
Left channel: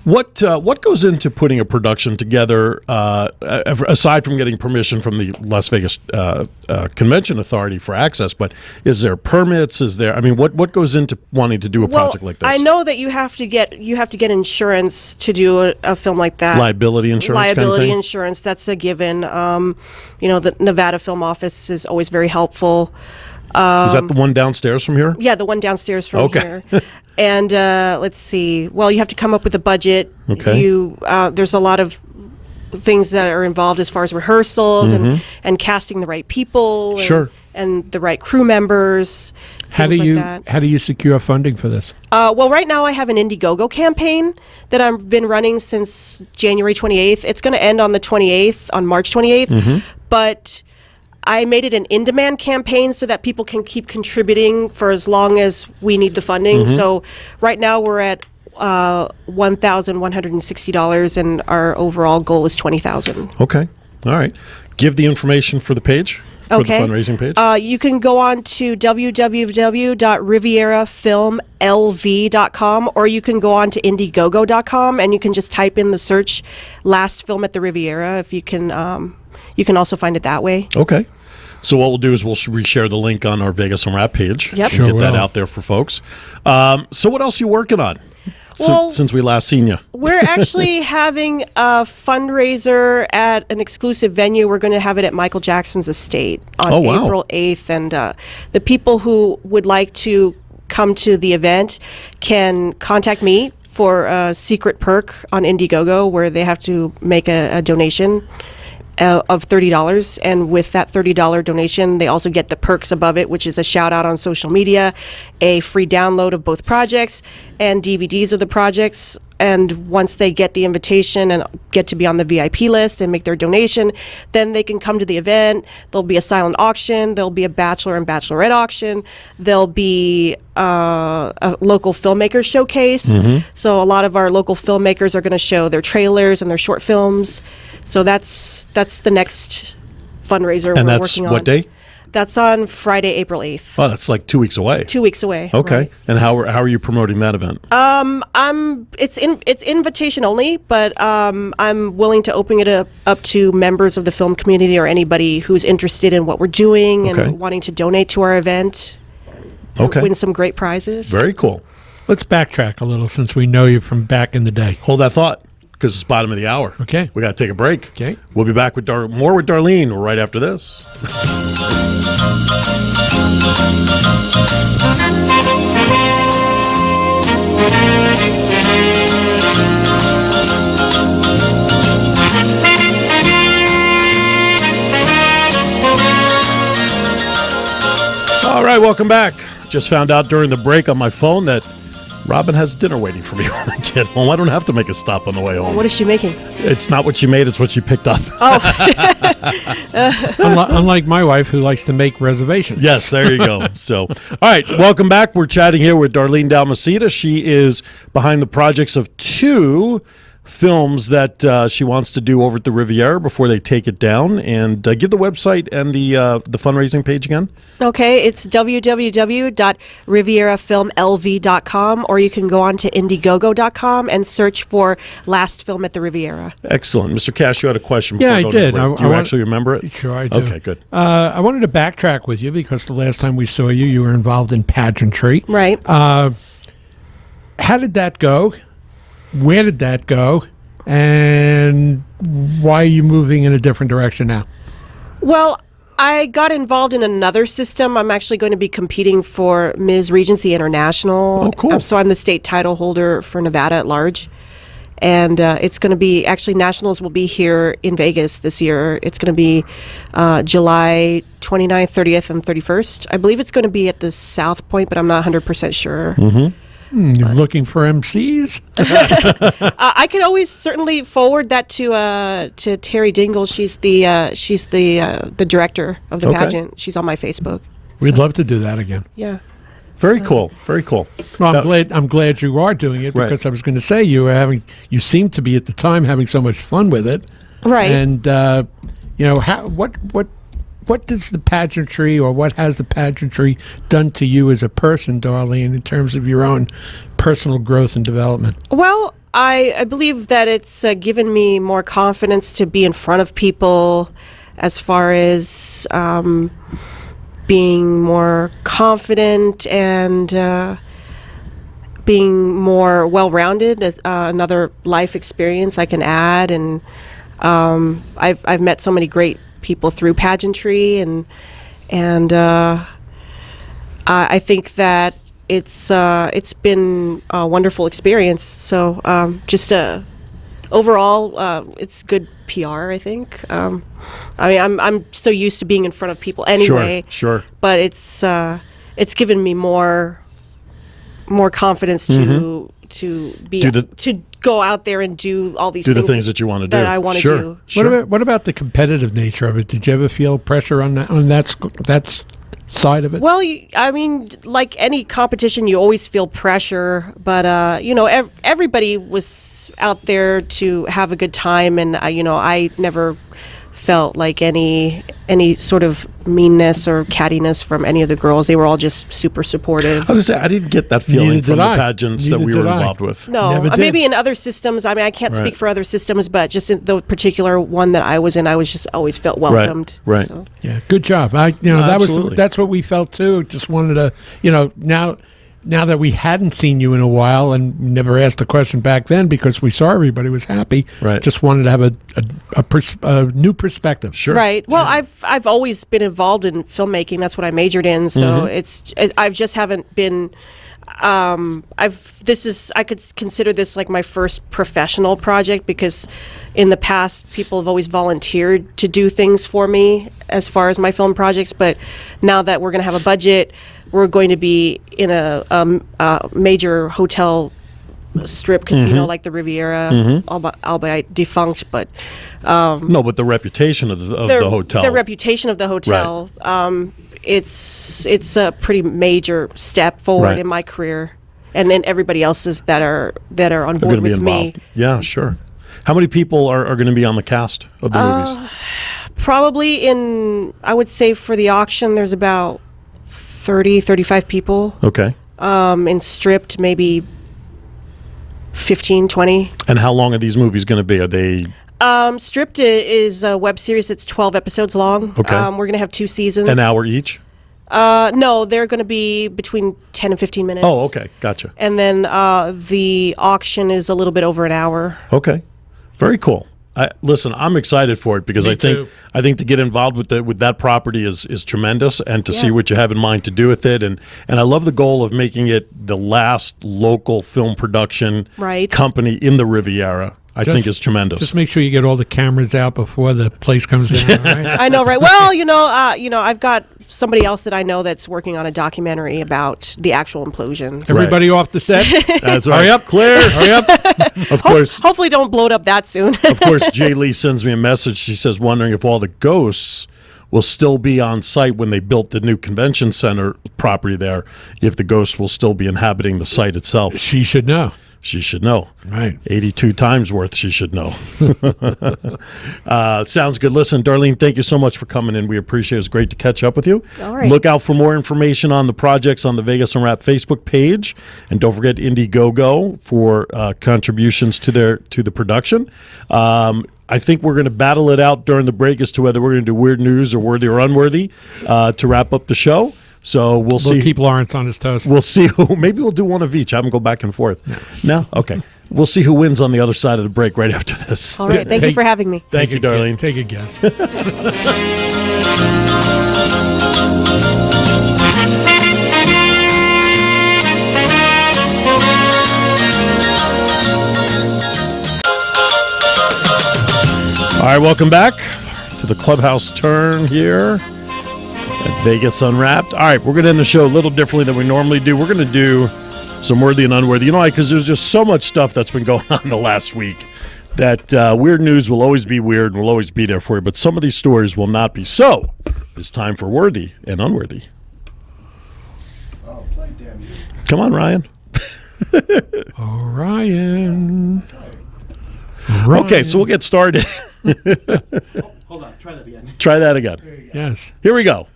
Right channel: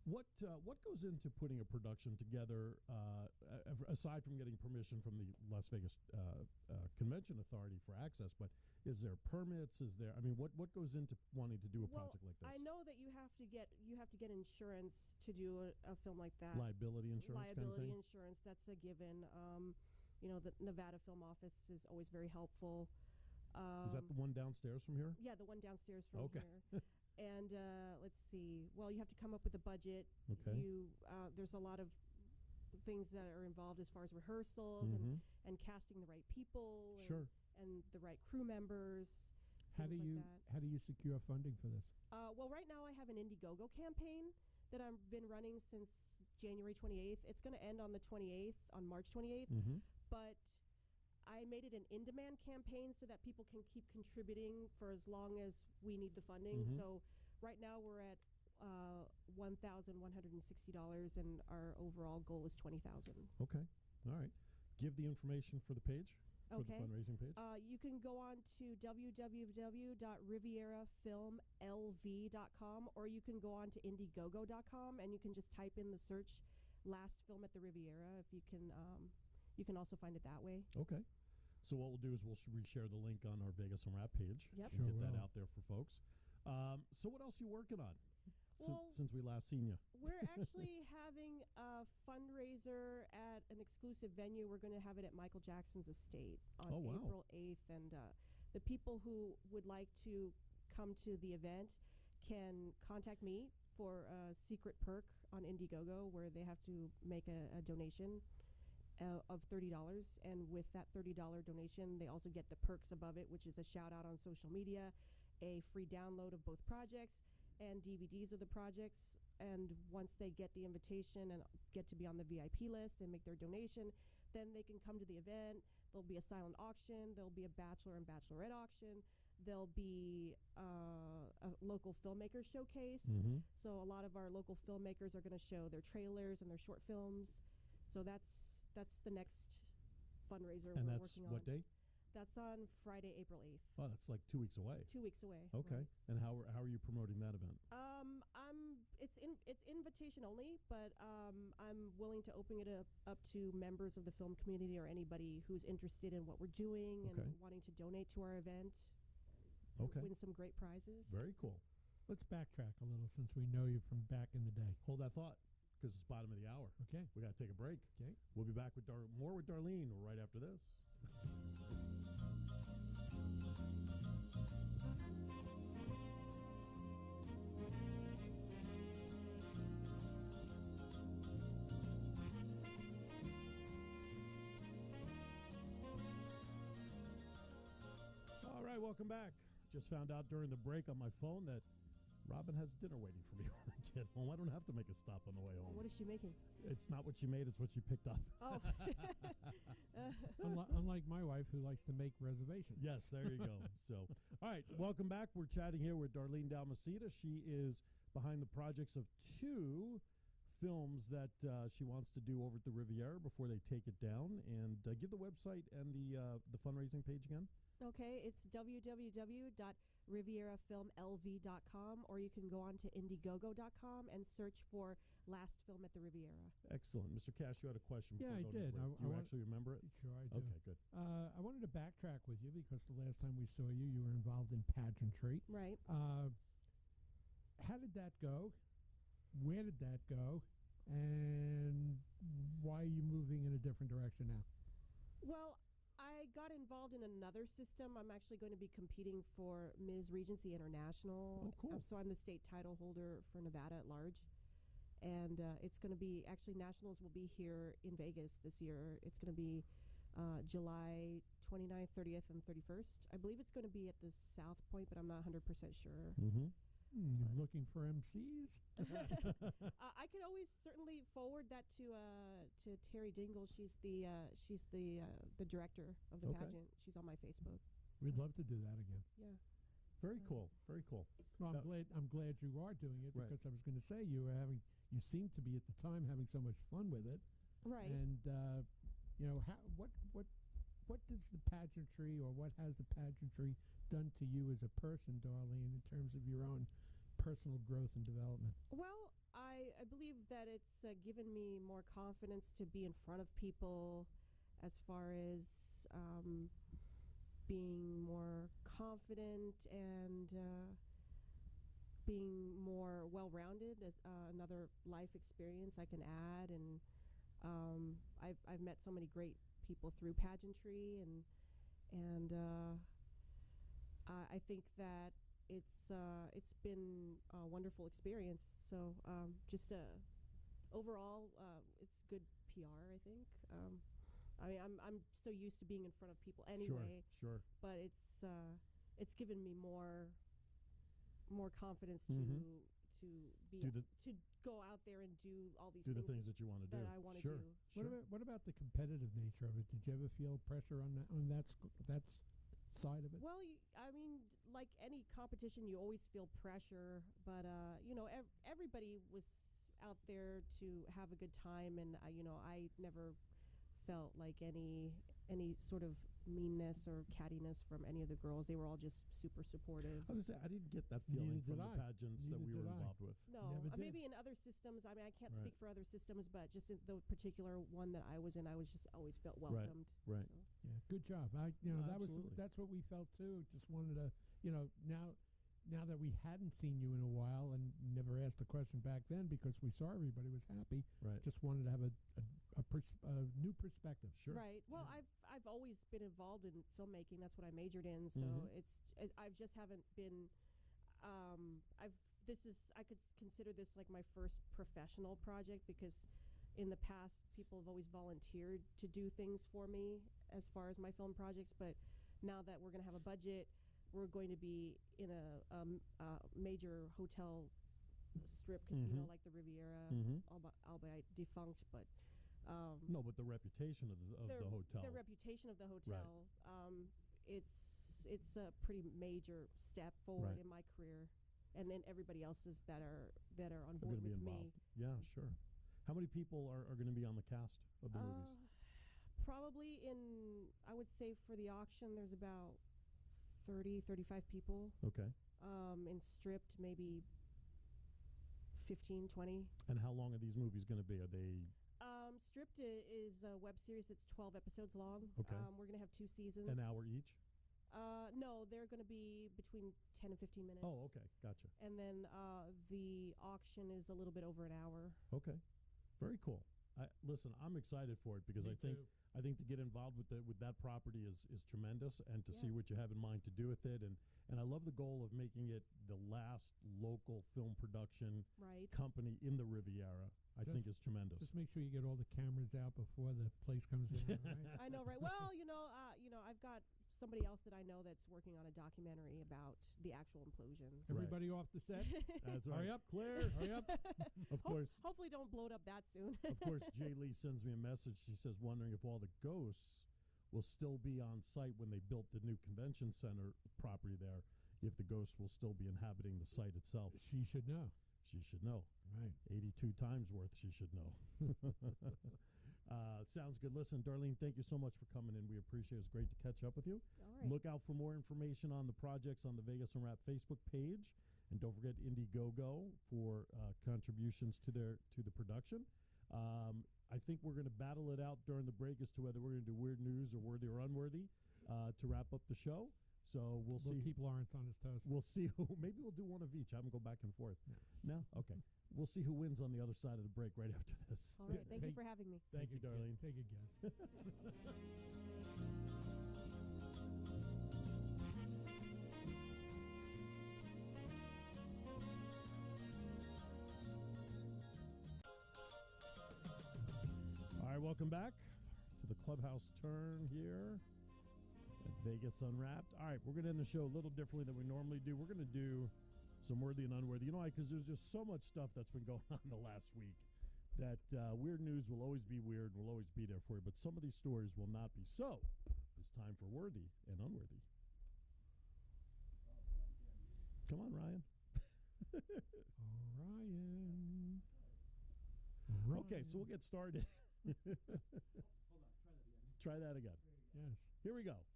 What goes into putting a production together, aside from getting permission from the Las Vegas Convention Authority for access? But is there permits? What goes into wanting to do a project like this? I know that you have to get insurance to do a film like that. Liability insurance. Liability kind of thing? insurance, that's a given. The Nevada Film Office is always very helpful. Is that the one downstairs from here? Yeah, the one downstairs from here. And let's see. Well, you have to come up with a budget. Okay. There's a lot of things that are involved as far as rehearsals and casting the right people. And the right crew members. How do you secure funding for this? Well, right now I have an Indiegogo campaign that I've been running since January 28th. It's going to end on the 28th, on March 28th. But I made it an in-demand campaign so that people can keep contributing for as long as we need the funding. So right now we're at $1,160, and our overall goal is $20,000. Okay. All right. Give the information for the page, for the fundraising page. You can go on to www.rivierafilmlv.com, or you can go on to Indiegogo.com, and you can just type in the search "Last Film at the Riviera." If you can also find it that way. Okay. So what we'll do is we'll reshare the link on our Vegas Unwrapped page. Yep. And Sure get that will. out there for folks. So what else are you working on Well, since we last seen you? We're actually having a fundraiser at an exclusive venue. We're going to have it at Michael Jackson's estate on wow. April 8th. And the people who would like to come to the event can contact me for a secret perk on Indiegogo, where they have to make a donation of $30, and with that $30 donation they also get the perks above it, which is a shout out on social media, a free download of both projects, and DVDs of the projects. And once they get the invitation and get to be on the VIP list and make their donation, then they can come to the event. There'll be a silent auction, there'll be a bachelor and bachelorette auction, there'll be a local filmmaker showcase. So a lot of our local filmmakers are going to show their trailers and their short films. So that's the next fundraiser And we're that's working on. what day? That's on Friday, April 8th. Oh, that's like 2 weeks away. 2 weeks away. Okay. right. And how are you promoting that event? It's invitation only, but I'm willing to open it up to members of the film community or anybody who's interested in what we're doing Okay. and wanting to donate to our event. Okay. Win some great prizes. Very cool. Let's backtrack a little since we know you from back in the day. Hold that thought, because it's bottom of the hour. Okay. We got to take a break. Okay. We'll be back with more with Darlene right after this. All right, welcome back. Just found out during the break on my phone that Robin has dinner waiting for me when I get home. I don't have to make a stop on the way home. What is she making? It's not what she made, it's what she picked up. Unlike my wife, who likes to make reservations. Yes, there you go. So, all right, welcome back. We're chatting here with Darlene Dalmaceda. She is behind the projects of 2 films that she wants to do over at the Riviera before they take it down. And give the website and the fundraising page again. Okay, it's www.rivierafilmlv.com, or you can go on to Indiegogo.com and search for Last Film at the Riviera. Excellent. Mr. Cash, you had a question Yeah, before I going to did. break. Do you actually remember it? Sure, I do. Okay, good. I wanted to backtrack with you because the last time we saw you, you were involved in pageantry. Right. How did that go? Where did that go? And why are you moving in a different direction now? Well, I got involved in another system. I'm actually going to be competing for Ms. Regency International. Oh, cool. So I'm the state title holder for Nevada at large. And it's going to be, actually, Nationals will be here in Vegas this year. It's going to be July 29th, 30th, and 31st. I believe it's going to be at the South Point, but I'm not 100% sure. You're looking for MCs? I could always certainly forward that to Terry Dingle. She's the director of the Okay. pageant. She's on my Facebook. We'd love to do that again. Yeah. Very cool. Very cool. Well, Now- I'm glad you are doing it Right. because I was going to say you seemed to be at the time having so much fun with it. Right. And what does the pageantry, or what has the pageantry done to you as a person, Darlene, in terms of your own personal growth and development? Well, I believe that it's given me more confidence to be in front of people, as far as being more confident and being more well-rounded, as another life experience I can add. And I've met so many great people through pageantry, and I think that it's been a wonderful experience. So just overall, it's good PR, I think. I mean, I'm so used to being in front of people anyway. Sure. But it's given me more confidence to be to go out there and do all these Do things the things that you want to do. that I want to do. Sure. What about the competitive nature of it? Did you ever feel pressure on that side of it? Well, I mean, like any competition, you always feel pressure, but you know, everybody was out there to have a good time, and you know, I never felt like any sort of meanness or cattiness from any of the girls. They were all just super supportive. I was going to say, I didn't get that feeling Neither from did the I. pageants that Neither we were did I. involved with. No, Never did. maybe in other systems. I mean, I can't Right. speak for other systems, but just in the particular one that I was in, I was just always felt welcomed. right. So. Yeah, good job. Absolutely. That's what we felt too. Just wanted to, now that we hadn't seen you in a while and never asked a question back then because we saw everybody was happy. Right. Just wanted to have a new perspective. Sure. Right. Well, I've always been involved in filmmaking. That's what I majored in. So I just haven't been. I could consider this like my first professional project because in the past people have always volunteered to do things for me as far as my film projects. But now that we're going to have a budget, we're going to be in a major hotel strip casino like the Riviera, albeit defunct, but No, but the reputation of the hotel. The reputation of the hotel. It's a pretty major step forward Right. in my career, and then everybody else's that are on They're board going to be with involved. me. Yeah, sure. How many people are going to be on the cast of the movies? Probably I would say for the auction, there's about 30, 35 people. Okay. In stripped, maybe 15, 20. And how long are these movies going to be? Are they... Stripped is a web series that's 12 episodes long. Okay. We're going to have 2 seasons. an hour each? No, they're going to be between 10 and 15 minutes. Oh, okay. Gotcha. And then the auction is a little bit over an hour. Okay. Very cool. Listen, I'm excited for it because Me I think too. to get involved with that property is tremendous, and to see Yeah. what you have in mind to do with it, and I love the goal of making it the last local film production Right. company in the Riviera. I think is tremendous. Just make sure you get all the cameras out before the place comes down. Right? I know, right? Well, I've got somebody else that I know that's working on a documentary about the actual implosion. Everybody off the set. That's right. Hurry up, Claire. Hurry up. Of course, Hopefully, don't blow it up that soon. of course, Jay Lee sends me a message. She says, wondering if all the ghosts will still be on site when they built the new convention center property there, if the ghosts will still be inhabiting the site itself. She should know. She should know. Right. 82 times worth, she should know. Sounds good. Listen, Darlene, thank you so much for coming in. We appreciate it. It was great to catch up with you. All right. Look out for more information on the projects on the Vegas Unwrapped Facebook page. And don't forget Indiegogo for contributions to the production. I think we're going to battle it out during the break as to whether we're going to do weird news or worthy or unworthy to wrap up the show. So we'll see. We'll keep Lawrence on his toes. We'll see who. Maybe we'll do one of each. Have them go back and forth. No? Okay. We'll see who wins on the other side of the break right after this. All right. Thank you for having me. Thank you, Darlene. Take a guess. All right, welcome back to the clubhouse turn here at Vegas Unwrapped. All right, we're going to end the show a little differently than we normally do. We're going to do some worthy and unworthy. You know why? Because there's just so much stuff that's been going on the last week that weird news will always be weird and will always be there for you, but some of these stories will not be. So it's time for worthy and unworthy. Come on, Ryan. Ryan. Okay, so we'll get started. Hold on, try that again. Try that again. Yes. Here we go.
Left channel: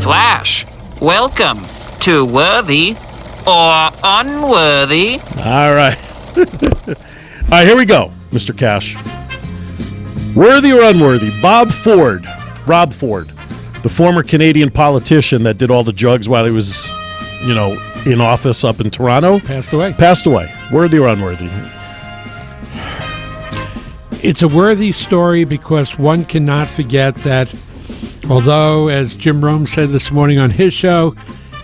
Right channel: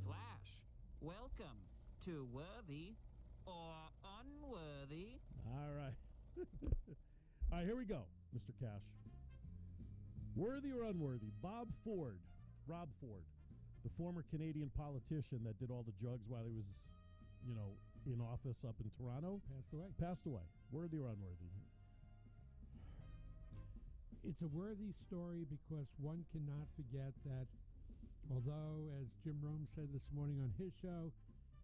Flash, welcome to Worthy or Unworthy. All right. All right, here we go, Mr. Cash. Worthy or unworthy? Rob Ford, the former Canadian politician that did all the drugs while he was, in office up in Toronto. Passed away. Worthy or unworthy? It's a worthy story because one cannot forget that although, as Jim Rome said this morning on his show,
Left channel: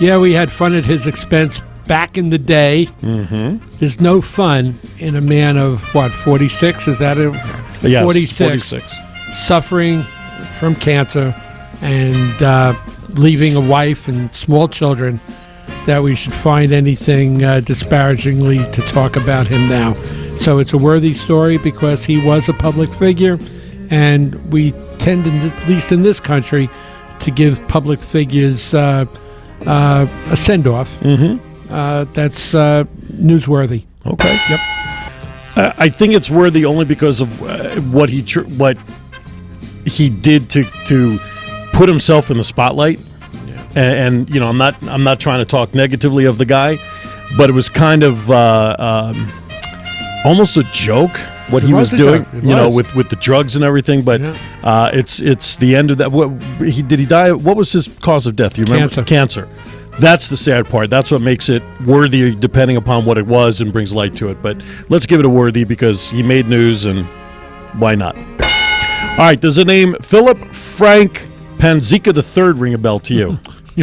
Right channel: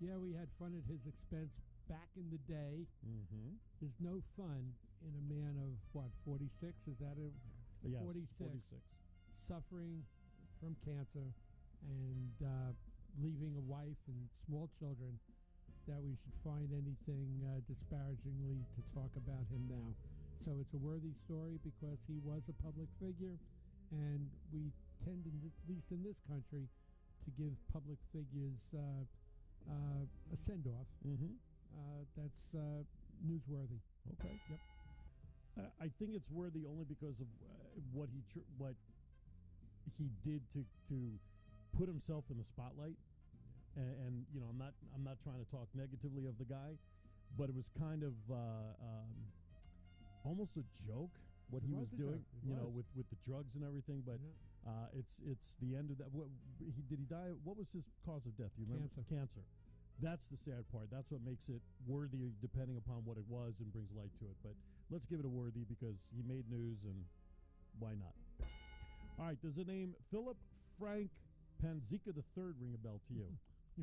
yeah, we had fun at his expense back in the day. Mm-hmm. There's no fun in a man of, 46? Is that it? Yes, 46. Suffering from cancer and leaving a wife and small children, that we should find anything disparagingly to talk about him now. So it's a worthy story because he was a public figure, and we tend, at least in this country, to give public figures a send-off. That's newsworthy. Okay. Yep. I think it's worthy only because of what he did to put himself in the spotlight. And you know, I'm not trying to talk negatively of the guy, but it was kind of almost a joke what he was doing. You know, with the drugs and everything. But it's the end of that. Did he die? What was his cause of death? Do you remember? Cancer. That's the sad part. That's what makes it worthy, depending upon what it was, and brings light to it. But let's give it a worthy because he made news, and why not? All right, does the name Philip Frank Panzica III ring a bell to you?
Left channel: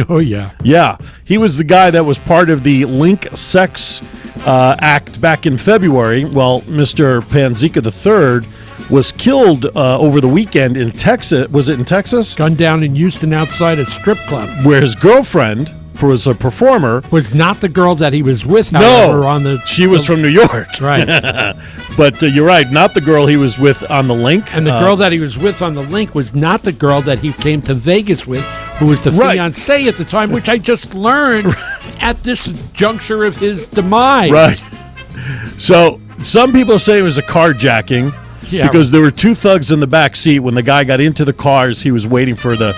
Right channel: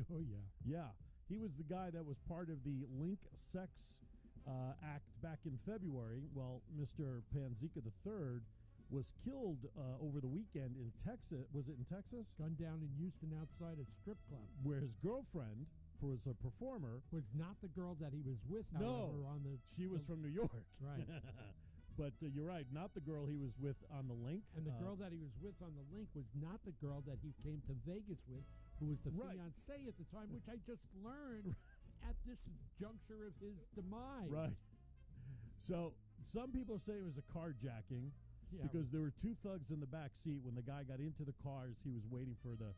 Oh, yeah. Yeah. He was the guy that was part of the Link Sex Act back in February. Well, Mr. Panzica III was killed over the weekend in Texas. Was it in Texas? Gunned down in Houston outside a strip club. Where his girlfriend was a performer. Was not the girl that he was with, however, no, she was from New York. Right. But you're right, not the girl he was with on the Link. And the girl that he was with on the Link was not the girl that he came to Vegas with, who was the fiancée at the time, which I just learned at this juncture of his demise. Right. So some people say it was a carjacking because there were two thugs in the back seat. When the guy got into the cars, he was waiting for the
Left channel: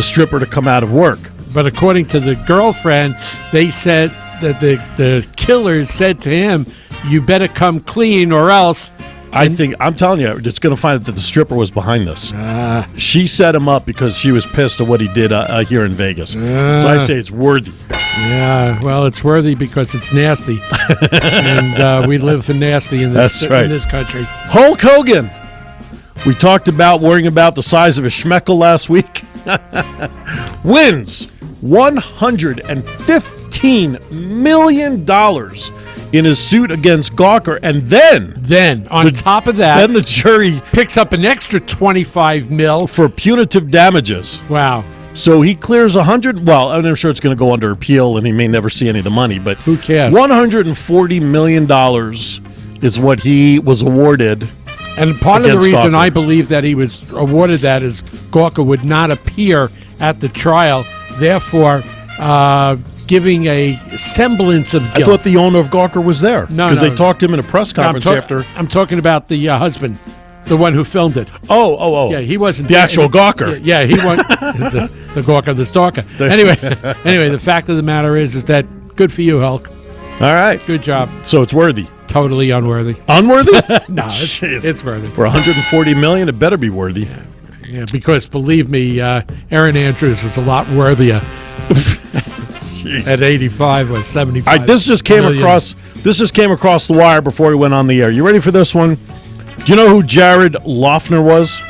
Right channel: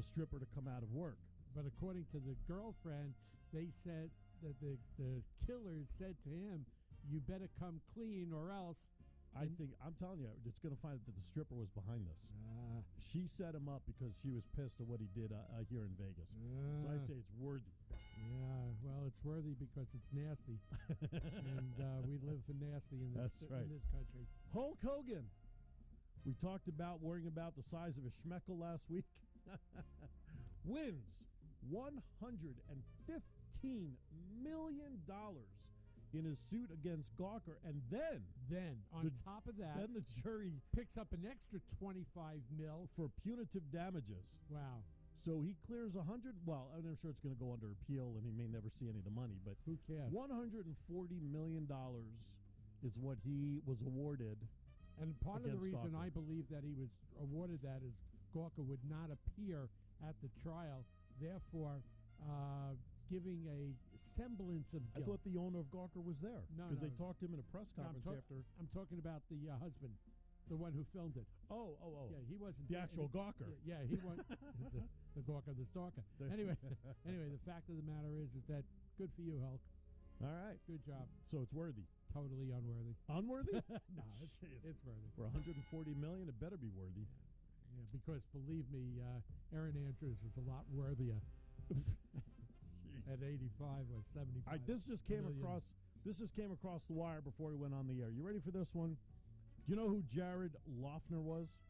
stripper to come out of work. But according to the girlfriend, they said that the killers said to him, "You better come clean or else." I'm telling you, it's going to find out that the stripper was behind this. She set him up because she was pissed at what he did here in Vegas. So I say it's worthy. Yeah, well, it's worthy because it's nasty. And we live for nasty in this, in this country. Hulk Hogan. We talked about worrying about the size of his schmeckle last week. Wins $115 million in his suit against Gawker, and then on top of that, then the jury picks up an extra $25 million for punitive damages. Wow! So he clears 100. Well, I'm sure it's going to go under appeal, and he may never see any of the money. But who cares? $140 million is what he was awarded. And part of the reason Gawker. I believe that he was awarded that is Gawker would not appear at the trial, therefore giving a semblance of guilt. I thought the owner of Gawker was there because they talked to him in a press conference after. I'm talking about the husband, the one who filmed it. Oh. Yeah, he wasn't the actual Gawker. Yeah, he wasn't the Gawker, the stalker. Anyway, the fact of the matter is that good for you, Hulk. All right, good job. So it's worthy. Totally unworthy. Unworthy? No, it's worthy. For $140 million, it better be worthy. Yeah, because believe me, Aaron Andrews is a lot worthier. At 85 or 75. All right, this just came across the wire before we went on the air. You ready for this one? Do you know who Jared Loughner was?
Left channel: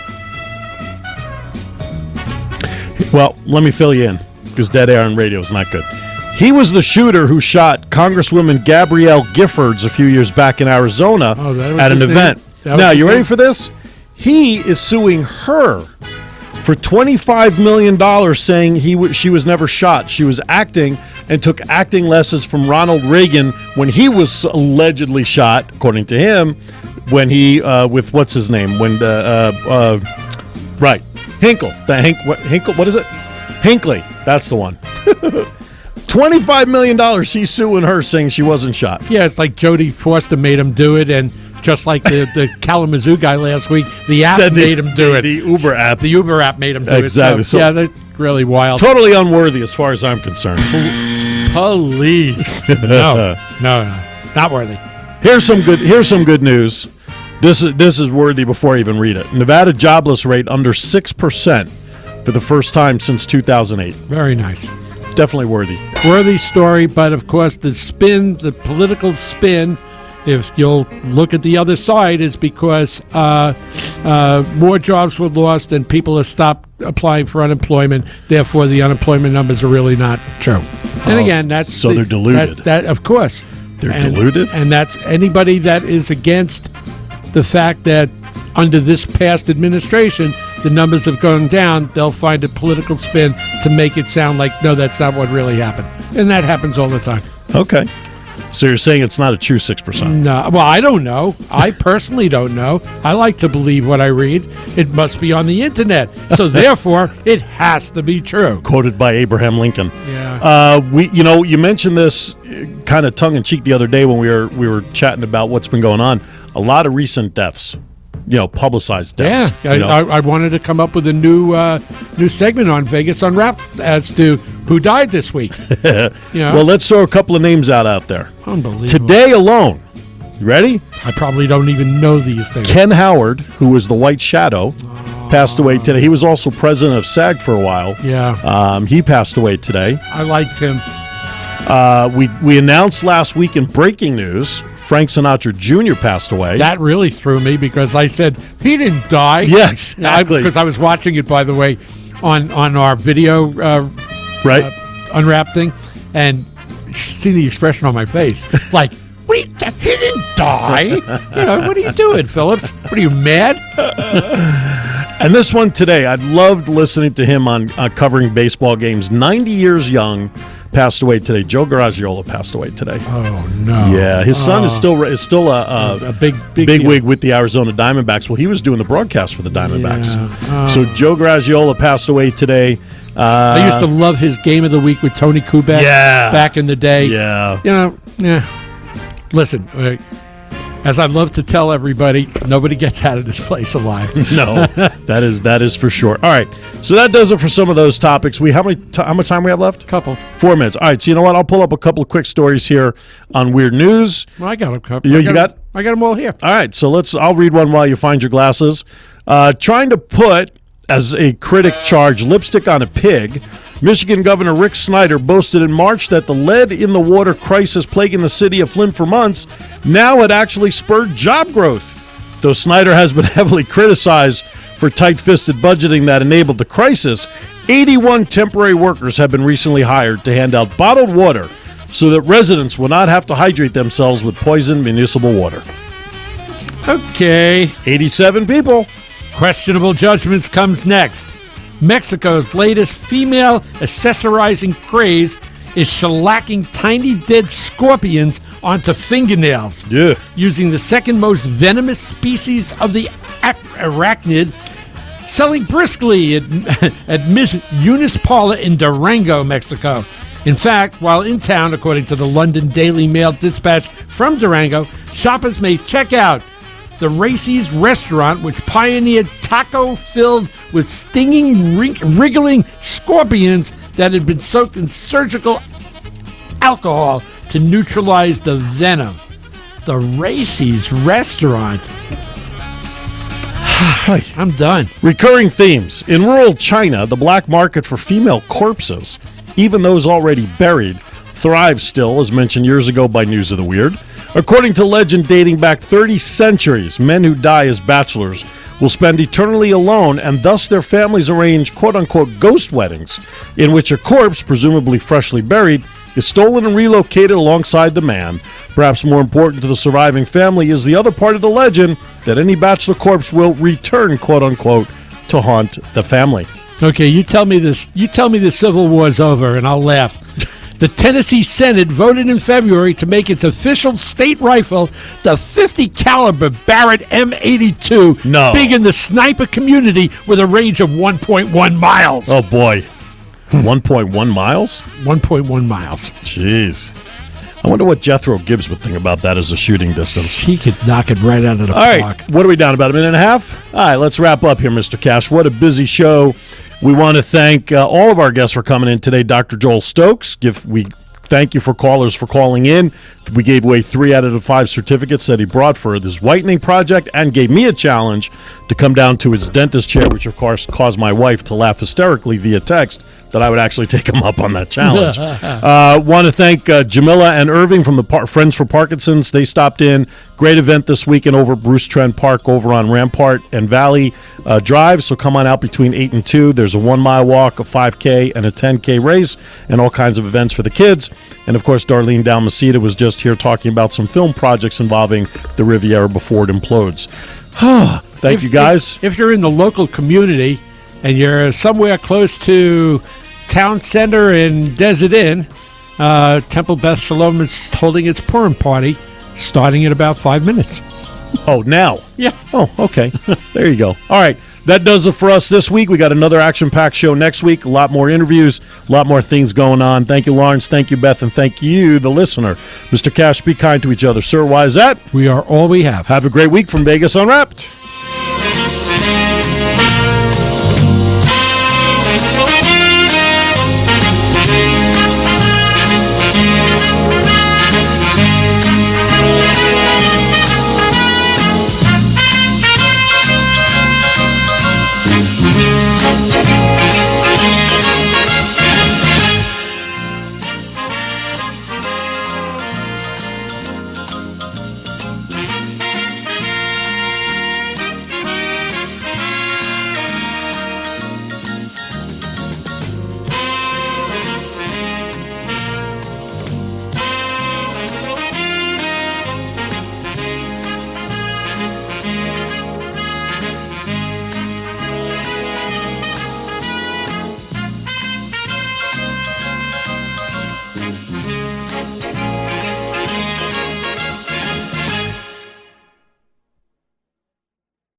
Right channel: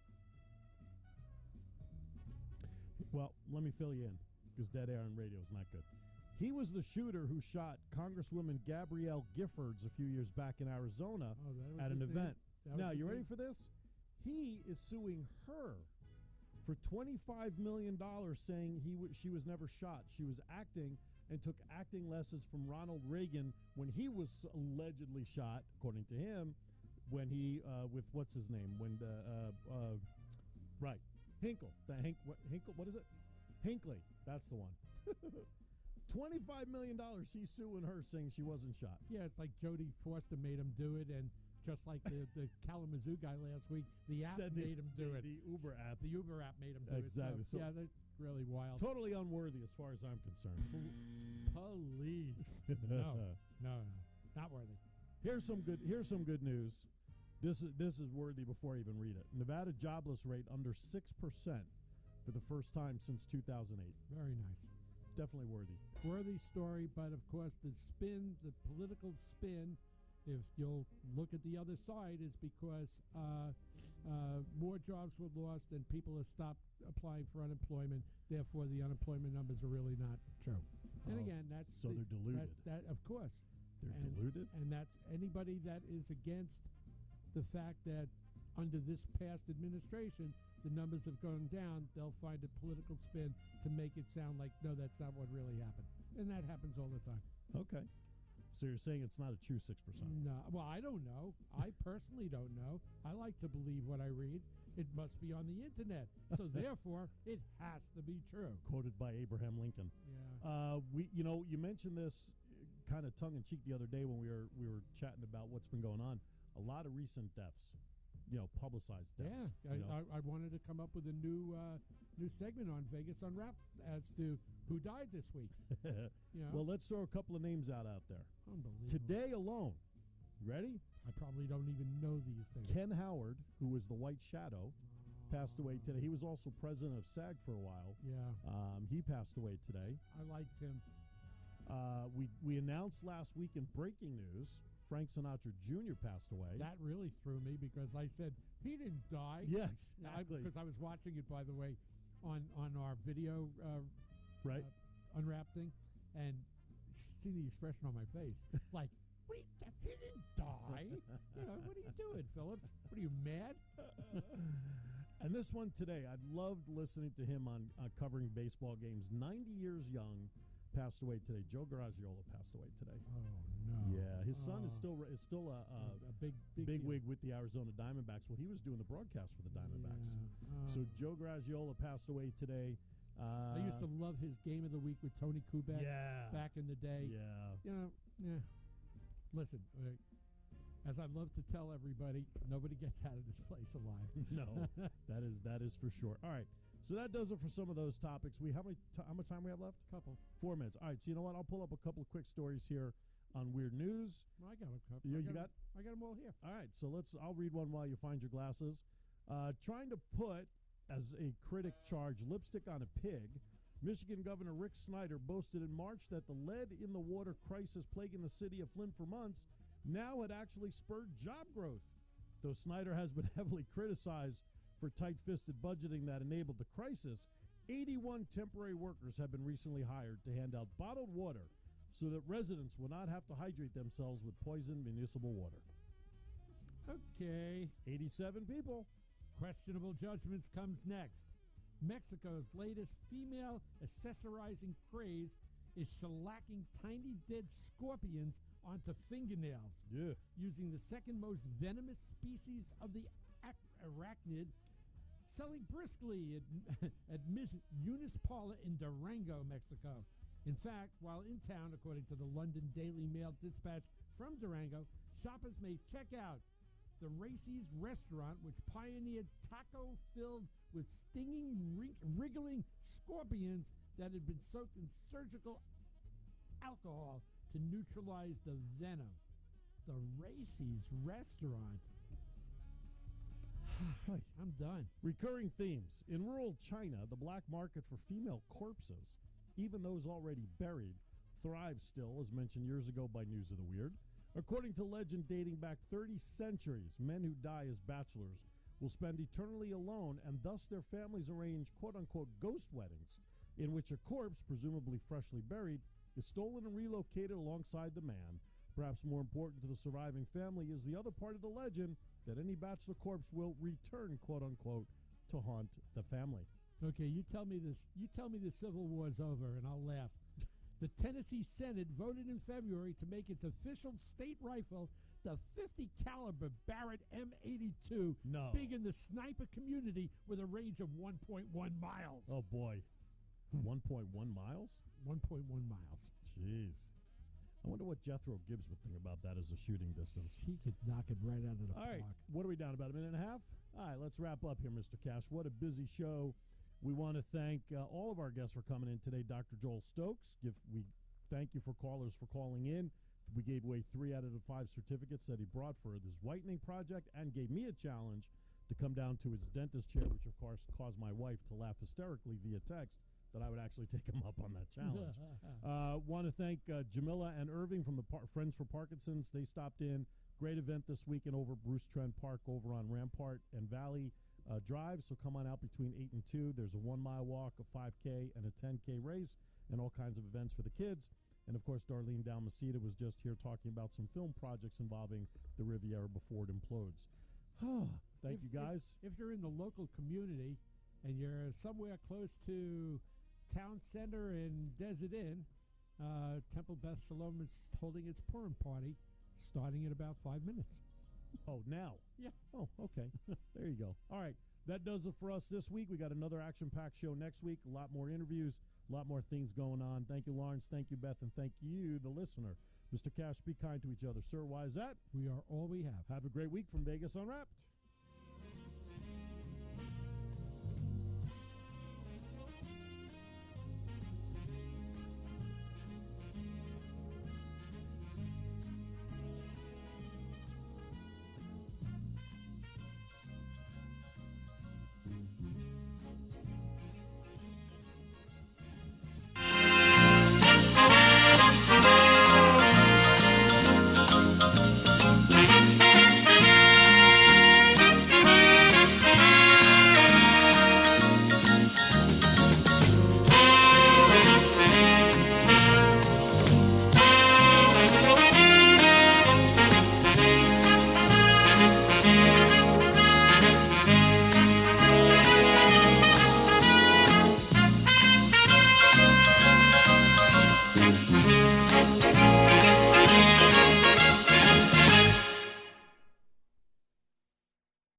Well, let me fill you in because dead air on radio is not good. He was the shooter who shot Congresswoman Gabrielle Giffords a few years back in Arizona at an event. Now, you ready for this? He is suing her for $25 million, saying she was never shot. She was acting and took acting lessons from Ronald Reagan when he was allegedly shot, according to him, when he, with what's his name? Hinkle. Hinkle, what is it? Hinckley. That's the one. $25 million he's suing her, saying she wasn't shot. Yeah, it's like Jodie Foster made him do it, and just like the Kalamazoo guy last week, the app made him do it. The Uber app. The Uber app made him do exactly. it. So, yeah, that's really wild. Totally unworthy as far as I'm concerned. Police. No, not worthy. Here's some good news. This is worthy before I even read it. Nevada jobless rate under 6% for the first time since 2008. Very nice. Definitely worthy. Worthy story, but of course the political spin, if you'll look at the other side, is because more jobs were lost and people have stopped applying for unemployment. Therefore, the unemployment numbers are really not true. And again, they're deluded. That of course. They're deluded? And that's anybody that is against the fact that under this past administration, the numbers have gone down, they'll find a political spin to make it sound like, no, that's not what really happened. And that happens all the time. Okay. So you're saying it's not a true 6%? No, well, I don't know. I personally don't know. I like to believe what I read. It must be on the internet, so therefore it has to be true. Quoted by Abraham Lincoln. Yeah. You mentioned this kind of tongue in cheek the other day when we were chatting about what's been going on. A lot of recent deaths. Publicized deaths. Yeah, I wanted to come up with a new segment on Vegas Unwrapped as to who died this week. Well, let's throw a couple of names out there. Unbelievable. Today alone, you ready? I probably don't even know these things. Ken Howard, who was the White Shadow, passed away today. He was also president of SAG for a while. Yeah. He passed away today. I liked him. We announced last week in breaking news, Frank Sinatra Jr. passed away. That really threw me because I said, he didn't die. Yeah, exactly. Because I was watching it, by the way, on our video right Unwrapped thing, and see the expression on my face. Like, he didn't die. What are you doing, Phillips? What are you, mad? And this one today, I loved listening to him on covering baseball games. 90 years young. Passed away today. Joe Garagiola passed away today. Oh no! Yeah, his son is still a big wig with the Arizona Diamondbacks. Well, he was doing the broadcast for the Diamondbacks. Yeah. So Joe Garagiola passed away today. I used to love his Game of the Week with Tony Kubek. Yeah, back in the day. Yeah, Listen, as I love to tell everybody, nobody gets out of this place alive. No, that is for sure. All right, so that does it for some of those topics. How much time we have left? Couple. 4 minutes. All right, so you know what? I'll pull up a couple of quick stories here on Weird News. Well, I got a couple. You got? I got them all here. All right, so I'll read one while you find your glasses. Trying to put, as a critic charged, lipstick on a pig. Michigan Governor Rick Snyder boasted in March that the lead in the water crisis plaguing the city of Flint for months now had actually spurred job growth. Though Snyder has been heavily criticized for tight-fisted budgeting that enabled the crisis, 81 temporary workers have been recently hired to hand out bottled water so that residents will not have to hydrate themselves with poisoned municipal water. Okay. 87 people. Questionable judgments comes next. Mexico's latest female accessorizing craze is shellacking tiny dead scorpions onto fingernails. Yeah. Using the second most venomous species of the arachnid, selling briskly at Miss Eunice Paula in Durango, Mexico. In fact, while in town, according to the London Daily Mail dispatch from Durango, shoppers may check out the Racy's restaurant, which pioneered taco filled with stinging, wriggling scorpions that had been soaked in surgical alcohol to neutralize the venom. The Racy's restaurant. I'm done. Recurring themes. In rural China, the black market for female corpses, even those already buried, thrives still, as mentioned years ago by News of the Weird. According to legend dating back 30 centuries, men who die as bachelors will spend eternally alone, and thus their families arrange quote-unquote ghost weddings, in which a corpse, presumably freshly buried, is stolen and relocated alongside the man. Perhaps more important to the surviving family is the other part of the legend that any bachelor corpse will return, quote-unquote, to haunt the family. Okay, you tell me this. You tell me the Civil War's over, and I'll laugh. The Tennessee Senate voted in February to make its official state rifle the .50 caliber Barrett M82, big in the sniper community with a range of 1.1 miles. Oh boy, 1.1 miles? 1.1 miles. Jeez. I wonder what Jethro Gibbs would think about that as a shooting distance. He could knock it right out of the park. All right, what are we down, about a minute and a half? All right, let's wrap up here, Mr. Cash. What a busy show. We want to thank all of our guests for coming in today. Dr. Joel Stokes, we thank you for callers for calling in. We gave away 3 out of the 5 certificates that he brought for this whitening project and gave me a challenge to come down to his dentist chair, which, of course, caused my wife to laugh hysterically via text that I would actually take him up on that challenge. Want to thank Jamillah and Irving from the Friends for Parkinson's. They stopped in. Great event this weekend over at Bruce Trent Park over on Rampart and Valley Drive. So come on out between 8 and 2. There's a 1-mile walk, a 5K, and a 10K race, and all kinds of events for the kids. And, of course, Darlene Dalmaceda was just here talking about some film projects involving the Riviera before it implodes. Thank you, guys. If you're in the local community and you're somewhere close to Town Center and Desert Inn, Temple Beth Shalom is holding its Purim party, starting in about 5 minutes. Oh, now? Yeah. Oh, okay. There you go. All right. That does it for us this week. We got another action-packed show next week. A lot more interviews, a lot more things going on. Thank you, Lawrence. Thank you, Beth. And thank you, the listener. Mr. Cash, be kind to each other. Sir, why is that? We are all we have. Have a great week from Vegas Unwrapped.